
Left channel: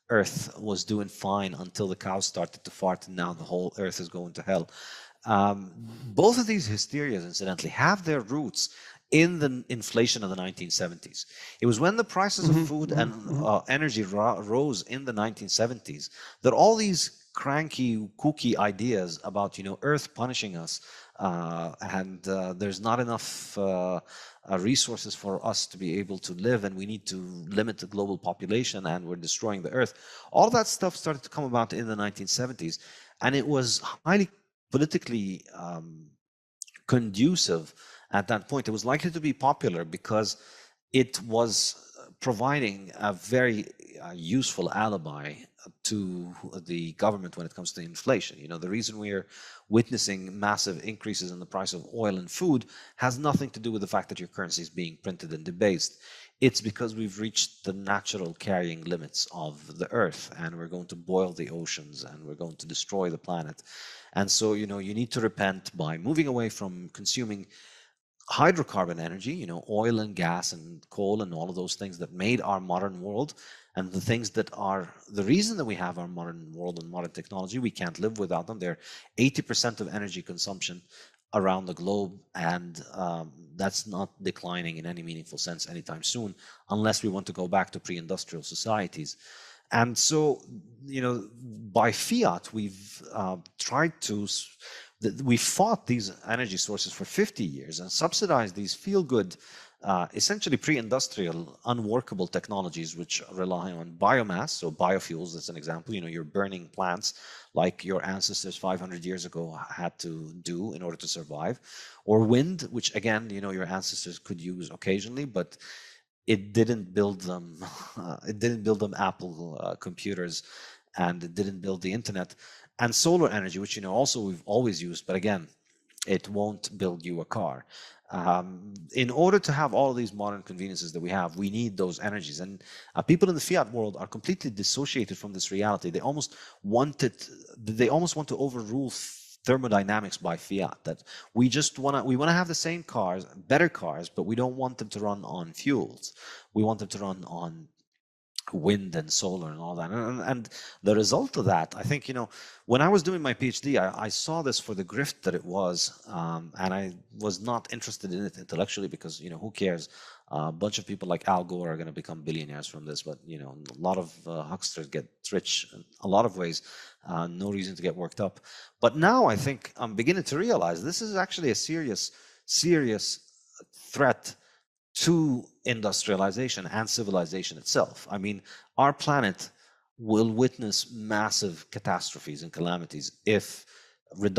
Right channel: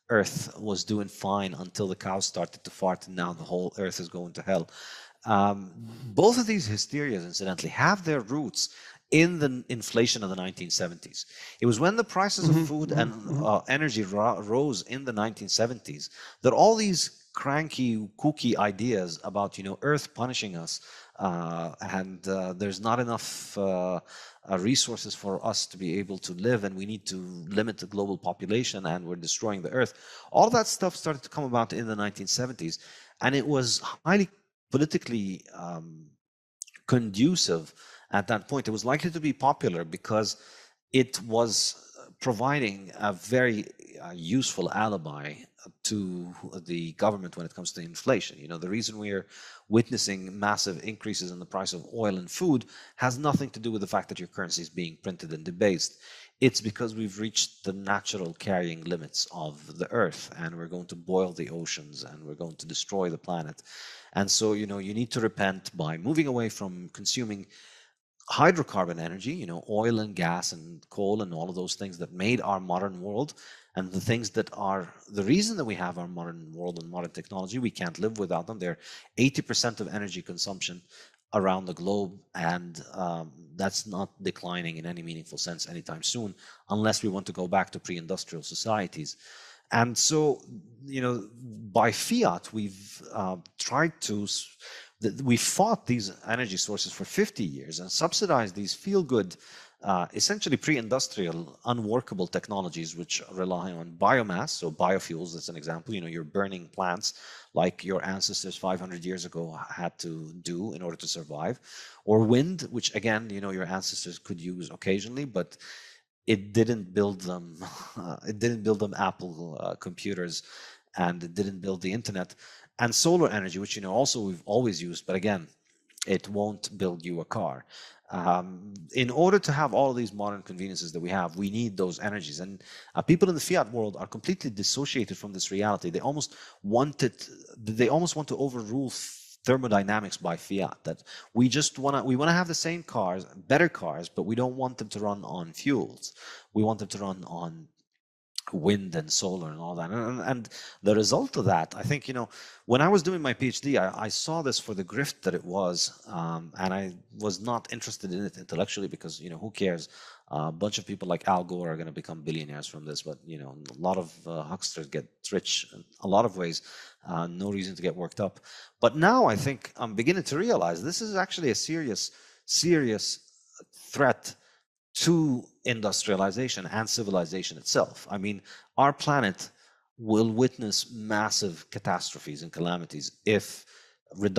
Earth was doing fine until the cows started to fart, and now the whole Earth is going to hell. Both of these hysterias, incidentally, have their roots in the inflation of the 1970s. It was when the prices of food and energy rose in the 1970s that all these cranky, kooky ideas about Earth punishing us, and there's not enough resources for us to be able to live, and we need to limit the global population, and we're destroying the Earth. All that stuff started to come about in the 1970s, and it was highly politically conducive at that point. It was likely to be popular because it was providing a very useful alibi to the government when it comes to inflation. The reason we're witnessing massive increases in the price of oil and food has nothing to do with the fact that your currency is being printed and debased. It's because we've reached the natural carrying limits of the Earth, and we're going to boil the oceans, and we're going to destroy the planet. And so, you need to repent by moving away from consuming hydrocarbon energy, oil and gas and coal and all of those things that made our modern world, and the things that are the reason that we have our modern world and modern technology. We can't live without them. They're 80% of energy consumption around the globe, and that's not declining in any meaningful sense anytime soon, unless we want to go back to pre-industrial societies. And so, by fiat, we've we fought these energy sources for 50 years and subsidized these feel-good, essentially pre-industrial, unworkable technologies which rely on biomass. So biofuels, that's an example. You're burning plants like your ancestors 500 years ago had to do in order to survive. Or wind, which again, your ancestors could use occasionally, but it didn't build them. It didn't build them Apple computers, and it didn't build the internet. And solar energy, which also we've always used, but again, it won't build you a car. In order to have all of these modern conveniences that we have, we need those energies. And people in the fiat world are completely dissociated from this reality. They almost want to overrule thermodynamics by fiat. That we want to have the same cars, better cars, but we don't want them to run on fuels. We want them to run on wind and solar and all that. And the result of that, I think, when I was doing my PhD, I saw this for the grift that it was, and I was not interested in it intellectually because, who cares? A bunch of people like Al Gore are going to become billionaires from this, but, a lot of hucksters get rich in a lot of ways. No reason to get worked up. But now I think I'm beginning to realize this is actually a serious threat to industrialization and civilization itself. I mean, our planet will witness massive catastrophes and calamities if we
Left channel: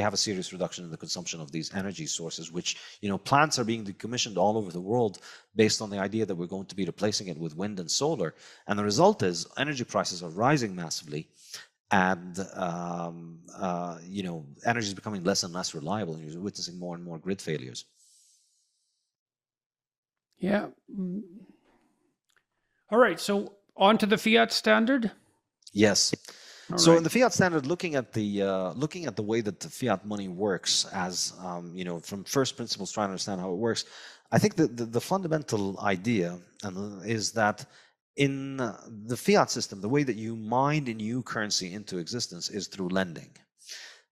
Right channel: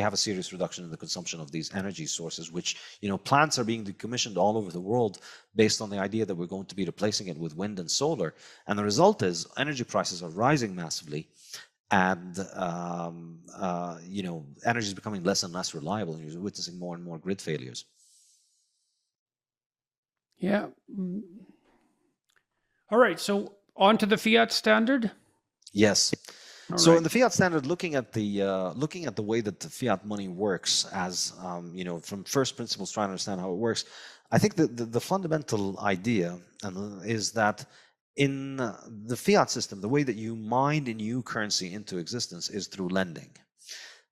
have a serious reduction in the consumption of these energy sources, which, plants are being decommissioned all over the world based on the idea that we're going to be replacing it with wind and solar. And the result is energy prices are rising massively, and energy is becoming less and less reliable, and you're witnessing more and more grid failures. Yeah. All right. So on to the Fiat Standard. Yes. All so right. in the Fiat Standard, looking at the way that the fiat money works, as from first principles, trying to understand how it works, I think that the fundamental idea is that in the fiat system, the way that you mine a new currency into existence is through lending.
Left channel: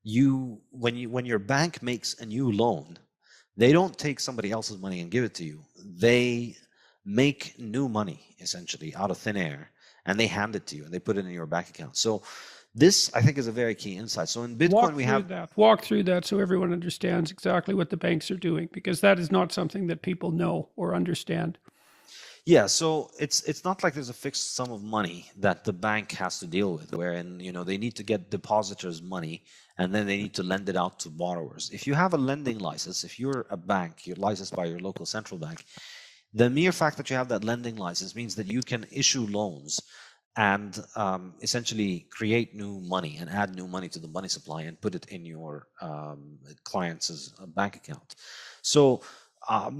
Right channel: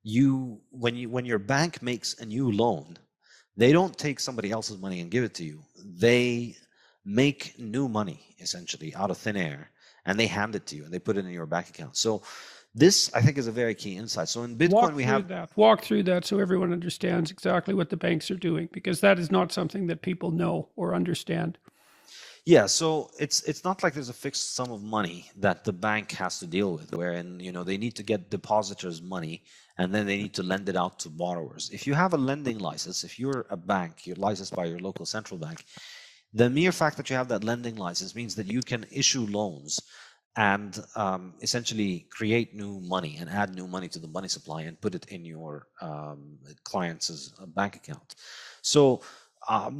When your bank makes a new loan, they don't take somebody else's money and give it to you. They make new money, essentially, out of thin air, and they hand it to you, and they put it in your bank account. So this, I think, is a very key insight. So in Bitcoin, walk through that so everyone understands exactly what the banks are doing, because that is not something that people know or understand. Yeah, so it's not like there's a fixed sum of money that the bank has to deal with, wherein they need to get depositors' money and then they need to lend it out to borrowers. If you have a lending license, if you're a bank, you're licensed by your local central bank, the mere fact that you have that lending license means that you can issue loans and essentially create new money and add new money to the money supply and put it in your client's bank account. So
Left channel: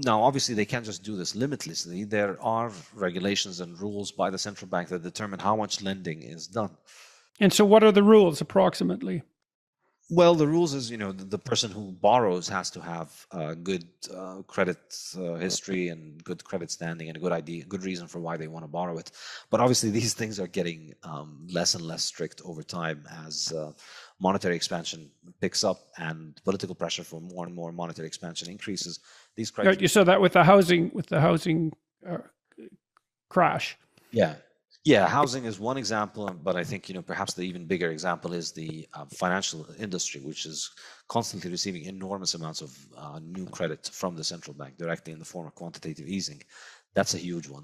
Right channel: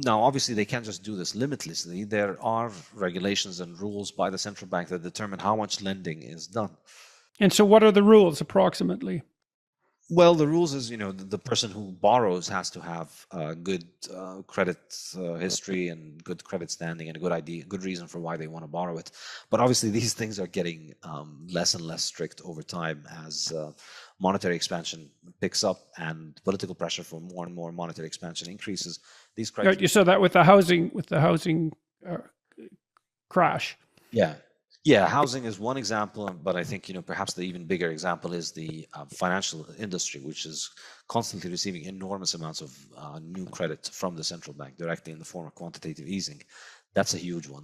now, obviously, they can't just do this limitlessly. There are regulations and rules by the central bank that determine how much lending is done. And so what are the rules approximately? Well, the rules is, the person who borrows has to have good credit history and good credit standing and a good reason for why they want to borrow it. But obviously, these things are getting less and less strict over time as monetary expansion picks up and political pressure for more and more monetary expansion increases. These criteria. You saw that with the housing crash. Yeah, housing is one example, but I think perhaps the even bigger example is the financial industry, which is constantly receiving enormous amounts of new credit from the central bank directly in the form of quantitative easing. That's a huge one.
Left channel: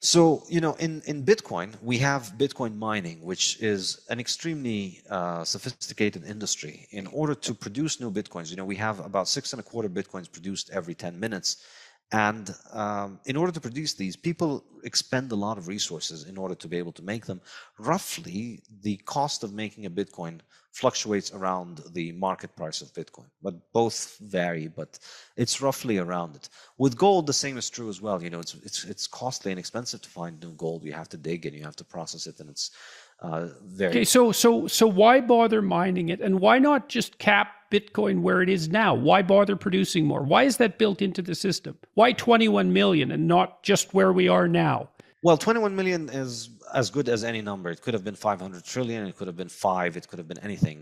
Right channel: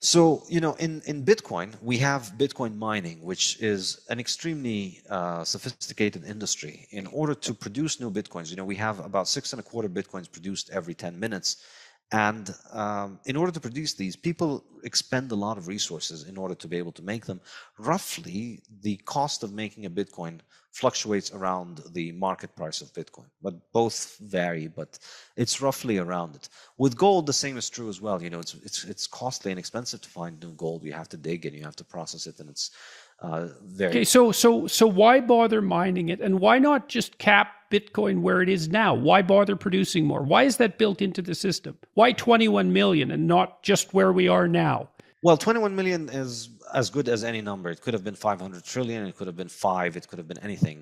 So in Bitcoin, we have Bitcoin mining, which is an extremely sophisticated industry. In order to produce new Bitcoins, we have about 6.25 Bitcoins produced every 10 minutes. And in order to produce these, people expend a lot of resources in order to be able to make them. Roughly, the cost of making a Bitcoin fluctuates around the market price of Bitcoin, but both vary, but it's roughly around it. With gold, the same is true as well. It's costly and expensive to find new gold. You have to dig and you have to process it, and it's very. Okay, so why bother mining it, and why not just cap Bitcoin where it is now? Why bother producing more? Why is that built into the system? Why 21 million and not just where we are now? Well, 21 million is as good as any number. It could have been 500 trillion, it could have been 5, it could have been anything.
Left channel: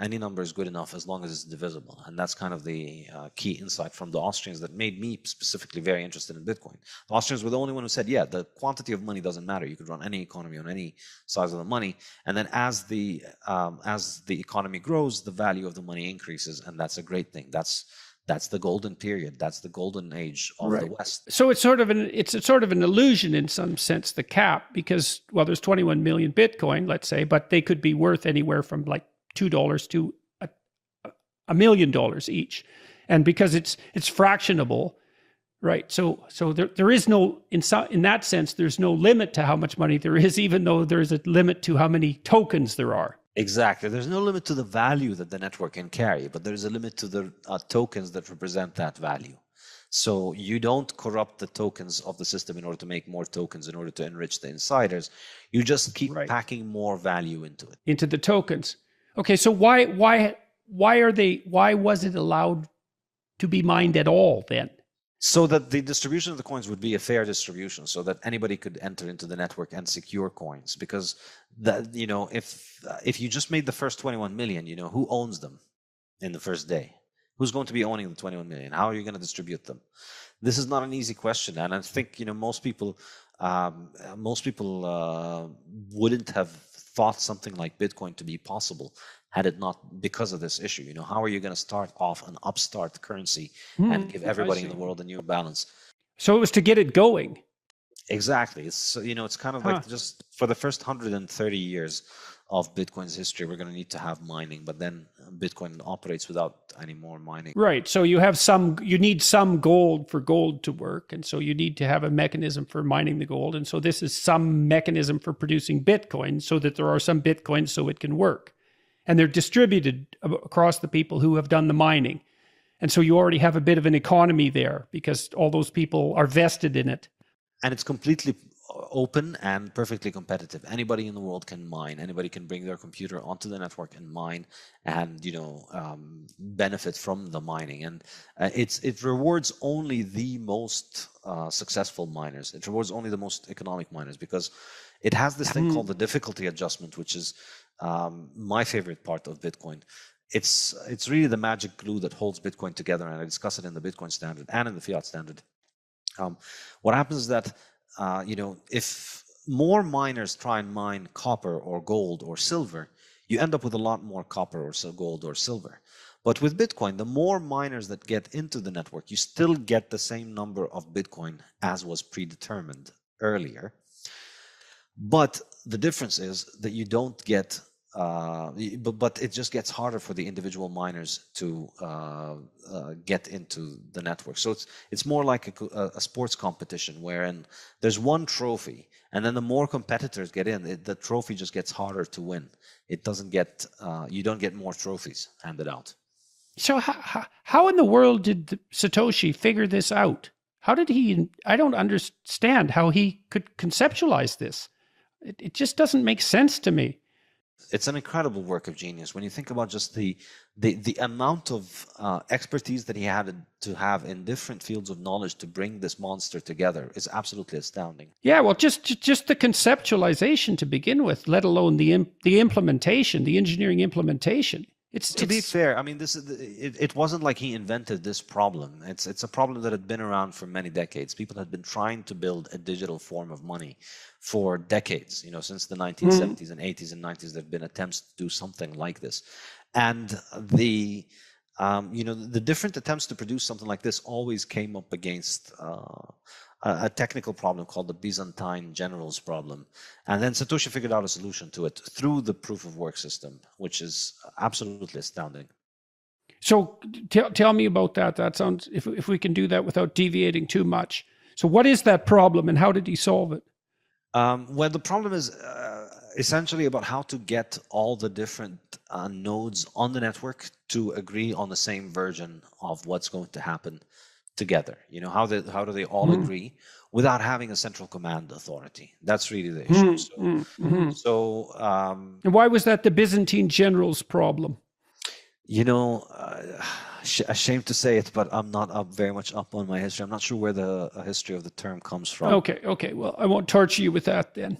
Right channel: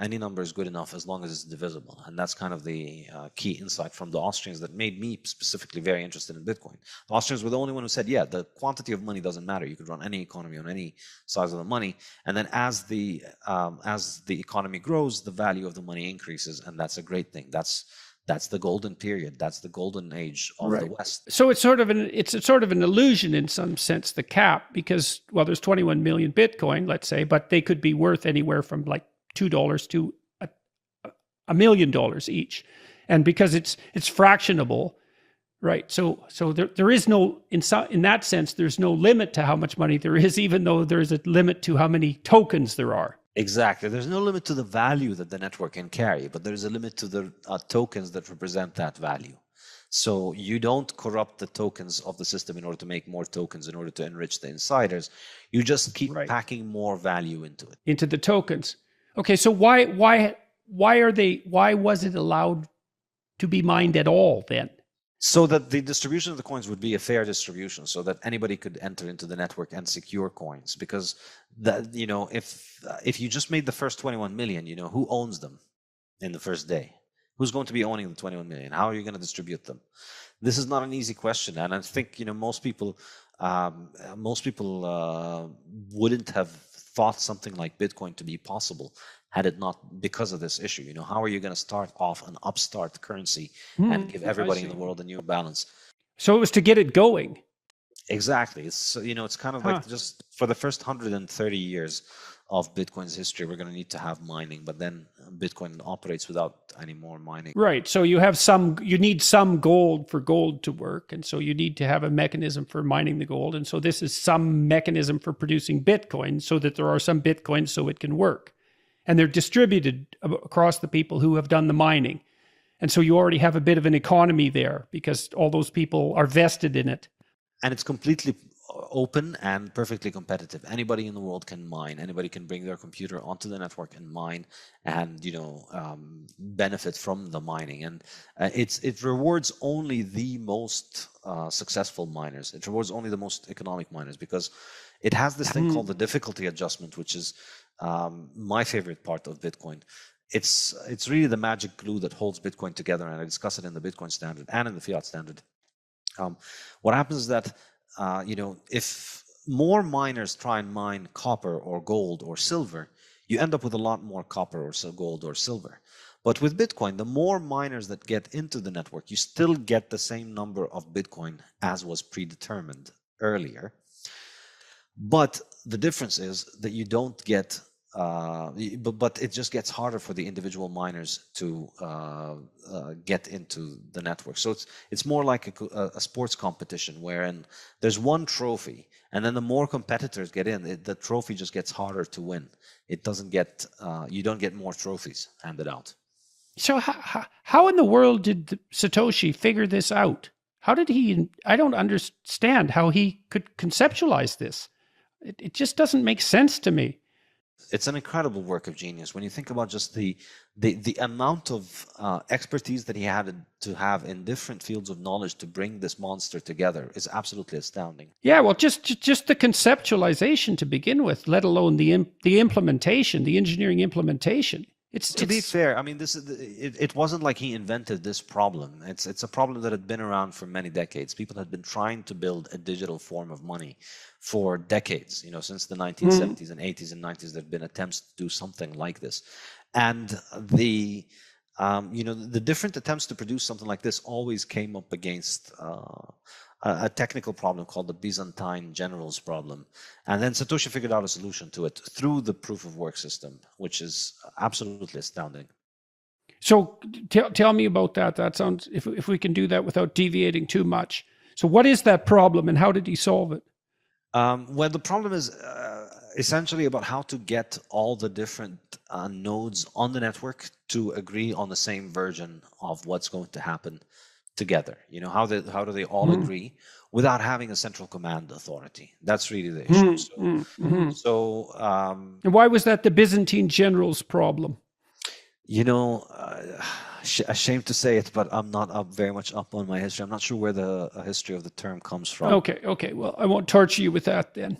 Any number is good enough as long as it's divisible. And that's kind of the key insight from the Austrians that made me specifically very interested in Bitcoin. The Austrians were the only one who said, yeah, the quantity of money doesn't matter. You could run any economy on any size of the money. And then as the economy grows, the value of the money increases. And that's a great thing. That's the golden period. That's the golden age of the West. So it's sort of an illusion in some sense, the cap, because, well, there's 21 million Bitcoin, let's say, but they could be worth anywhere from like $2 to $1 million each. And because it's fractionable, right? So there is no, in that sense, there's no limit to how much money there is, even though there's a limit to how many tokens there are. Exactly. There's no limit to the value that the network can carry, but there's a limit to the tokens that represent that value. So you don't corrupt the tokens of the system in order to make more tokens in order to enrich the insiders. You just keep packing more value into it. Into the tokens. Okay, so why was it allowed to be mined at all then? So that the distribution of the coins would be a fair distribution, so that anybody could enter into the network and secure coins. Because if you just made the first 21 million, who owns them in the first day? Who's going to be owning the 21 million? How are you going to distribute them? This is not an easy question, and I think most people wouldn't have thought something like Bitcoin to be possible had it not because of this issue. How are you going to start off an upstart currency and give everybody in the world a new balance? So it was to get it going. Exactly. It's it's kind of like just for the first 130 years of Bitcoin's history, we're going to need to have mining, but then Bitcoin operates without any more mining. Right. So you need some gold for gold to work, and so you need to have a mechanism for mining the gold, and so this is some mechanism for producing Bitcoin, so that there are some Bitcoins so it can work. And they're distributed across the people who have done the mining. And so you already have a bit of an economy there because all those people are vested in it. And it's completely open and perfectly competitive. Anybody in the world can mine. Anybody can bring their computer onto the network and mine and, benefit from the mining. And it rewards only the most successful miners. It rewards only the most economic miners because it has this thing called the difficulty adjustment, which is my favorite part of Bitcoin. It's really the magic glue that holds Bitcoin together, and I discuss it in the Bitcoin Standard and in the Fiat Standard. What happens is that if more miners try and mine copper or gold or silver, you end up with a lot more copper or gold or silver. But with Bitcoin, the more miners that get into the network, you still get the same number of Bitcoin as was predetermined earlier. But the difference is that you don't get, but it just gets harder for the individual miners to get into the network. So it's more like a sports competition wherein there's one trophy, and then the more competitors get in, the trophy just gets harder to win. It doesn't get, you don't get more trophies handed out. So how in the world did Satoshi figure this out? How did he? I don't understand how he could conceptualize this. It just doesn't make sense to me. It's an incredible work of genius when you think about just the amount of expertise that he had to have in different fields of knowledge to bring this monster together is absolutely astounding. Yeah, well, just the conceptualization to begin with, let alone the implementation, the engineering implementation. To be fair, I mean, it wasn't like he invented this problem. It's a problem that had been around for many decades. People had been trying to build a digital form of money for decades. Since the 1970s and 80s and 90s, there have been attempts to do something like this. And the different attempts to produce something like this always came up against a technical problem called the Byzantine generals problem. And then Satoshi figured out a solution to it through the proof of work system, which is absolutely astounding. So tell me about that. That sounds, if we can do that without deviating too much. So what is that problem and how did he solve it? Well, the problem is essentially about how to get all the different nodes on the network to agree on the same version of what's going to happen together? How do they all agree without having a central command authority? That's really the issue. And why was that the Byzantine generals' problem? Ashamed to say it, but I'm not very much up on my history. I'm not sure where the history of the term comes from. Okay. Well, I won't torture you with that then.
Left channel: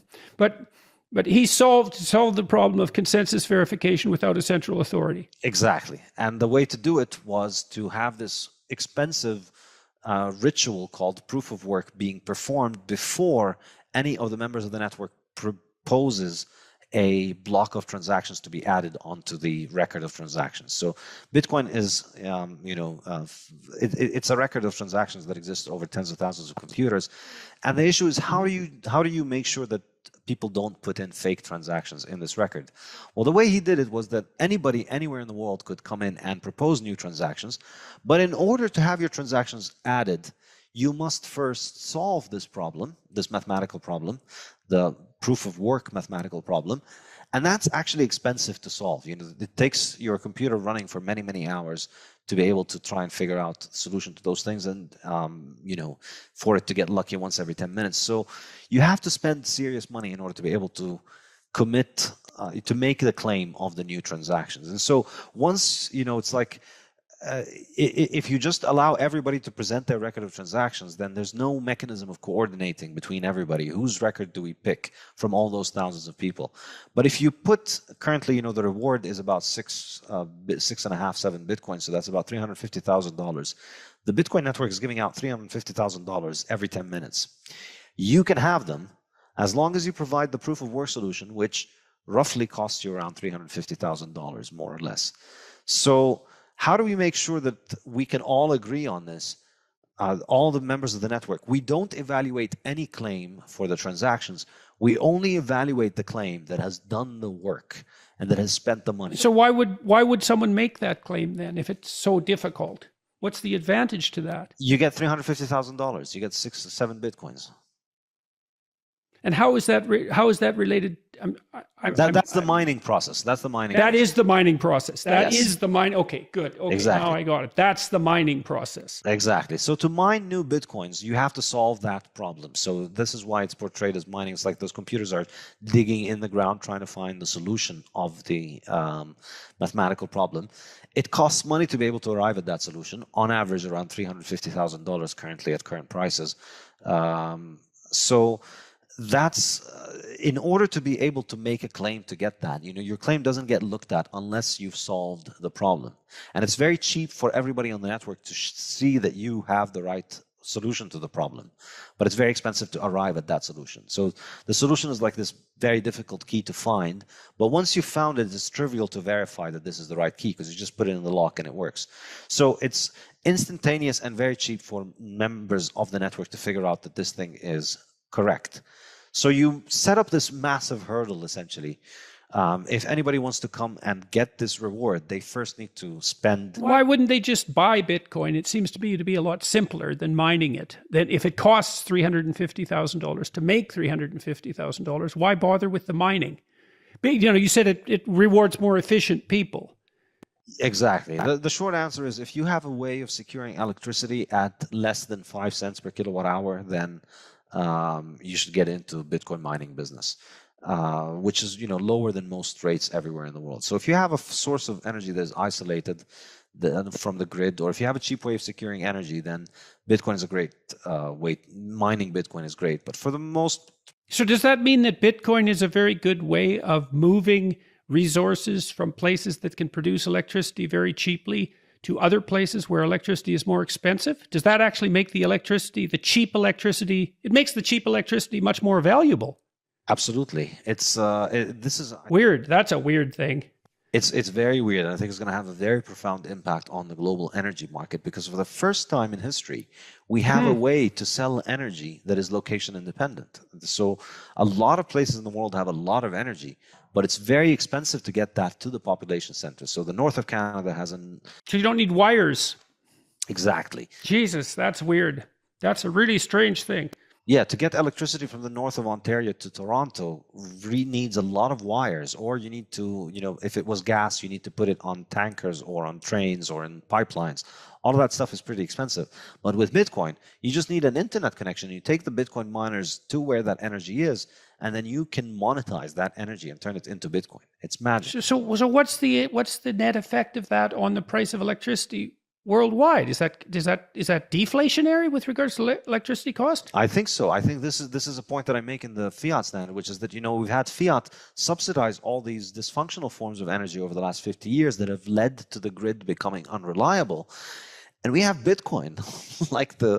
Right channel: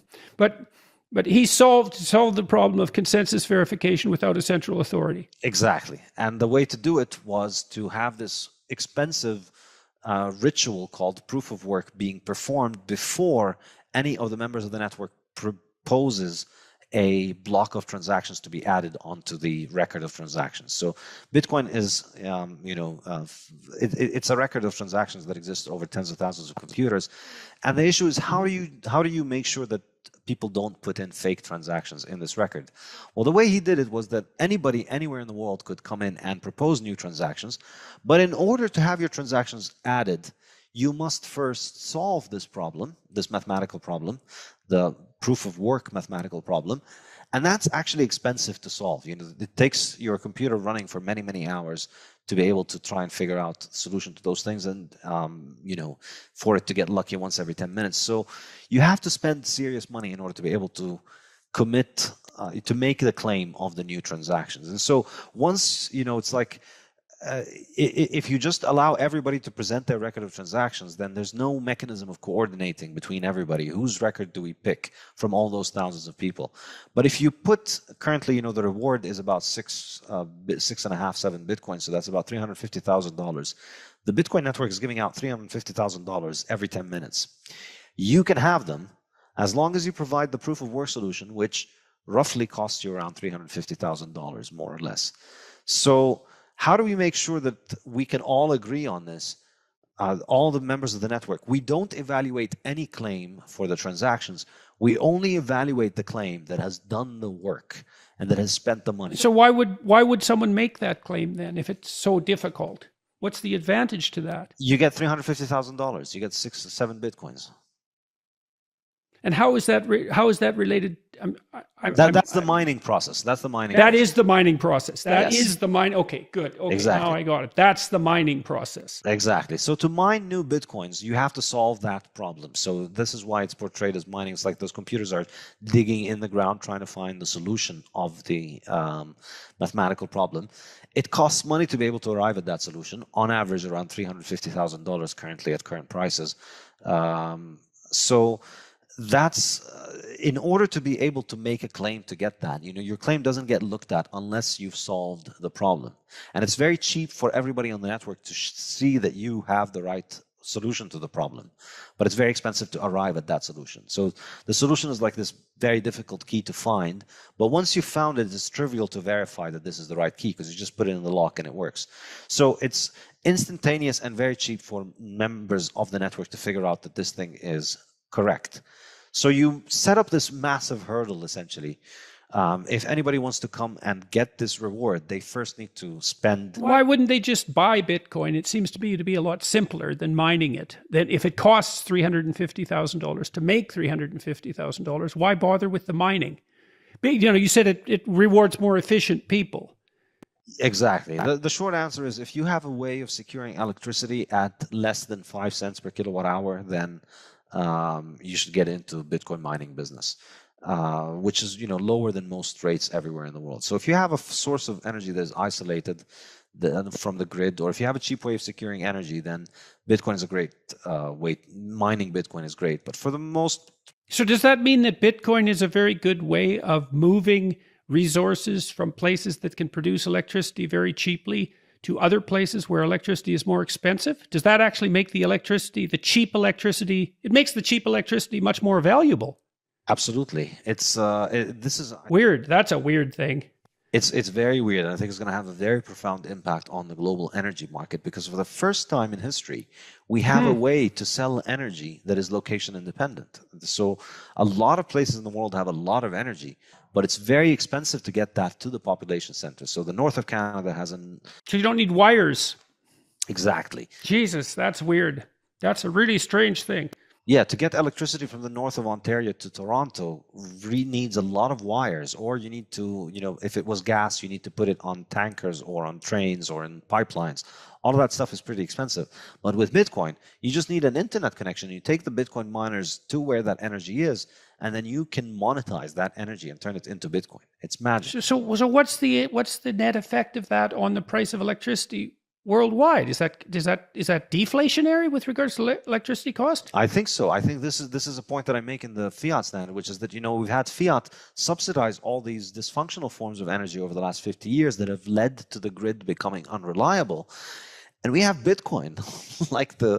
But he solved the problem of consensus verification without a central authority. Exactly. And the way to do it was to have this expensive ritual called proof of work being performed before any of the members of the network proposes a block of transactions to be added onto the record of transactions. So Bitcoin is, it's a record of transactions that exists over tens of thousands of computers. And the issue is how do you make sure that people don't put in fake transactions in this record? Well, the way he did it was that anybody anywhere in the world could come in and propose new transactions. But in order to have your transactions added, you must first solve this problem, this mathematical problem, the proof of work mathematical problem. And that's actually expensive to solve. It takes your computer running for many, many hours to be able to try and figure out the solution to those things, and for it to get lucky once every 10 minutes. So you have to spend serious money in order to be able to commit to make the claim of the new transactions. And so once it's like if you just allow everybody to present their record of transactions, then there's no mechanism of coordinating between everybody. Whose record do we pick from all those thousands of people? But if you put currently, the reward is about 6.5, 7 Bitcoin, so that's about $350,000. The Bitcoin network is giving out $350,000 every 10 minutes. You can have them as long as you provide the proof of work solution, which roughly costs you around $350,000, more or less. So how do we make sure that we can all agree on this? All the members of the network, we don't evaluate any claim for the transactions. We only evaluate the claim that has done the work and that has spent the money. So why would someone make that claim then if it's so difficult? What's the advantage to that? You get $350,000. You get 6 or 7 Bitcoins. And how is that related? That's the mining process. That's the mining. That is the mining process. That is the mine. Okay, good. Okay, exactly. Now I got it. That's the mining process. Exactly. So to mine new Bitcoins, you have to solve that problem. So this is why it's portrayed as mining. It's like those computers are digging in the ground trying to find the solution of the mathematical problem. It costs money to be able to arrive at that solution. On average, around $350,000 currently at current prices. So that's in order to be able to make a claim to get that, your claim doesn't get looked at unless you've solved the problem. And it's very cheap for everybody on the network to see that you have the right solution to the problem, but it's very expensive to arrive at that solution. So the solution is like this very difficult key to find, but once you've found it, it's trivial to verify that this is the right key because you just put it in the lock and it works. So it's instantaneous and very cheap for members of the network to figure out that this thing is correct. So you set up this massive hurdle, essentially. If anybody wants to come and get this reward, they first need to spend... Why wouldn't they just buy Bitcoin? It seems to be a lot simpler than mining it. Then if it costs $350,000 to make $350,000, why bother with the mining? You said it rewards more efficient people. Exactly. The short answer is if you have a way of securing electricity at less than 5 cents per kilowatt hour, then you should get into Bitcoin mining business, which is lower than most rates everywhere in the world. So if you have a source of energy that is isolated from the grid, or if you have a cheap way of securing energy, then Bitcoin is a great way. Mining Bitcoin is great, but for the most... So does that mean that Bitcoin is a very good way of moving resources from places that can produce electricity very cheaply to other places where electricity is more expensive? Does that actually make the cheap electricity, it makes the cheap electricity much more valuable? Absolutely. This is weird. That's a weird thing. It's very weird. And I think it's going to have a very profound impact on the global energy market, because for the first time in history, we have a way to sell energy that is location independent. So a lot of places in the world have a lot of energy, but it's very expensive to get that to the population center. So the north of Canada has So you don't need wires. Exactly. Jesus, that's weird. That's a really strange thing. Yeah, to get electricity from the north of Ontario to Toronto needs a lot of wires, or you need to, if it was gas, you need to put it on tankers or on trains or in pipelines. All of that stuff is pretty expensive. But with Bitcoin, you just need an internet connection. You take the Bitcoin miners to where that energy is, and then you can monetize that energy and turn it into Bitcoin. It's magic. So what's the net effect of that on the price of electricity worldwide? Is that deflationary with regards to electricity cost? I think so. I think this is a point that I make in the Fiat Standard, which is that we've had Fiat subsidize all these dysfunctional forms of energy over the last 50 years that have led to the grid becoming unreliable. And we have Bitcoin, like the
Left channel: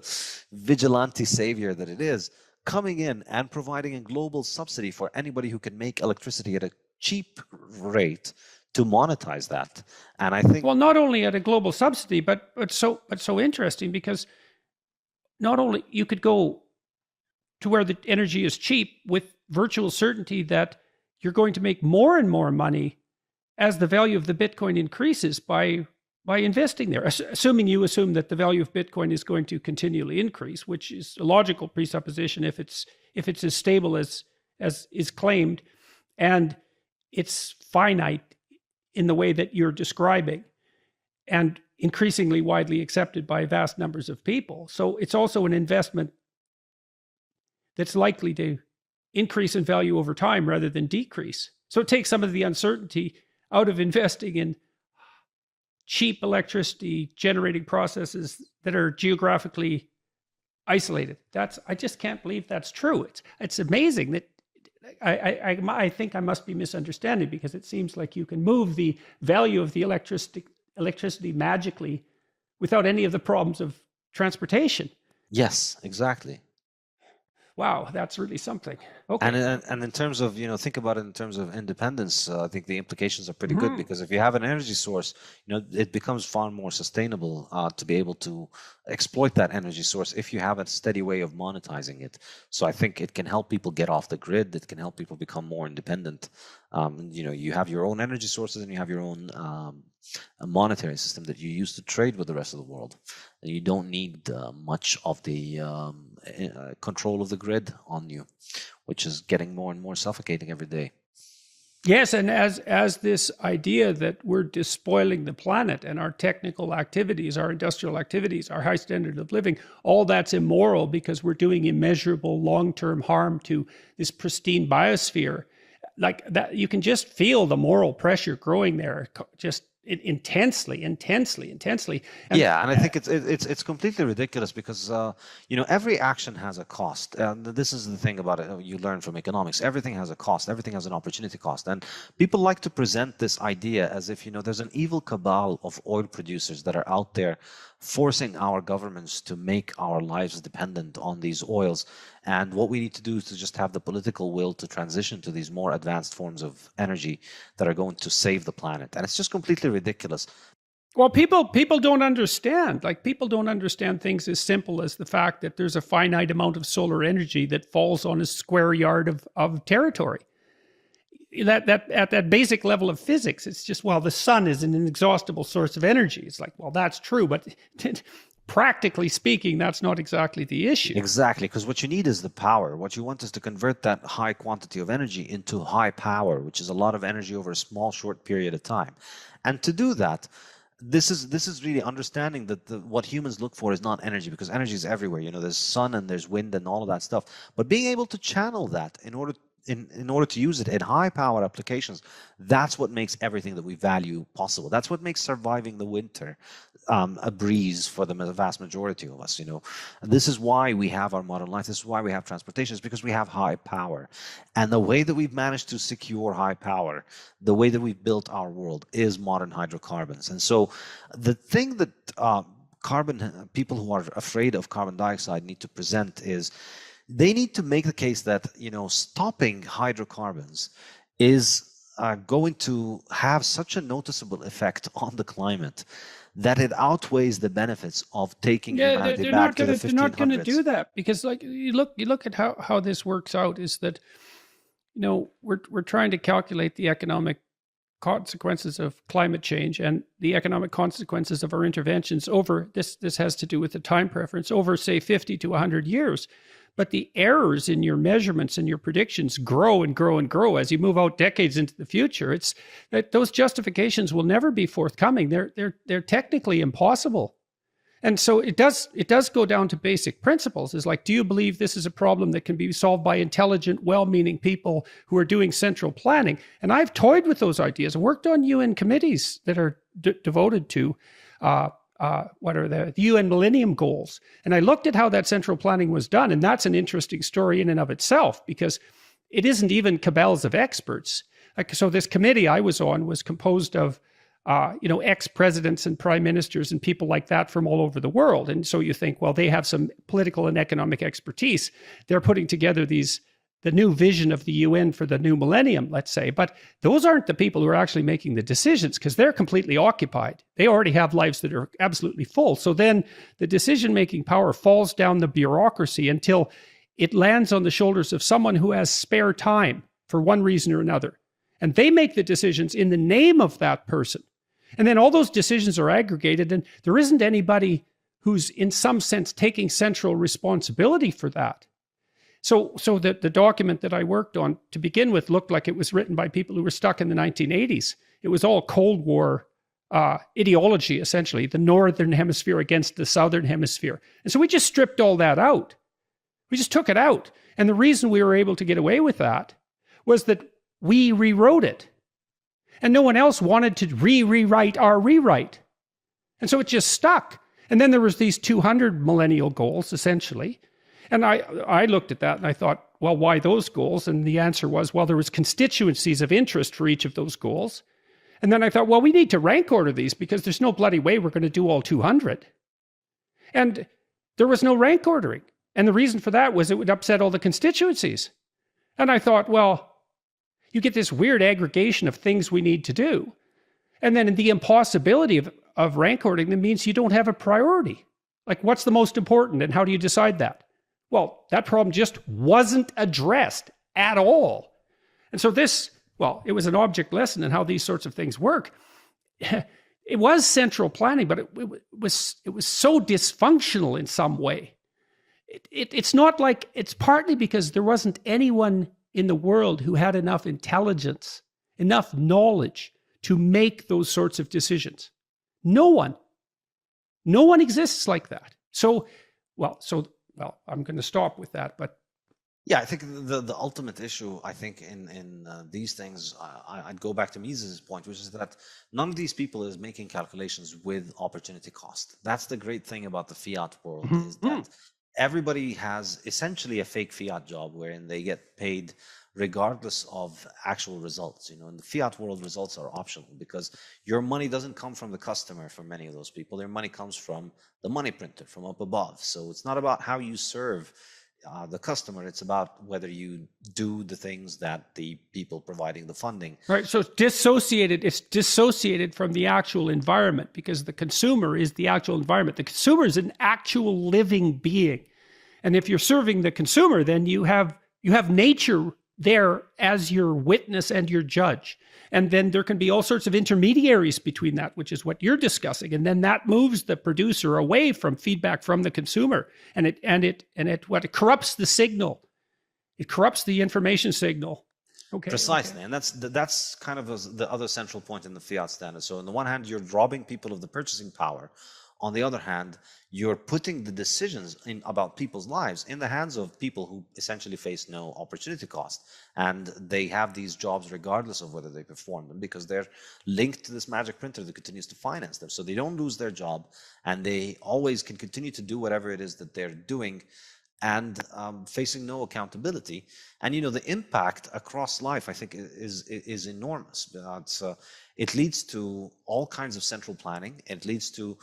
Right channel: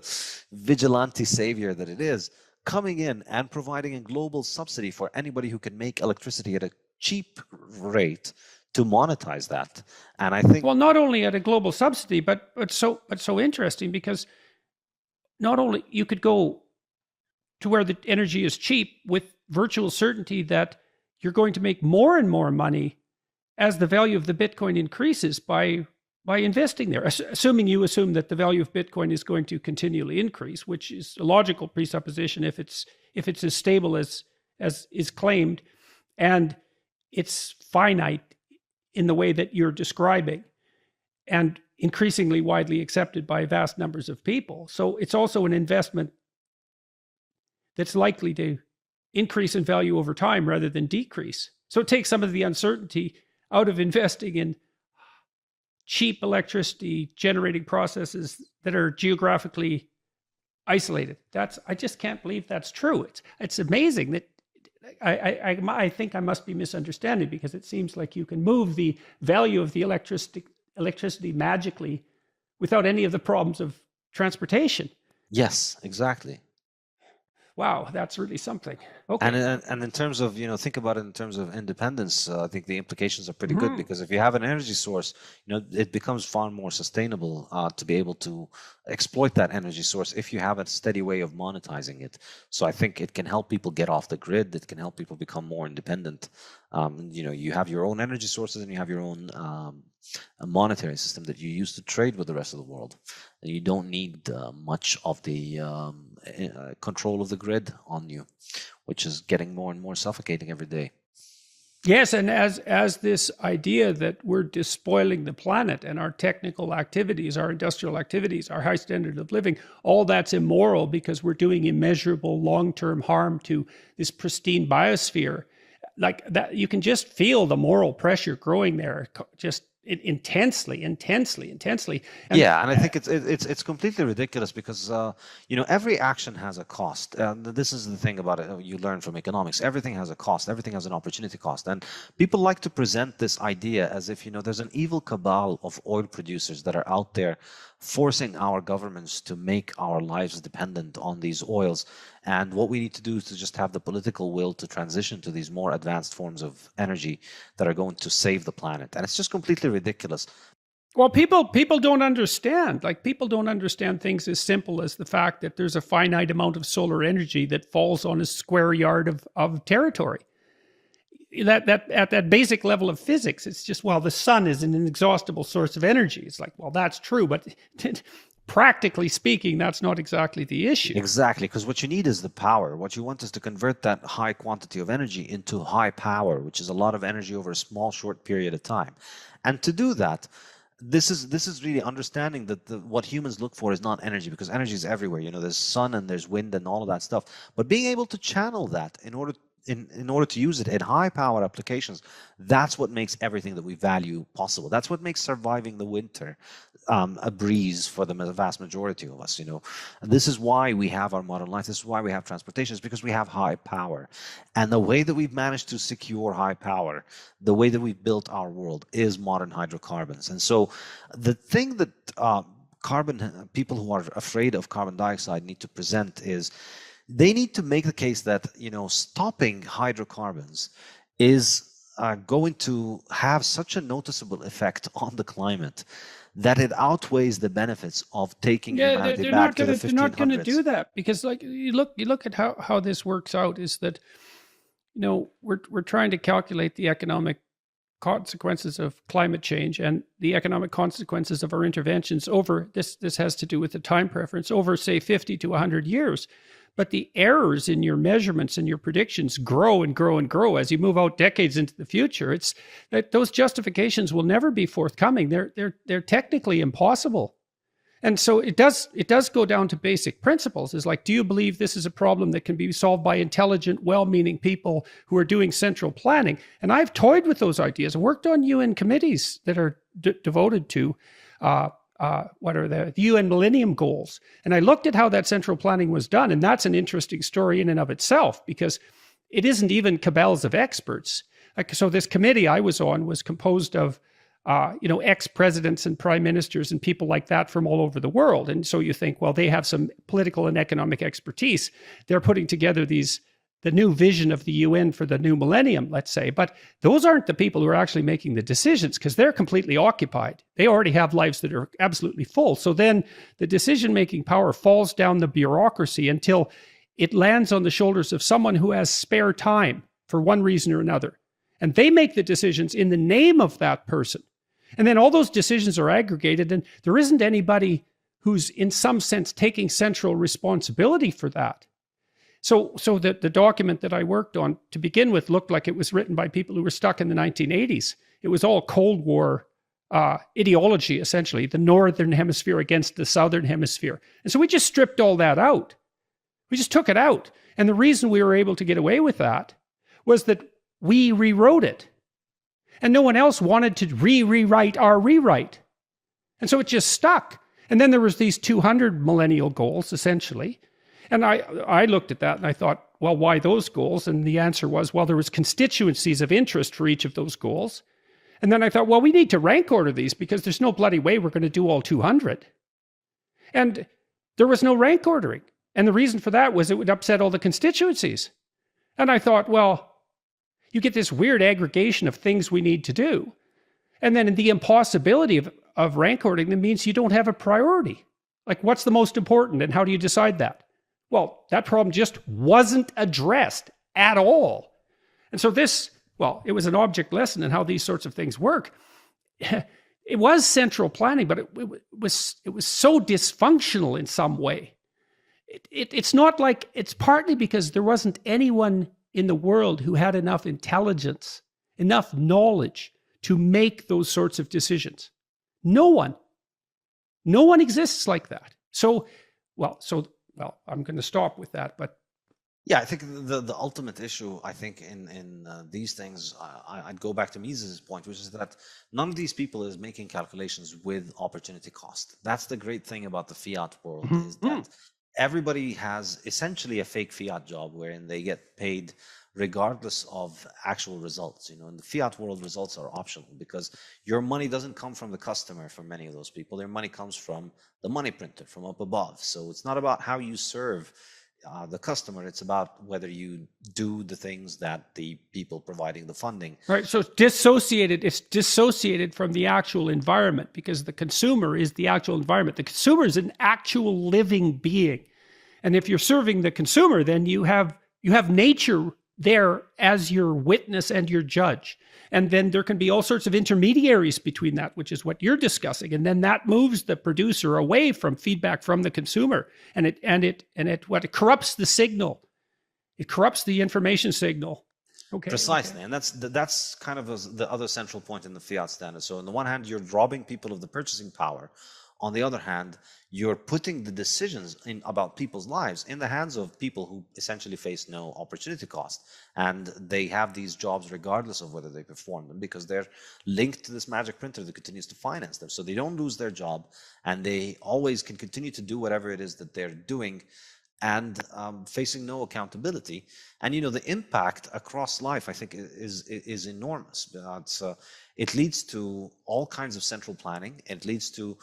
vigilante savior that it is, coming in and providing a global subsidy for anybody who can make electricity at a cheap rate to monetize that. And I think, well, not only at a global subsidy, but so interesting, because not only you could go to where the energy is cheap with virtual certainty that you're going to make more and more money as the value of the Bitcoin increases by investing there, assuming that the value of Bitcoin is going to continually increase, which is a logical presupposition if it's as stable as is claimed, and it's finite in the way that you're describing, and increasingly widely accepted by vast numbers of people. So it's also an investment that's likely to increase in value over time rather than decrease. So it takes some of the uncertainty out of investing in cheap electricity generating processes that are geographically isolated. I just can't believe that's true. It's amazing that I think I must be misunderstanding, because it seems like you can move the value of the electricity magically without any of the problems of transportation. yes, exactly. Wow, that's really something. Okay. And in terms of, think about it in terms of independence, I think the implications are pretty good, because if you have an energy source, it becomes far more sustainable to be able to exploit that energy source if you have a steady way of monetizing it. So I think it can help people get off the grid. It can help people become more independent. You have your own energy sources, and you have your own a monetary system that you use to trade with the rest of the world. And you don't need much of the control of the grid on you, which is getting more and more suffocating every day. Yes, and as this idea that we're despoiling the planet, and our technical activities, our industrial activities, our high standard of living, all that's immoral because we're doing immeasurable long-term harm to this pristine biosphere. Like that, you can just feel the moral pressure growing there, just intensely. And Yeah, and I think it's completely ridiculous, because every action has a cost. And this is the thing about it. You learn from economics. Everything has a cost. Everything has an opportunity cost. And people like to present this idea as if there's an evil cabal of oil producers that are out there forcing our governments to make our lives dependent on these oils. And what we need to do is to just have the political will to transition to these more advanced forms of energy that are going to save the planet. And it's just completely ridiculous. Well, people don't understand. Like, people don't understand things as simple as the fact that there's a finite amount of solar energy that falls on a square yard of territory. That at that basic level of physics, it's just, well, the sun is an inexhaustible source of energy. It's like, well, that's true, but practically speaking, that's not exactly the issue. Exactly, because what you need is the power. What you want is to convert that high quantity of energy into high power, which is a lot of energy over a small, short period of time. And to do that, this is really understanding that what humans look for is not energy, because energy is everywhere. There's sun and there's wind and all of that stuff. But being able to channel that in order to use it in high power applications, that's what makes everything that we value possible. That's what makes surviving the winter a breeze for the vast majority of us. And this is why we have our modern life. This is why we have transportation, is because we have high power. And the way that we've managed to secure high power, the way that we've built our world, is modern hydrocarbons. And so the thing that people who are afraid of carbon dioxide need to present is, they need to make the case that stopping hydrocarbons is going to have such a noticeable effect on the climate that it outweighs the benefits of taking humanity back to the 1500s. They're not going to do that, because, like, you look at how this works out, is that we're trying to calculate the economic consequences of climate change and the economic consequences of our interventions over this has to do with the time preference over, say, 50 to 100 years. but the errors in your measurements and your predictions grow and grow and grow as you move out decades into the future. It's that those justifications will never be forthcoming. They're technically impossible. And so it does go down to basic principles. It's like, do you believe this is a problem that can be solved by intelligent, well-meaning people who are doing central planning? And I've toyed with those ideas. I worked on UN committees that are devoted to what are the UN Millennium Goals. And I looked at how that central planning was done. And that's an interesting story in and of itself, because it isn't even cabals of experts. Like, so this committee I was on was composed of ex-presidents and prime ministers and people like that from all over the world. And so you think, well, they have some political and economic expertise. They're putting together the new vision of the UN for the new millennium, let's say. But those aren't the people who are actually making the decisions, because they're completely occupied. They already have lives that are absolutely full. So then the decision-making power falls down the bureaucracy until it lands on the shoulders of someone who has spare time for one reason or another. And they make the decisions in the name of that person. And then all those decisions are aggregated, and there isn't anybody who's in some sense taking central responsibility for that. So the document that I worked on to begin with looked like it was written by people who were stuck in the 1980s. It was all Cold War ideology, essentially, the Northern Hemisphere against the Southern Hemisphere. And so we just stripped all that out. We just took it out. And the reason we were able to get away with that was that we rewrote it. And no one else wanted to rewrite our rewrite. And so it just stuck. And then there was these 200 millennial goals, essentially. And I looked at that and I thought, well, why those goals? And the answer was, well, there was constituencies of interest for each of those goals. And then I thought, well, we need to rank order these, because there's no bloody way we're going to do all 200. And there was no rank ordering. And the reason for that was it would upset all the constituencies. And I thought, well, you get this weird aggregation of things we need to do. And then the impossibility of rank ordering them means you don't have a priority. Like, what's the most important and how do you decide that? Well, that problem just wasn't addressed at all. And so it was an object lesson in how these sorts of things work. It was central planning, but it was so dysfunctional in some way. It's not like, it's partly because there wasn't anyone in the world who had enough intelligence, enough knowledge to make those sorts of decisions. No one exists like that. I'm going to stop with that, but yeah, I think the ultimate issue, I think, in these things, I'd go back to Mises' point, which is that none of these people is making calculations with opportunity cost. That's the great thing about the fiat world, is that everybody has essentially a fake fiat job wherein they get paid regardless of actual results. In the fiat world, results are optional, because your money doesn't come from the customer for many of those people. Their money comes from the money printer, from up above. So it's not about how you serve the customer. It's about whether you do the things that the people providing the funding. Right. So it's dissociated from the actual environment, because the consumer is the actual environment. The consumer is an actual living being. And if you're serving the consumer, then you have nature there as your witness and your judge. And then there can be all sorts of intermediaries between that, which is what you're discussing. And then that moves the producer away from feedback from the consumer. And it corrupts the signal. It corrupts the information signal. Okay. Precisely. And that's kind of the other central point in the fiat standard. So on the one hand, you're robbing people of the purchasing power. On the other hand, you're putting the decisions about people's lives in the hands of people who essentially face no opportunity cost. And they have these jobs regardless of whether they perform them, because they're linked to this magic printer that continues to finance them. So they don't lose their job, and they always can continue to do whatever it is that they're doing, and facing no accountability. And the impact across life, I think, is enormous. It leads to all kinds of central planning. It leads to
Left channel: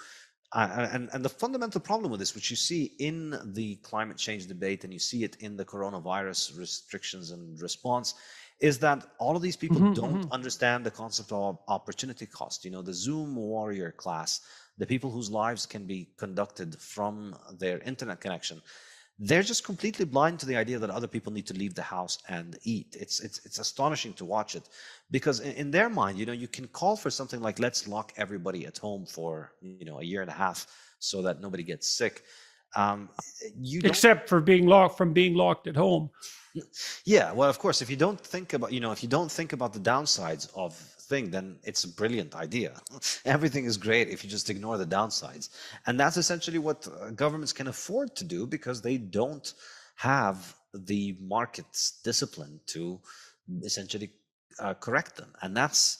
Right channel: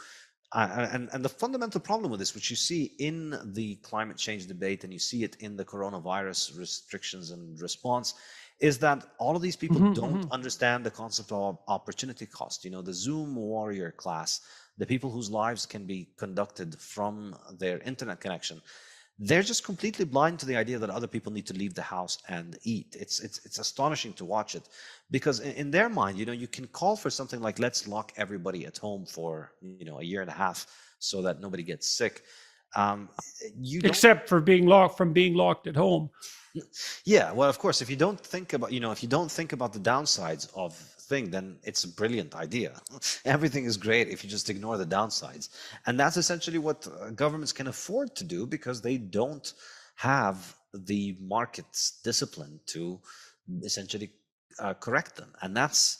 and the fundamental problem with this, which you see in the climate change debate and you see it in the coronavirus restrictions and response, is that all of these people don't understand the concept of opportunity cost. The Zoom warrior class, the people whose lives can be conducted from their internet connection, they're just completely blind to the idea that other people need to leave the house and eat. It's astonishing to watch it, because in their mind, you can call for something like, let's lock everybody at home for a year and a half so that nobody gets sick. Um, you don't. except for being locked at home. Yeah, well, of course, if you don't think about, if you don't think about the downsides of thing, then it's a brilliant idea. Everything is great if you just ignore the downsides. And that's essentially what governments can afford to do because they don't have the market's discipline to essentially correct them. And that's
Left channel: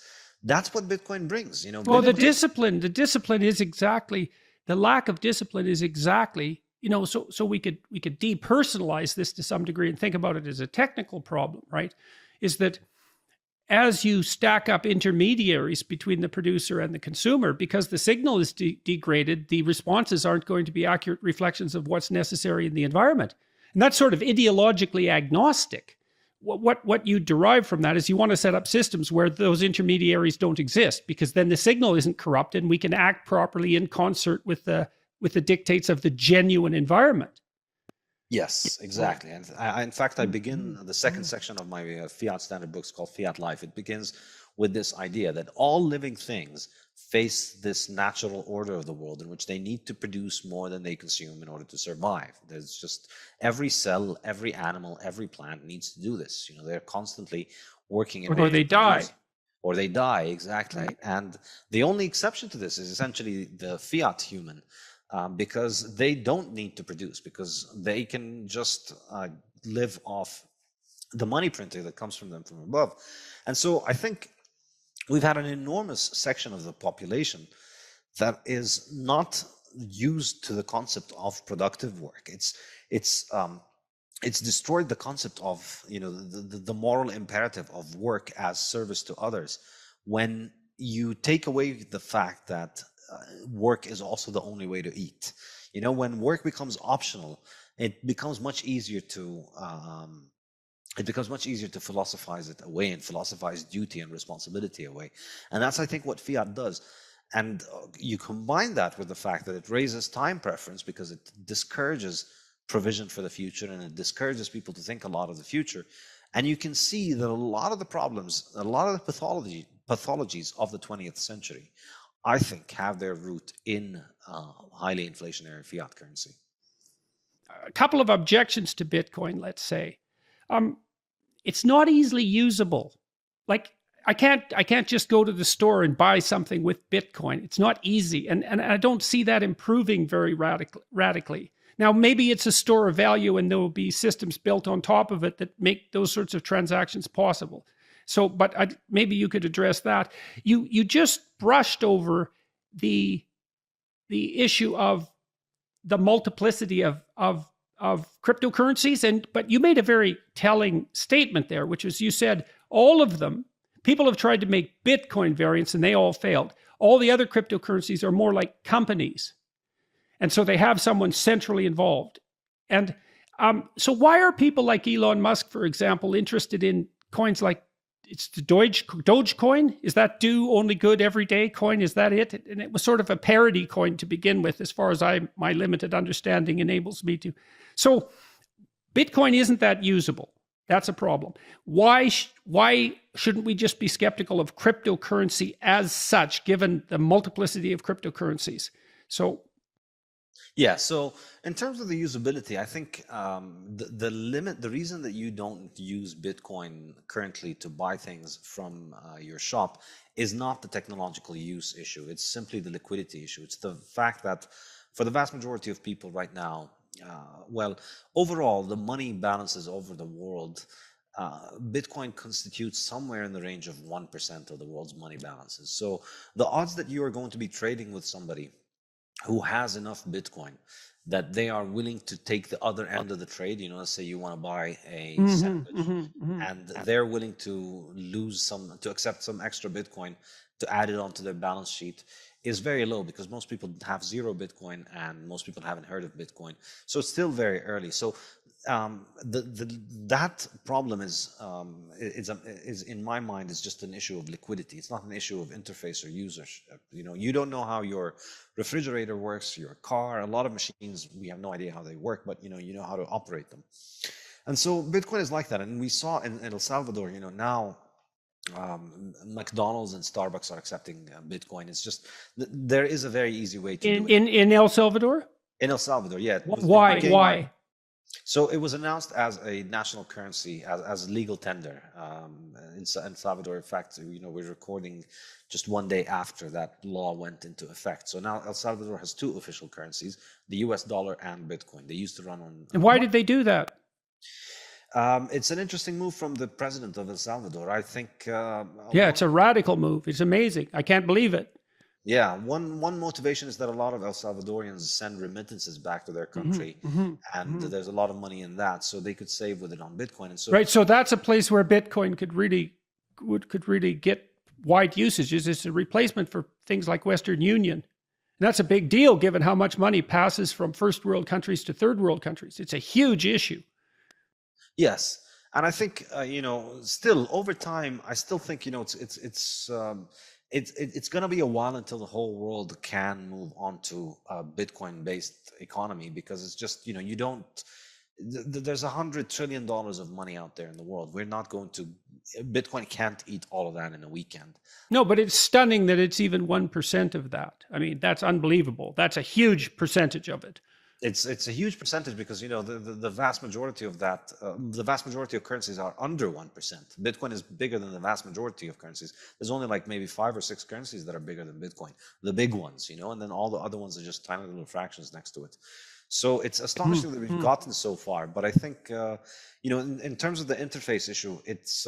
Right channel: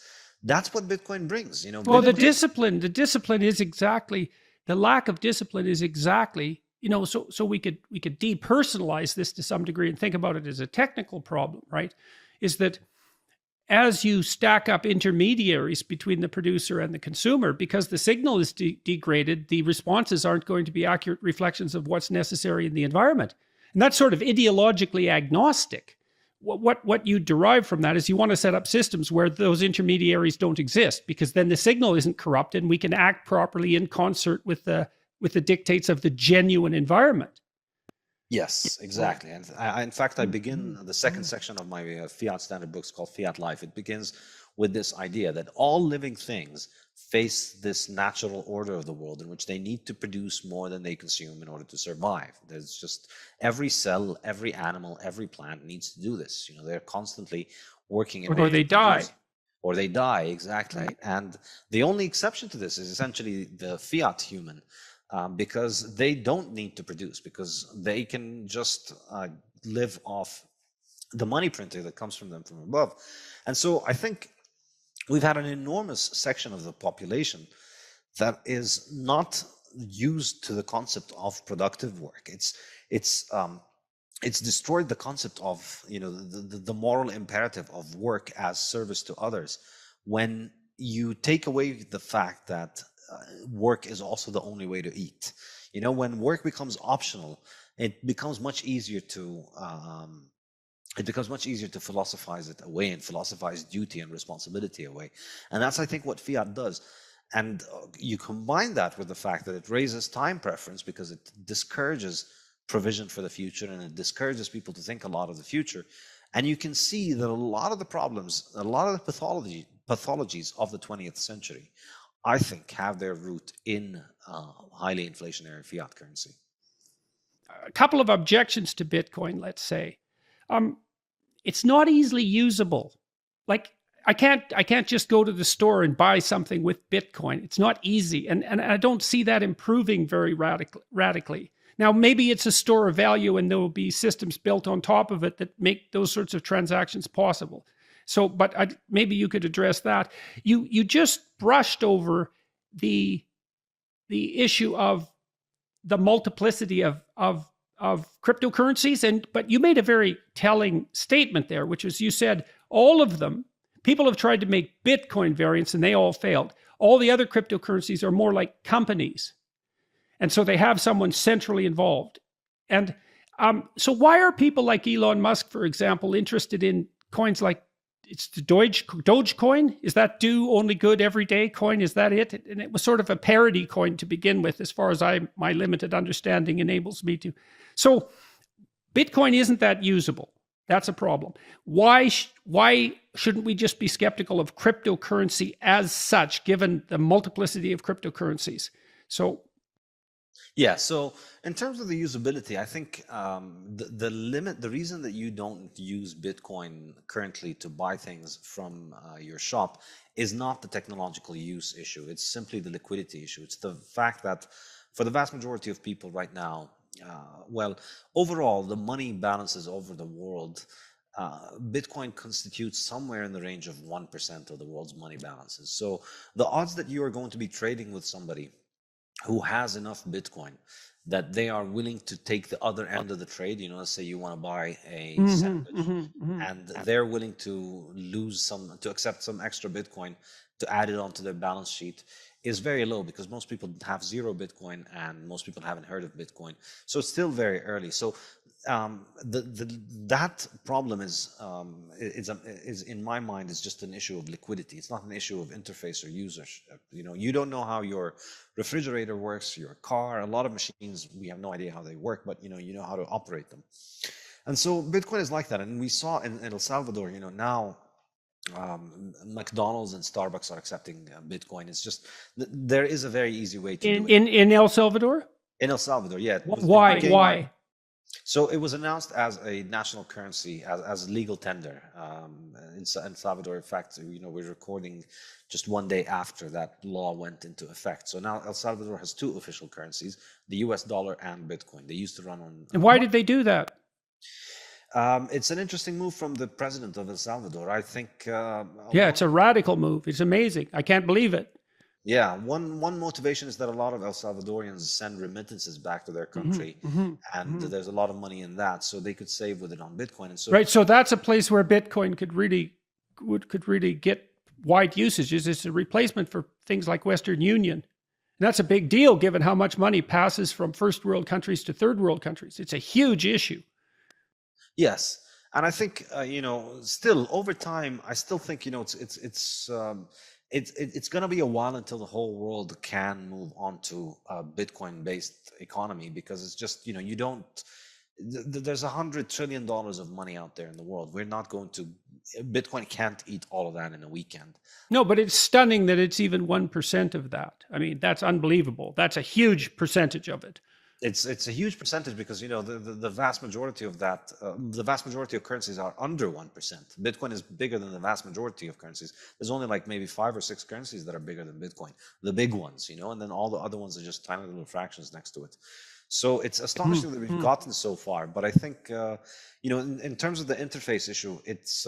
what Bitcoin brings. Well, the discipline is exactly, the lack of discipline is exactly, so we could depersonalize this to some degree and think about it as a technical problem, right? Is that as you stack up intermediaries between the producer and the consumer, because the signal is degraded, the responses aren't going to be accurate reflections of what's necessary in the environment. And that's sort of ideologically agnostic. What you derive from that is you want to set up systems where those intermediaries don't exist, because then the signal isn't corrupted and we can act properly in concert with the dictates of the genuine environment. Yes, exactly. And in fact, I begin the second section of my Fiat Standard books called Fiat Life. It begins with this idea that all living things face this natural order of the world in which they need to produce more than they consume in order to survive. There's just every cell, every animal, every plant needs to do this. They're constantly working. Or they die. Or they die, exactly. And the only exception to this is essentially the fiat human. Because they don't need to produce, because they can just live off the money printing that comes from them from above. And so I think we've had an enormous section of the population that is not used to the concept of productive work. It's destroyed the concept of the moral imperative of work as service to others when you take away the fact that work is also the only way to eat. When work becomes optional, it becomes much easier to philosophize it away and philosophize duty and responsibility away. And that's, I think, what fiat does. And you combine that with the fact that it raises time preference because it discourages provision for the future and it discourages people to think a lot of the future. And you can see that a lot of the problems, a lot of the pathologies of the 20th century, I think, have their root in highly inflationary fiat currency. A couple of objections to Bitcoin, let's say. It's not easily usable. Like, I can't just go to the store and buy something with Bitcoin. It's not easy. And I don't see that improving very radically. Now, maybe it's a store of value and there will be systems built on top of it that make those sorts of transactions possible. So, but maybe you could address that. You just brushed over the issue of the multiplicity of cryptocurrencies, but you made a very telling statement there, which was you said all of them, people have tried to make Bitcoin variants and they all failed. All the other cryptocurrencies are more like companies, and so they have someone centrally involved. And so why are people like Elon Musk, for example, interested in coins like it's the Dogecoin? Is that do only good everyday coin? Is that it? And it was sort of a parody coin to begin with, as far as my limited understanding enables me to. So Bitcoin isn't that usable. That's a problem. Why shouldn't we just be skeptical of cryptocurrency as such, given the multiplicity of cryptocurrencies? So in terms of the usability, I think the reason that you don't use Bitcoin currently to buy things from your shop is not the technological use issue. It's simply the liquidity issue. It's the fact that for the vast majority of people right now, overall, the money balances over the world, Bitcoin constitutes somewhere in the range of 1% of the world's money balances. So the odds that you are going to be trading with somebody who has enough Bitcoin that they are willing to take the other end of the trade, let's say you want to buy a sandwich, and they're willing to accept some extra Bitcoin to add it onto their balance sheet, is very low, because most people have zero Bitcoin and most people haven't heard of Bitcoin. So it's still very early. So that problem is in my mind is just an issue of liquidity. It's not an issue of interface or users. You don't know how your refrigerator works, your car, a lot of machines, we have no idea how they work, but you know how to operate them. And so Bitcoin is like that. And we saw in El Salvador, now McDonald's and Starbucks are accepting Bitcoin. It's just there is a very easy way to do it. In El Salvador? In El Salvador, yeah, Why? Why? So it was announced as a national currency, as legal tender in Salvador. In fact, we're recording just one day after that law went into effect. So now El Salvador has two official currencies: the U.S. dollar and Bitcoin. They used to run on. And why did they do that? It's an interesting move from the president of El Salvador. I think. Yeah, it's a radical move. It's amazing. I can't believe it. Yeah, one motivation is that a lot of El Salvadorians send remittances back to their country, and there's a lot of money in that, so they could save with it on Bitcoin. And so, right, so that's a place where Bitcoin could really get wide usages. It's a replacement for things like Western Union. And that's a big deal given how much money passes from first world countries to third world countries. It's a huge issue. Yes, and I think still over time, I still think it's going to be a while until the whole world can move on to a Bitcoin-based economy, because it's just, you don't, there's $100 trillion of money out there in the world. We're not going to, Bitcoin can't eat all of that in a weekend. No, but it's stunning that it's even 1% of that. I mean, that's unbelievable. That's a huge percentage of it. It's a huge percentage, because the vast majority of that, the vast majority of currencies are under 1%. Bitcoin is bigger than the vast majority of currencies. There's only like maybe 5 or 6 currencies that are bigger than Bitcoin, the big ones, and then all the other ones are just tiny little fractions next to it. So it's astonishing that we've gotten so far. But I think in terms of the interface issue, it's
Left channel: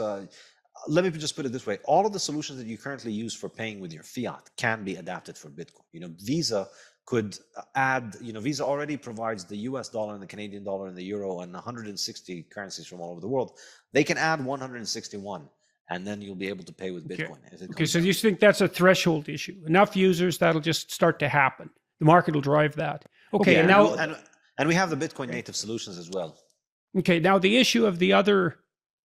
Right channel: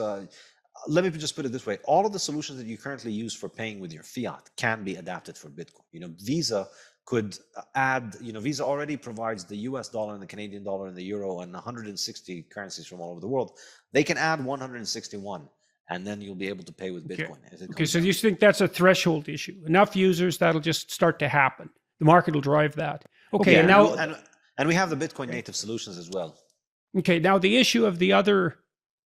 let me just put it this way: all of the solutions that you currently use for paying with your fiat can be adapted for Bitcoin. Visa could add, Visa already provides the US dollar and the Canadian dollar and the euro and 160 currencies from all over the world. They can add 161, and then you'll be able to pay with Bitcoin. Okay, so you think that's a threshold issue? Enough users, that'll just start to happen. The market will drive that. Okay, and now... And we have the Bitcoin native solutions as well. Okay, now the issue of the other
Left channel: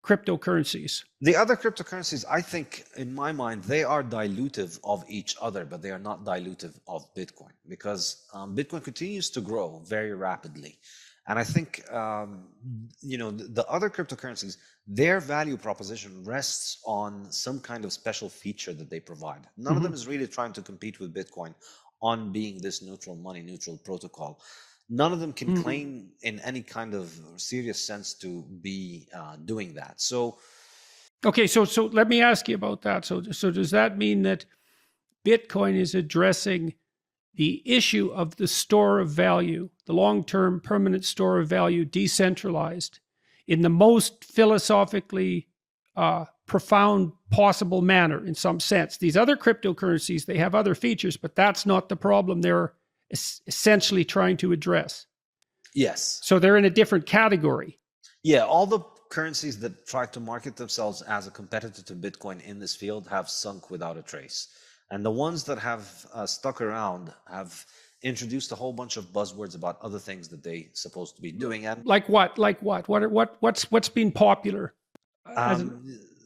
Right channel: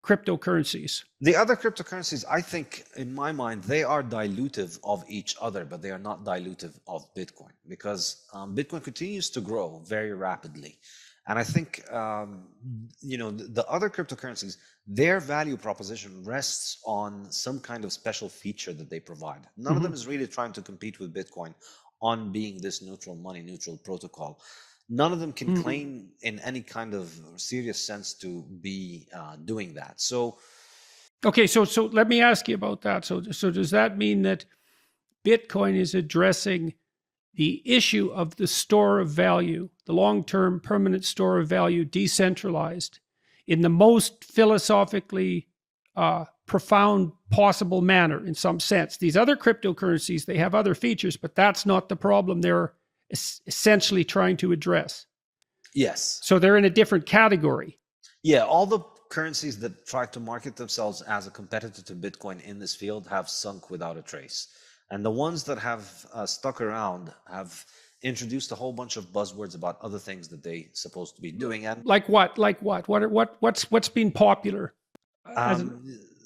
cryptocurrencies. The other cryptocurrencies, I think, in my mind, they are dilutive of each other, but they are not dilutive of Bitcoin, because Bitcoin continues to grow very rapidly. And I think, the other cryptocurrencies, their value proposition rests on some kind of special feature that they provide. None of them is really trying to compete with Bitcoin on being this neutral money, neutral protocol. None of them can claim in any kind of serious sense to be doing that. So, okay, so let me ask you about that. So does that mean that Bitcoin is addressing the issue of the store of value, the long-term permanent store of value, decentralized, in the most philosophically profound possible manner, in some sense? These other cryptocurrencies, they have other features, but that's not the problem they're essentially trying to address. Yes. So they're in a different category. Yeah, all the currencies that try to market themselves as a competitor to Bitcoin in this field have sunk without a trace. And the ones that have stuck around have introduced a whole bunch of buzzwords about other things that they're supposed to be doing. And like what? What's been popular?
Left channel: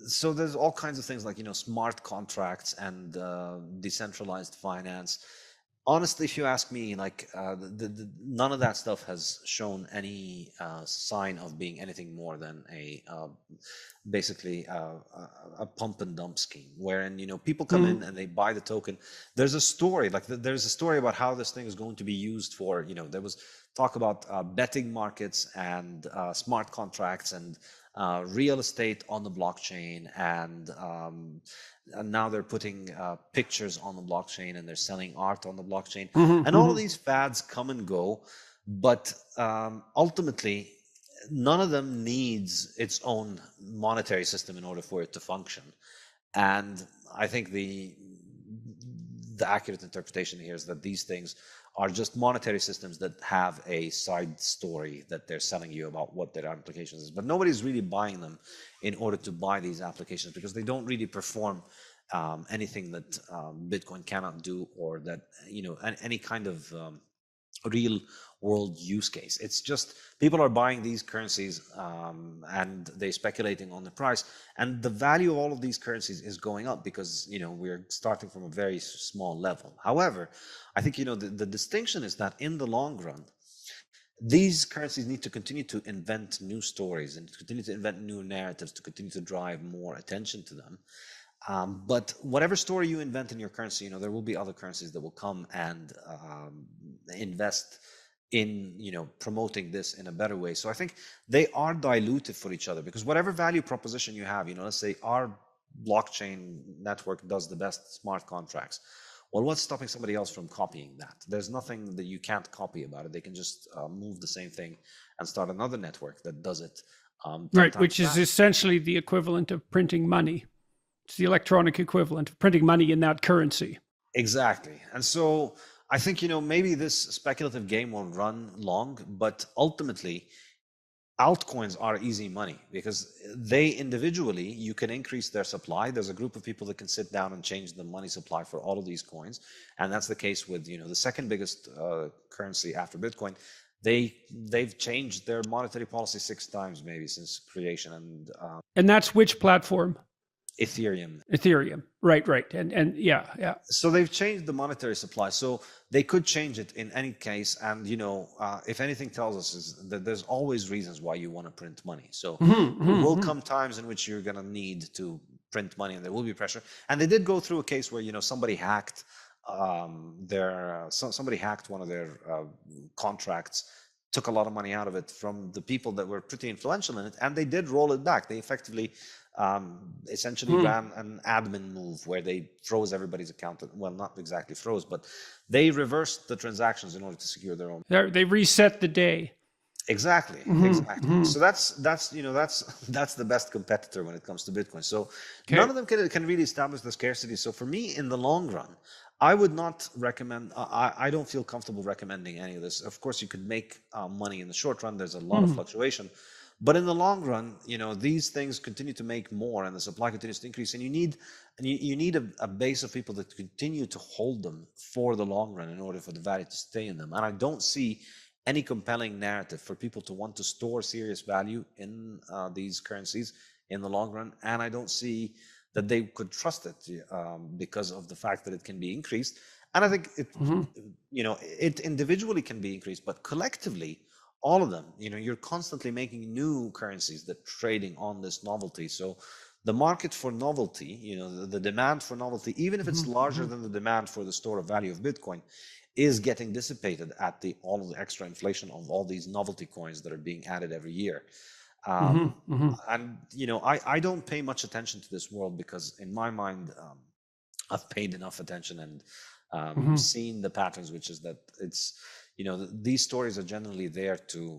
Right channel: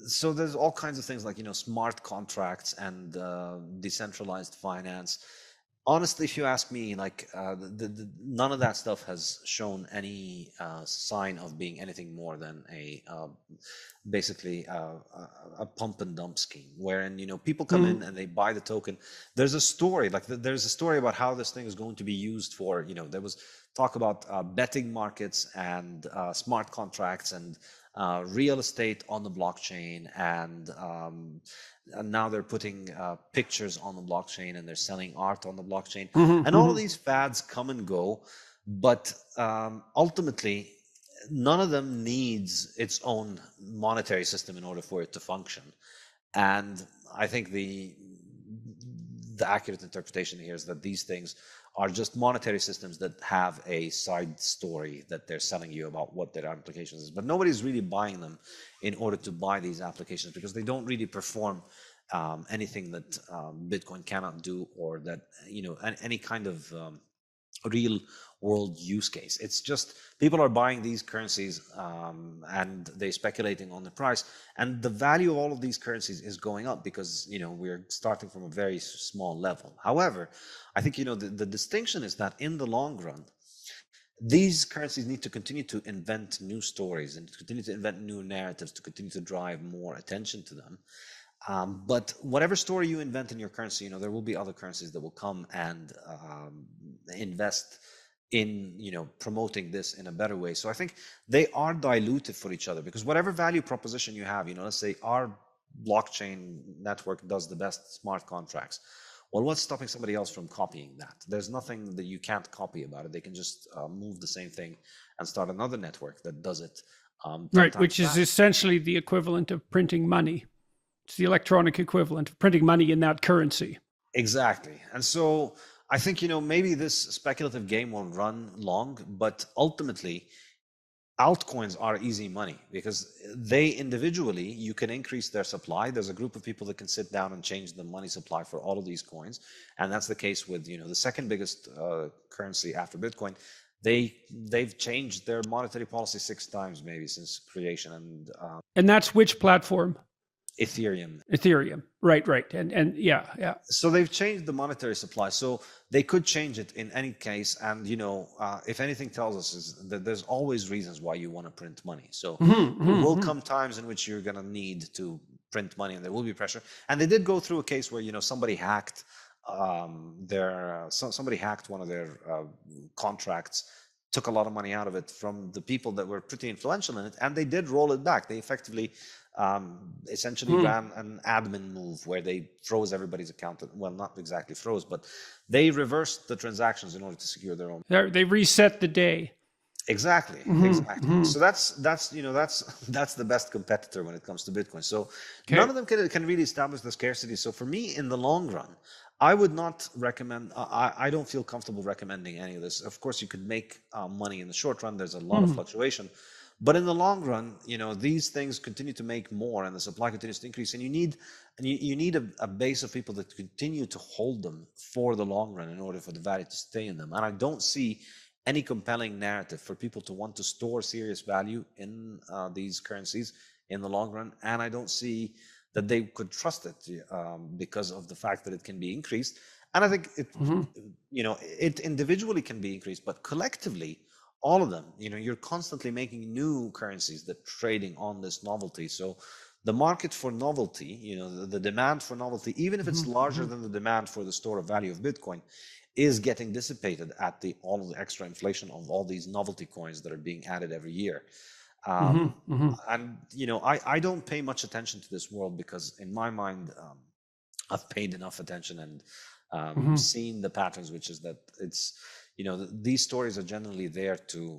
So there's all kinds of things like, smart contracts and decentralized finance. Honestly, if you ask me, none of that stuff has shown any sign of being anything more than basically a pump and dump scheme, wherein people come in and they buy the token. There's a story, there's a story about how this thing is going to be used for. There was talk about betting markets and smart contracts and real estate on the blockchain, and now they're putting pictures on the blockchain, and they're selling art on the blockchain. And all of these fads come and go, but ultimately, none of them needs its own monetary system in order for it to function. And I think the accurate interpretation here is that these things are just monetary systems that have a side story that they're selling you about what their applications is. But nobody's really buying them in order to buy these applications, because they don't really perform anything that Bitcoin cannot do, or that, any kind of real world use case. It's just people are buying these currencies and they're speculating on the price, and the value of all of these currencies is going up because we're starting from a very small level. However, I think the distinction is that in the long run, these currencies need to continue to invent new stories and to continue to invent new narratives to continue to drive more attention to them. But whatever story you invent in your currency, there will be other currencies that will come and invest in promoting this in a better way. So I think they are dilutive for each other, because whatever value proposition you have, let's say our blockchain network does the best smart contracts. Well, what's stopping somebody else from copying that? There's nothing that you can't copy about it. They can just move the same thing and start another network that does it. Right, which is essentially the equivalent of printing money. It's the electronic equivalent of printing money in that currency. Exactly. And so I think, maybe this speculative game won't run long, but ultimately altcoins are easy money, because they individually, you can increase their supply. There's a group of people that can sit down and change the money supply for all of these coins. And that's the case with, the second biggest currency after Bitcoin. They've changed their monetary policy 6 times maybe since creation. And that's which platform? Ethereum. Right. And yeah. So they've changed the monetary supply. So they could change it in any case. And, if anything tells us is that there's always reasons why you want to print money. So there will come times in which you're going to need to print money, and there will be pressure. And they did go through a case where, somebody hacked somebody hacked one of their contracts, took a lot of money out of it from the people that were pretty influential in it, and they did roll it back. They effectively essentially ran an admin move where they froze everybody's account. Well, not exactly froze, but they reversed the transactions in order to secure their own. They reset the day. Exactly. So that's the best competitor when it comes to Bitcoin. So none of them can really establish the scarcity. So for me, in the long run, I would not recommend. I don't feel comfortable recommending any of this. Of course, you could make money in the short run. There's a lot of fluctuation, but in the long run, these things continue to make more, and the supply continues to increase. And you need a base of people that continue to hold them for the long run in order for the value to stay in them. And I don't see any compelling narrative for people to want to store serious value in these currencies in the long run. And I don't see that they could trust it because of the fact that it can be increased. And I think it individually can be increased, but collectively, all of them, you're constantly making new currencies that trading on this novelty. So the market for novelty, the demand for novelty, even if it's larger than the demand for the store of value of Bitcoin, is getting dissipated at all of the extra inflation of all these novelty coins that are being added every year. And, I don't pay much attention to this world because in my mind, I've paid enough attention and seen the patterns, which is that it's, these stories are generally there to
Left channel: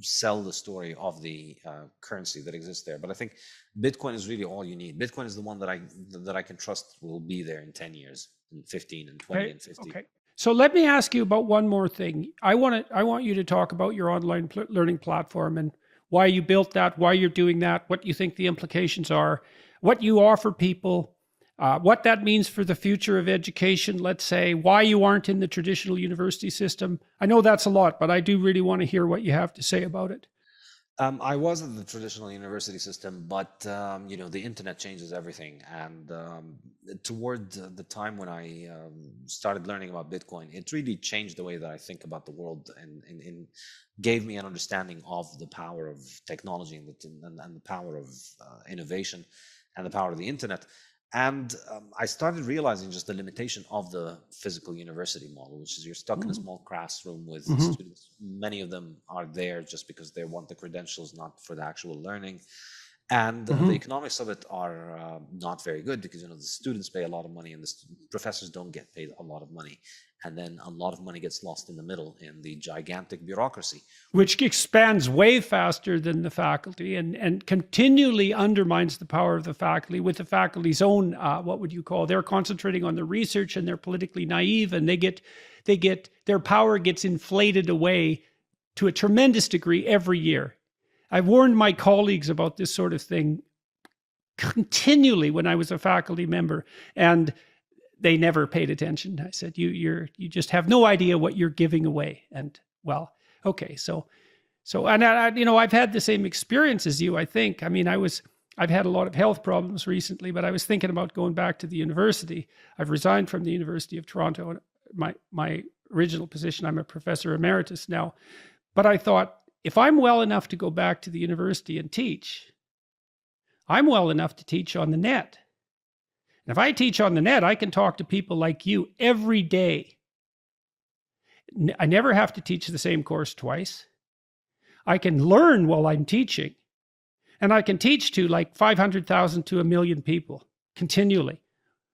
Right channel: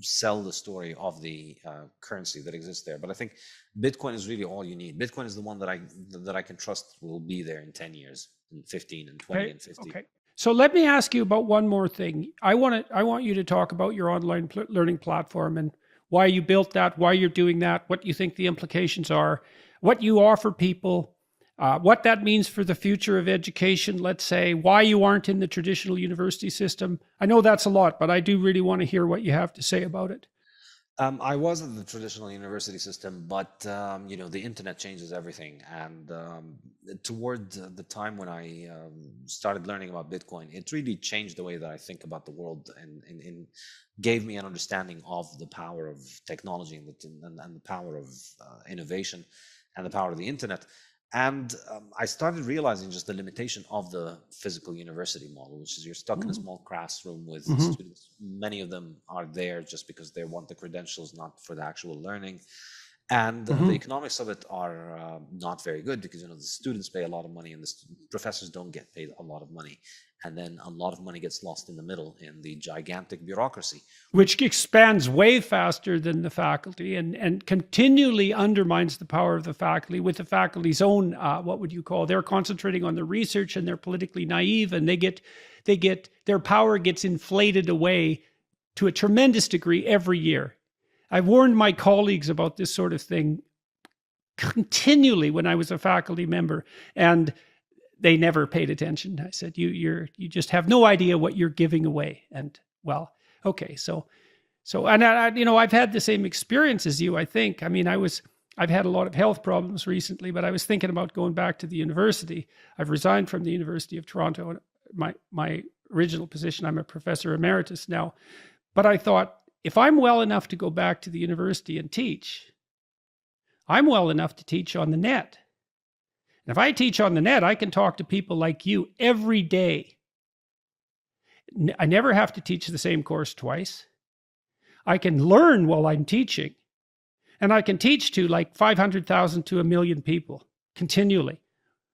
sell the story of the currency that exists there. But I think Bitcoin is really all you need. Bitcoin is the one that I can trust will be there in 10 years, in 15 and 20 and 50. Okay. So let me ask you about one more thing. I want you to talk about your online learning platform and why you built that, why you're doing that, what you think the implications are, what you offer people, what that means for the future of education, let's say, why you aren't in the traditional university system. I know that's a lot, but I do really want to hear what you have to say about it. I was in the traditional university system, but the internet changes everything. And toward the time when I started learning about Bitcoin, it really changed the way that I think about the world and gave me an understanding of the power of technology and the power of innovation and the power of the internet. And I started realizing just the limitation of the physical university model, which is you're stuck in a small classroom with students. Many of them are there just because they want the credentials, not for the actual learning. And the economics of it are not very good because, the students pay a lot of money and the professors don't get paid a lot of money. And then a lot of money gets lost in the middle in the gigantic bureaucracy. Which expands way faster than the faculty and continually undermines the power of the faculty with the faculty's own, they're concentrating on the research and they're politically naive and their power gets inflated away to a tremendous degree every year. I've warned my colleagues about this sort of thing continually when I was a faculty member, and they never paid attention. I said, you just have no idea what you're giving away. And well, okay. So, and I've had the same experience as you, I think. I mean, I've had a lot of health problems recently, but I was thinking about going back to the university. I've resigned from the University of Toronto. My original position, I'm a professor emeritus now, but I thought, if I'm well enough to go back to the university and teach, I'm well enough to teach on the net. And if I teach on the net, I can talk to people like you every day. I never have to teach the same course twice. I can learn while I'm teaching, and I can teach to like 500,000 to 1 million people continually.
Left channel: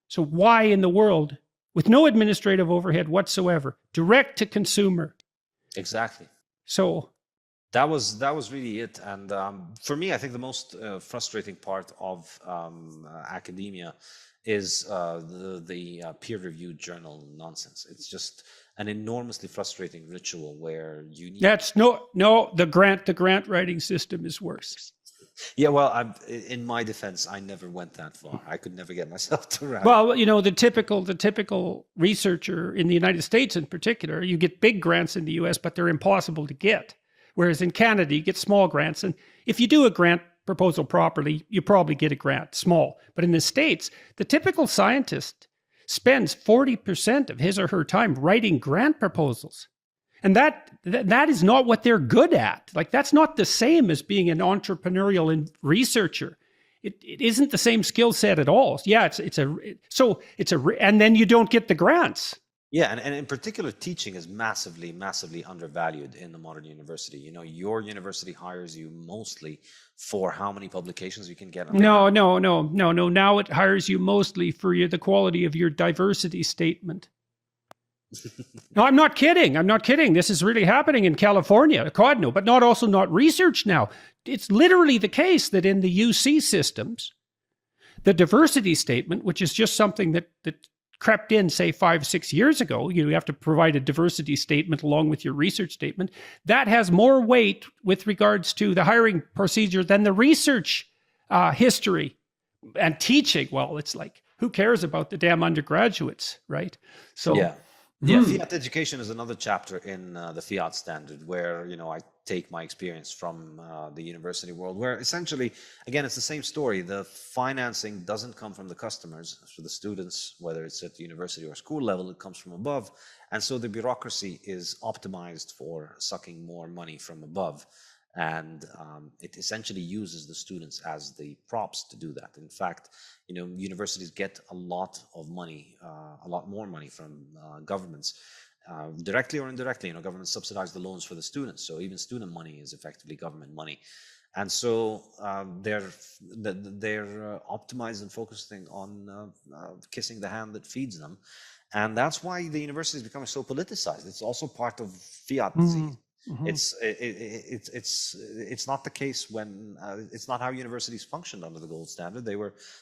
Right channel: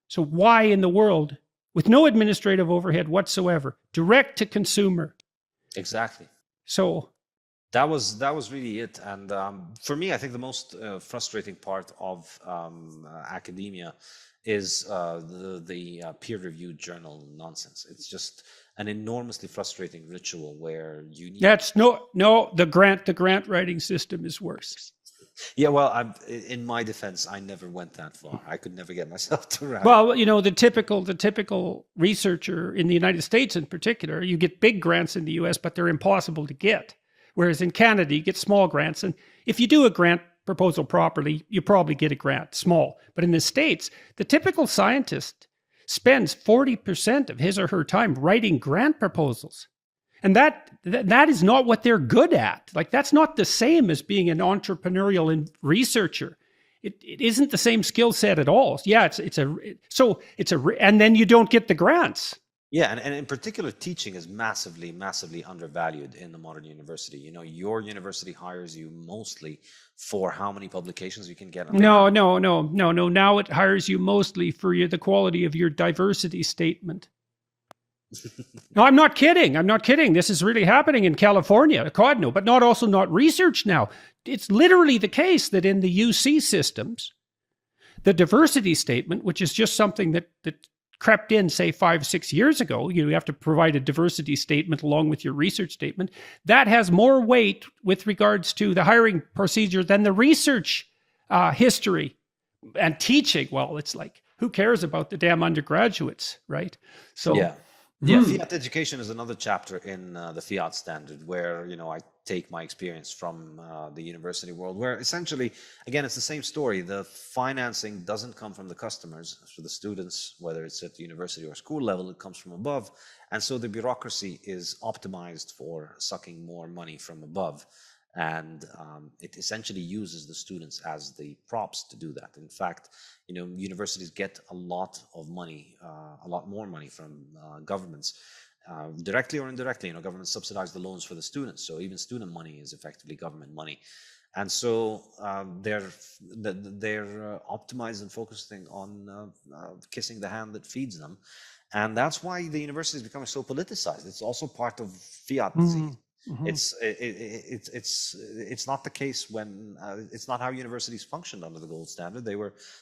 So why in the world, with no administrative overhead whatsoever, direct to consumer? Exactly. So that was really it. And for me, I think the most frustrating part of academia is the peer-reviewed journal nonsense. It's just an enormously frustrating ritual where you need... That's the grant writing system is worse. Yeah, well, in my defense, I never went that far. I could never get myself to write. Well, the typical researcher in the United States in particular, you get big grants in the US, but they're impossible to get. Whereas in Canada, you get small grants. And if you do a grant proposal properly, you probably get a grant, small. But in the States, the typical scientist spends 40% of his or her time writing grant proposals. And that is not what they're good at. Like, that's not the same as being an entrepreneurial researcher. It isn't the same skill set at all. Yeah, and then you don't get the grants. Yeah, and in particular, teaching is massively, massively undervalued in the modern university. Your university hires you mostly for how many publications you can get. No. Now it hires you mostly for the quality of your diversity statement. No, I'm not kidding. This is really happening in California. God, no, but not research now. It's literally the case that in the UC systems, the diversity statement, which is just something that crept in, say, 5-6 years ago, you have to provide a diversity statement along with your research statement, that has more weight with regards to the hiring procedure than the research history and teaching. Well, it's like, who cares about the damn undergraduates, right? So yeah. Yeah, Fiat education is another chapter in the Fiat Standard where, I take my experience from the university world, where essentially, again, it's the same story. The financing doesn't come from the customers, for the students, whether it's at the university or school level, it comes from above. And so the bureaucracy is optimized for sucking more money from above. And it essentially uses the students as the props to do that. In fact, universities get a lot of money, a lot more money from governments, directly or indirectly. Governments subsidize the loans for the students, so even student money is effectively government money. And so they're optimized and focusing on kissing the hand that feeds them, and that's why the university is becoming so politicized. It's also part of Fiat disease. Mm-hmm. It's not the case when it's not how universities functioned under the gold standard. They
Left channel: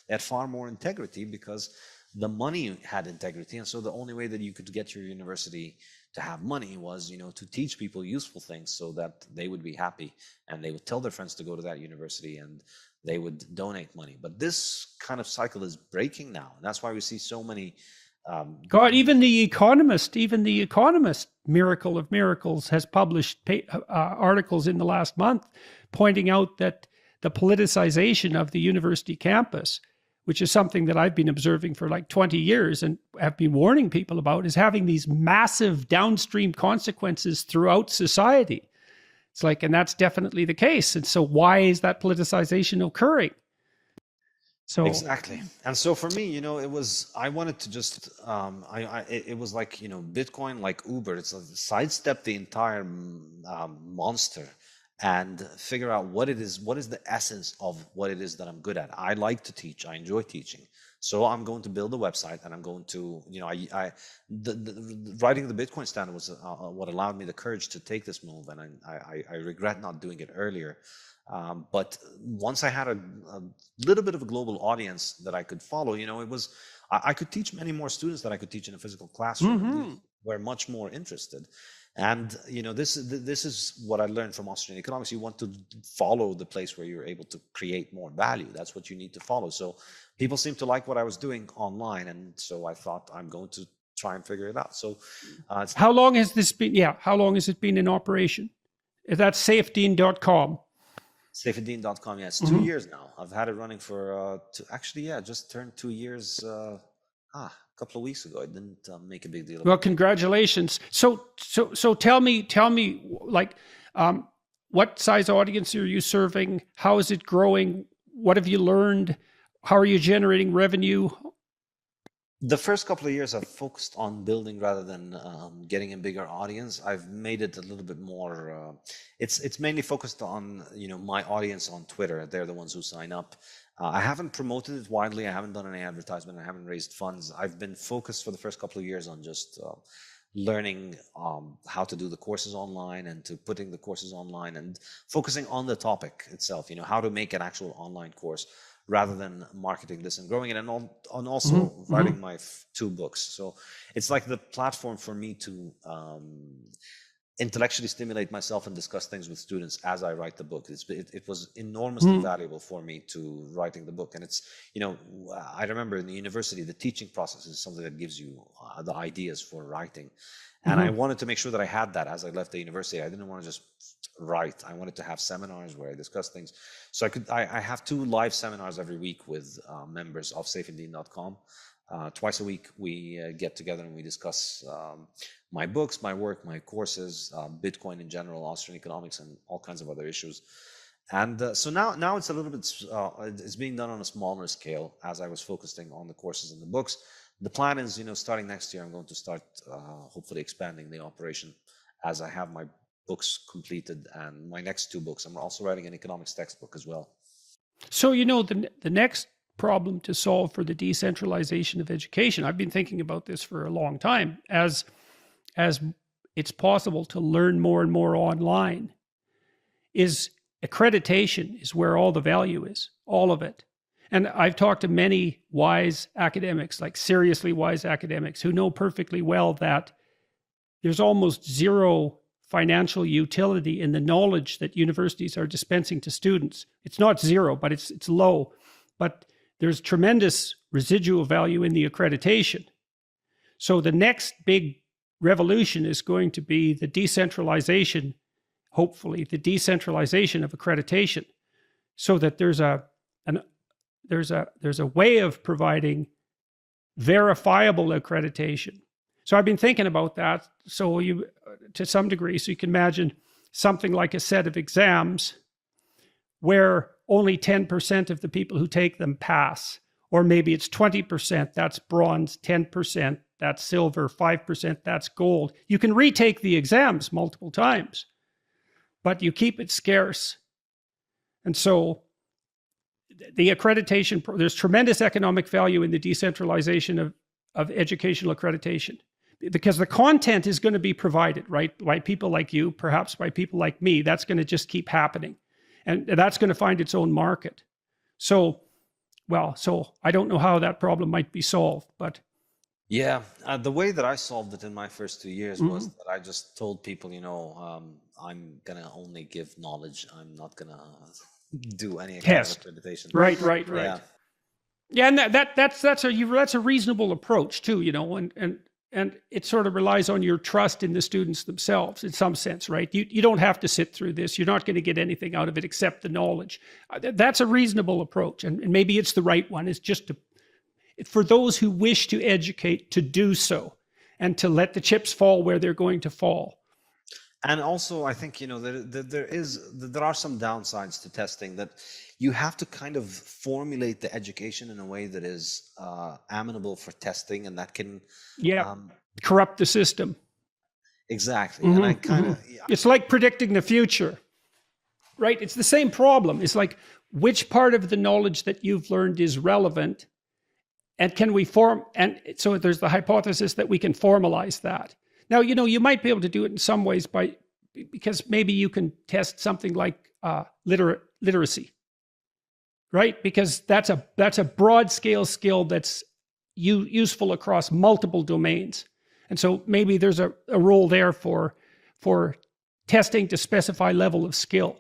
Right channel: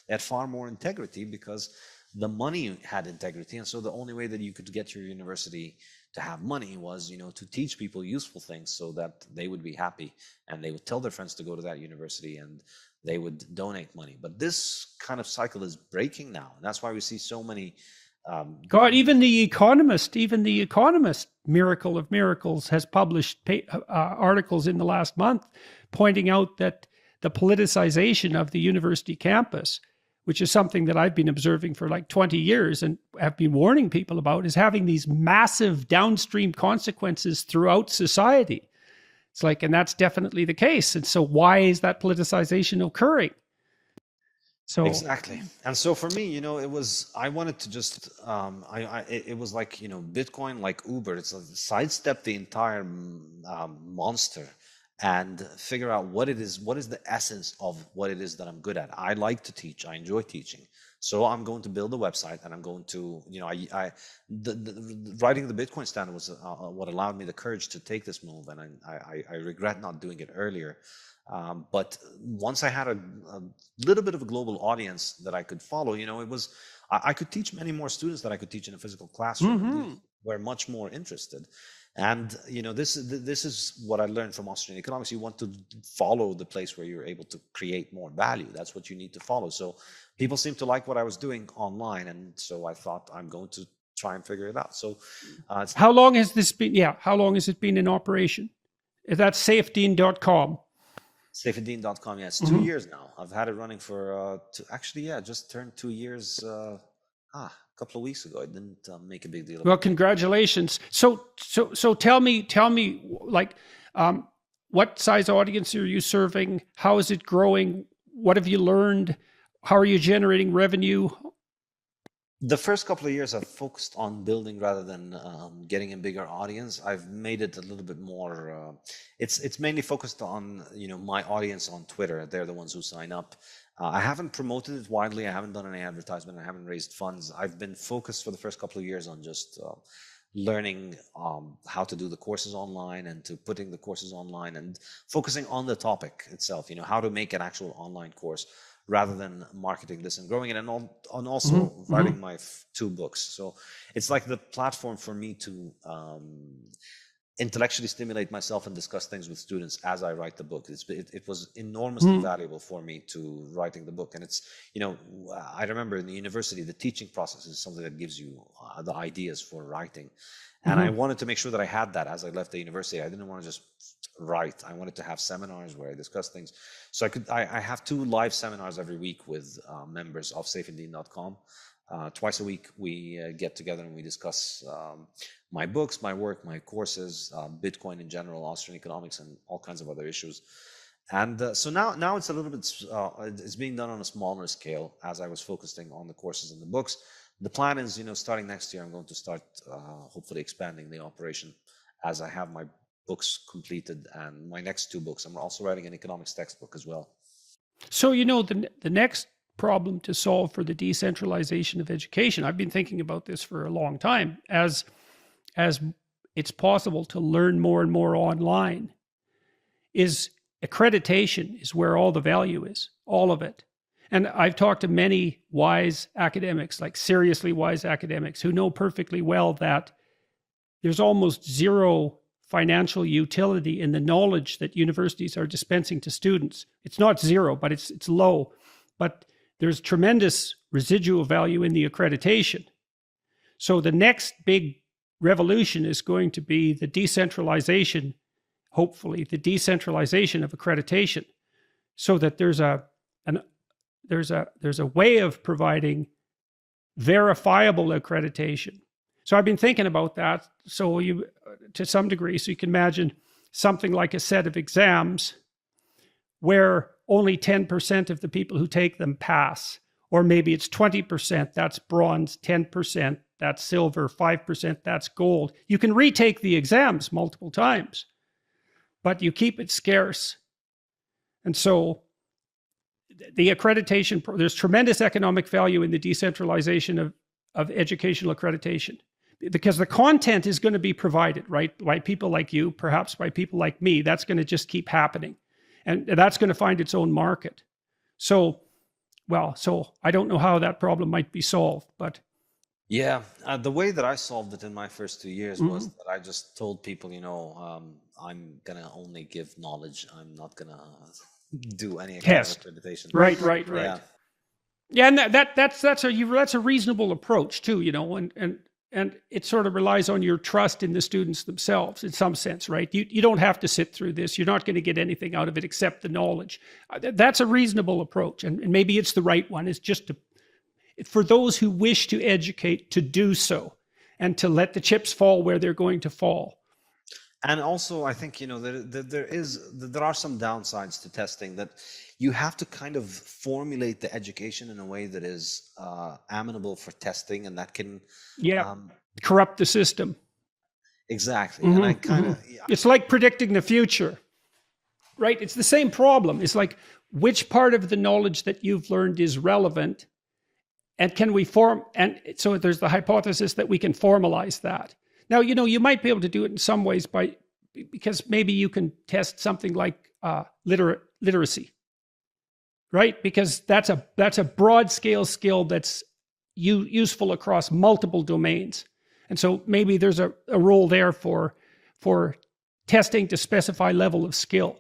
had far more integrity because the money had integrity, and so the only way that you could get your university to have money was to teach people useful things so that they would be happy and they would tell their friends to go to that university and they would donate money. But this kind of cycle is breaking now, and that's why we see so many God, even the Economist, miracle of miracles, has published articles in the last month pointing out that the politicization of the university campus, which is something that I've been observing for like 20 years and have been warning people about, is having these massive downstream consequences throughout society. It's like, and that's definitely the case. And so why is that politicization occurring? So exactly. And so for me, I wanted to just, it was like, Bitcoin, like Uber, it's sidestep the entire monster and figure out what is the essence of what it is that I'm good at. I like to teach. I enjoy teaching. So I'm going to build a website, and I'm going to, writing the Bitcoin Standard was what allowed me the courage to take this move, and I regret not doing it earlier. But once I had a little bit of a global audience that I could follow, I could teach many more students than I could teach in a physical classroom. Mm-hmm. We're much more interested. And, this is what I learned from Austrian economics. You want to follow the place where you're able to create more value. That's what you need to follow. So people seem to like what I was doing online. And so I thought I'm going to try and figure it out. So how long has this been? Yeah. How long has it been in operation? That's Saifedean.com. Saifedean.com, yeah, it's 2 years now. I've had it running for, just turned 2 years a couple of weeks ago. I didn't make a big deal. Well, congratulations. So tell me, like, what size audience are you serving? How is it growing? What have you learned? How are you generating revenue? The first couple of years I've focused on building rather than getting a bigger audience. I've made it a little bit more, it's mainly focused on, my audience on Twitter. They're the ones who sign up. I haven't promoted it widely. I haven't done any advertisement. I haven't raised funds. I've been focused for the first couple of years on just learning how to do the courses online and to putting the courses online and focusing on the topic itself, how to make an actual online course rather than marketing this and growing it, and also writing my 2 books. So it's like the platform for me to intellectually stimulate myself and discuss things with students as I write the book. It was enormously valuable for me to writing the book. And it's, I remember in the university, the teaching process is something that gives you the ideas for writing. And I wanted to make sure that I had that as I left the university. I didn't want to just write. I wanted to have seminars where I discuss things. So I have 2 live seminars every week with members of Saifedean.com. Twice a week, we get together and we discuss my books, my work, my courses, Bitcoin in general, Austrian economics, and all kinds of other issues. And so now it's a little bit, it's being done on a smaller scale as I was focusing on the courses and the books. The plan is, starting next year, I'm going to start hopefully expanding the operation as I have my books completed and my next 2 books. I'm also writing an economics textbook as well. So, the next problem to solve for the decentralization of education, I've been thinking about this for a long time, as it's possible to learn more and more online, is accreditation is where all the value is, all of it. And I've talked to many wise academics, like seriously wise academics, who know perfectly well that there's almost zero financial utility in the knowledge that universities are dispensing to students. It's not zero, but it's low. But there's tremendous residual value in the accreditation. So the next big revolution is going to be the decentralization, hopefully, the decentralization of accreditation, so that there's a way of providing verifiable accreditation. So I've been thinking about that. So to some degree, so you can imagine something like a set of exams where only 10% of the people who take them pass, or maybe it's 20%, that's bronze, 10%, that's silver, 5%, that's gold. You can retake the exams multiple times, but you keep it scarce. And so the accreditation, there's tremendous economic value in the decentralization of educational accreditation, because the content is going to be provided, right, by people like you, perhaps by people like me. That's going to just keep happening. And that's going to find its own market. So I don't know how that problem might be solved, but. Yeah, the way that I solved it in my first 2 years was that I just told people, I'm going to only give knowledge. I'm not going to do any kind of accreditation. Right. Yeah, and that's a reasonable approach too, and it sort of relies on your trust in the students themselves in some sense, right? You don't have to sit through this. You're not going to get anything out of it except the knowledge. That's a reasonable approach, and maybe it's the right one. It's just for those who wish to educate, to do so, and to let the chips fall where they're going to fall. And also, I think, there are some downsides to testing, that you have to kind of formulate the education in a way that is amenable for testing, and that can corrupt the system. Exactly. And I kind of it's like predicting the future, right? It's the same problem. It's like, which part of the knowledge that you've learned is relevant, and can we and so there's the hypothesis that we can formalize that. Now, you might be able to do it in some ways because maybe you can test something like literacy, right? Because that's a broad scale skill that's useful across multiple domains. And so maybe there's a role there for testing to specify level of skill,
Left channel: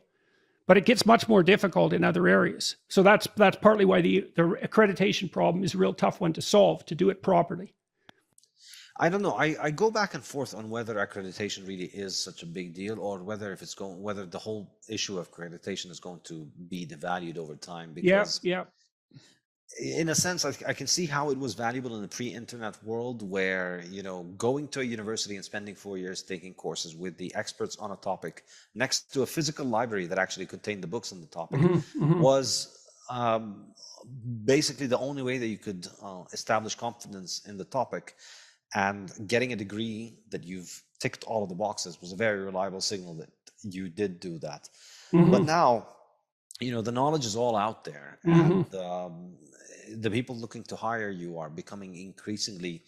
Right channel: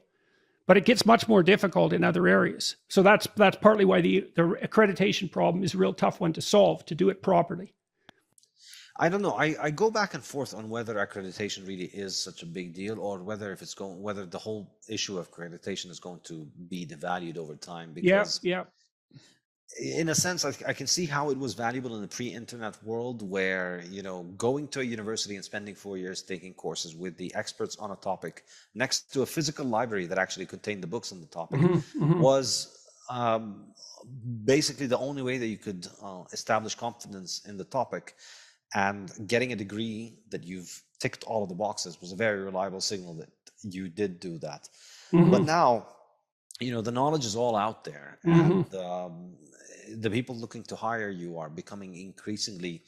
but it gets much more difficult in other areas. So that's partly why the accreditation problem is a real tough one to solve, to do it properly. I don't know. I go back and forth on whether accreditation really is such a big deal, or whether whether the whole issue of accreditation is going to be devalued over time. Because in a sense, I can see how it was valuable in the pre-internet world, where, going to a university and spending 4 years taking courses with the experts on a topic next to a physical library that actually contained the books on the topic was basically the only way that you could establish confidence in the topic, and getting a degree that you've ticked all of the boxes was a very reliable signal that you did do that. But now, the knowledge is all out there, and the people looking to hire you are becoming increasingly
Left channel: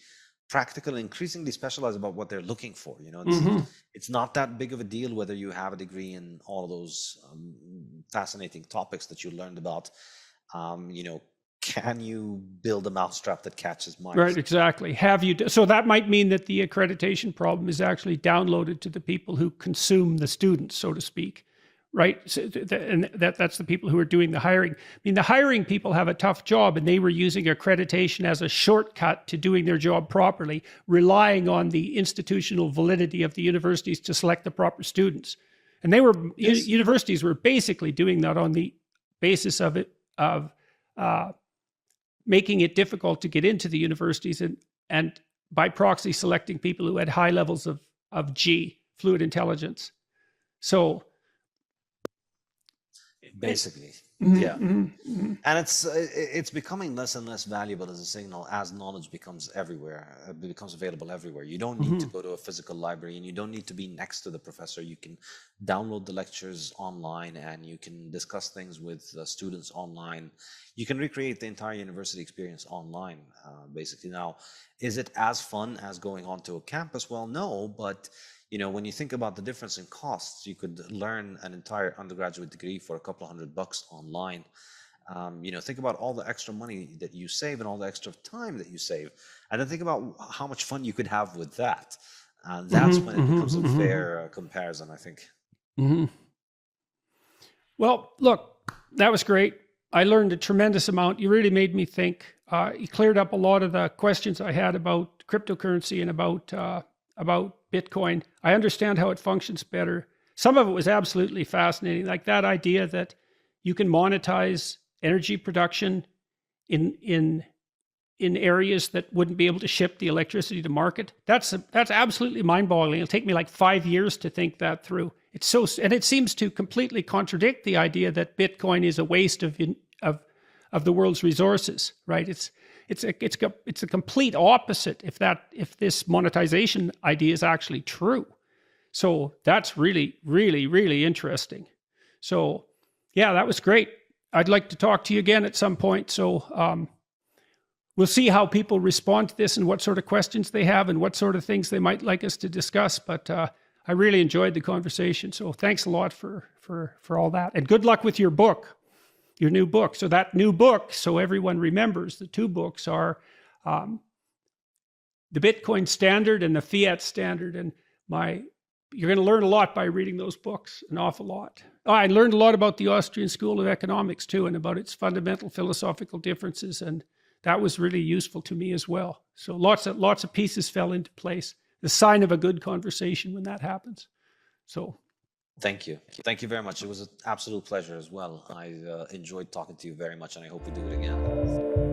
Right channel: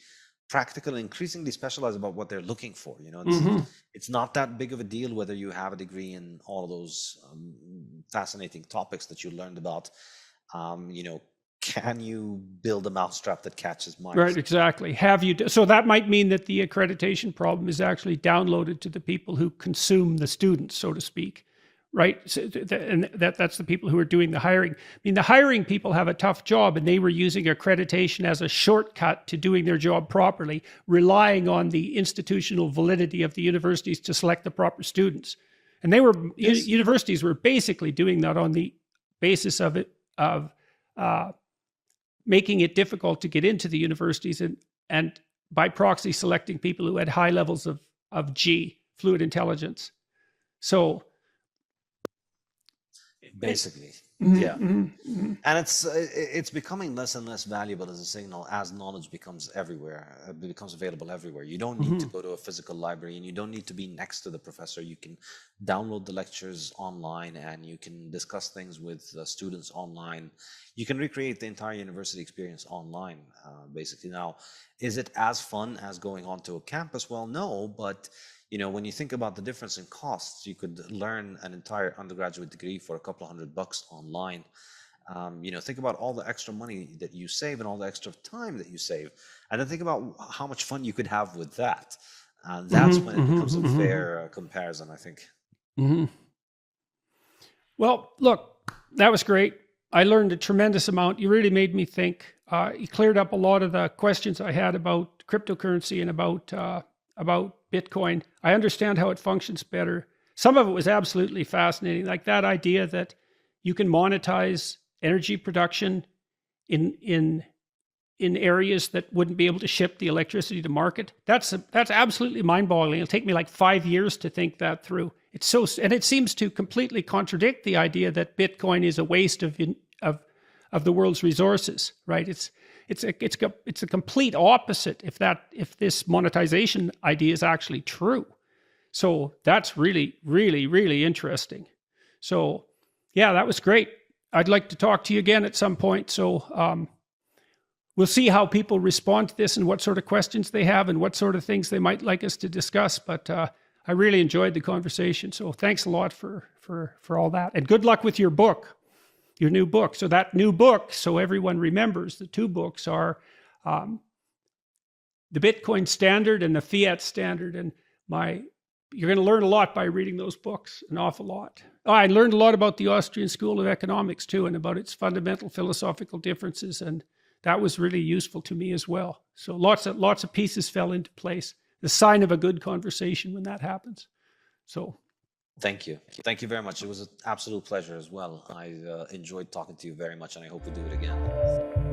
practical, increasingly specialized about what they're looking for. It's not that big of a deal whether you have a degree in all of those fascinating topics that you learned about. Can you build a mousetrap that catches mice? Right, exactly. So that might mean that the accreditation problem is actually downloaded to the people who consume the students, so to speak, right? So and that's the people who are doing the hiring. I mean, the hiring people have a tough job, and they were using accreditation as a shortcut to doing their job properly, relying on the institutional validity of the universities to select the proper students. And universities were basically doing that on the basis of making it difficult to get into the universities, and by proxy selecting people who had high levels of fluid intelligence. So basically, yeah. And it's becoming less and less valuable as a signal as knowledge becomes available everywhere. You don't need to go to a physical library, and you don't need to be next to the professor. You can download the lectures online, and you can discuss things with students online. You can recreate the entire university experience online, basically. Now, is it as fun as going onto a campus? Well, no, but when you think about the difference in costs, you could learn an entire undergraduate degree for a couple $100 online. Think about all the extra money that you save and all the extra time that you save, and then think about how much fun you could have with that. That's when it becomes a fair comparison, I think. Well, look, that was great. I learned a tremendous amount. You really made me think. You cleared up a lot of the questions I had about cryptocurrency and about Bitcoin. I understand how it functions better. Some of it was absolutely fascinating, like that idea that you can monetize energy production in areas that wouldn't be able to ship the electricity to market. That's absolutely mind-boggling. It'll take me like 5 years to think that through. And it seems to completely contradict the idea that Bitcoin is a waste of the world's resources, right? It's a complete opposite if this monetization idea is actually true. So that's really, really, really interesting. So yeah, that was great. I'd like to talk to you again at some point. So we'll see how people respond to this and what sort of questions they have and what sort of things they might like us to discuss. But I really enjoyed the conversation. So thanks a lot for all that. And good luck with your book. Your new book. So that new book, so everyone remembers, the two books are the Bitcoin Standard and the Fiat Standard. And you're going to learn a lot by reading those books, an awful lot. I learned a lot about the Austrian School of Economics too, and about its fundamental philosophical differences, and that was really useful to me as well. So lots of pieces fell into place. The sign of a good conversation when that happens. So. Thank you. Thank you very much. It was an absolute pleasure as well. I enjoyed talking to you very much, and I hope we do it again.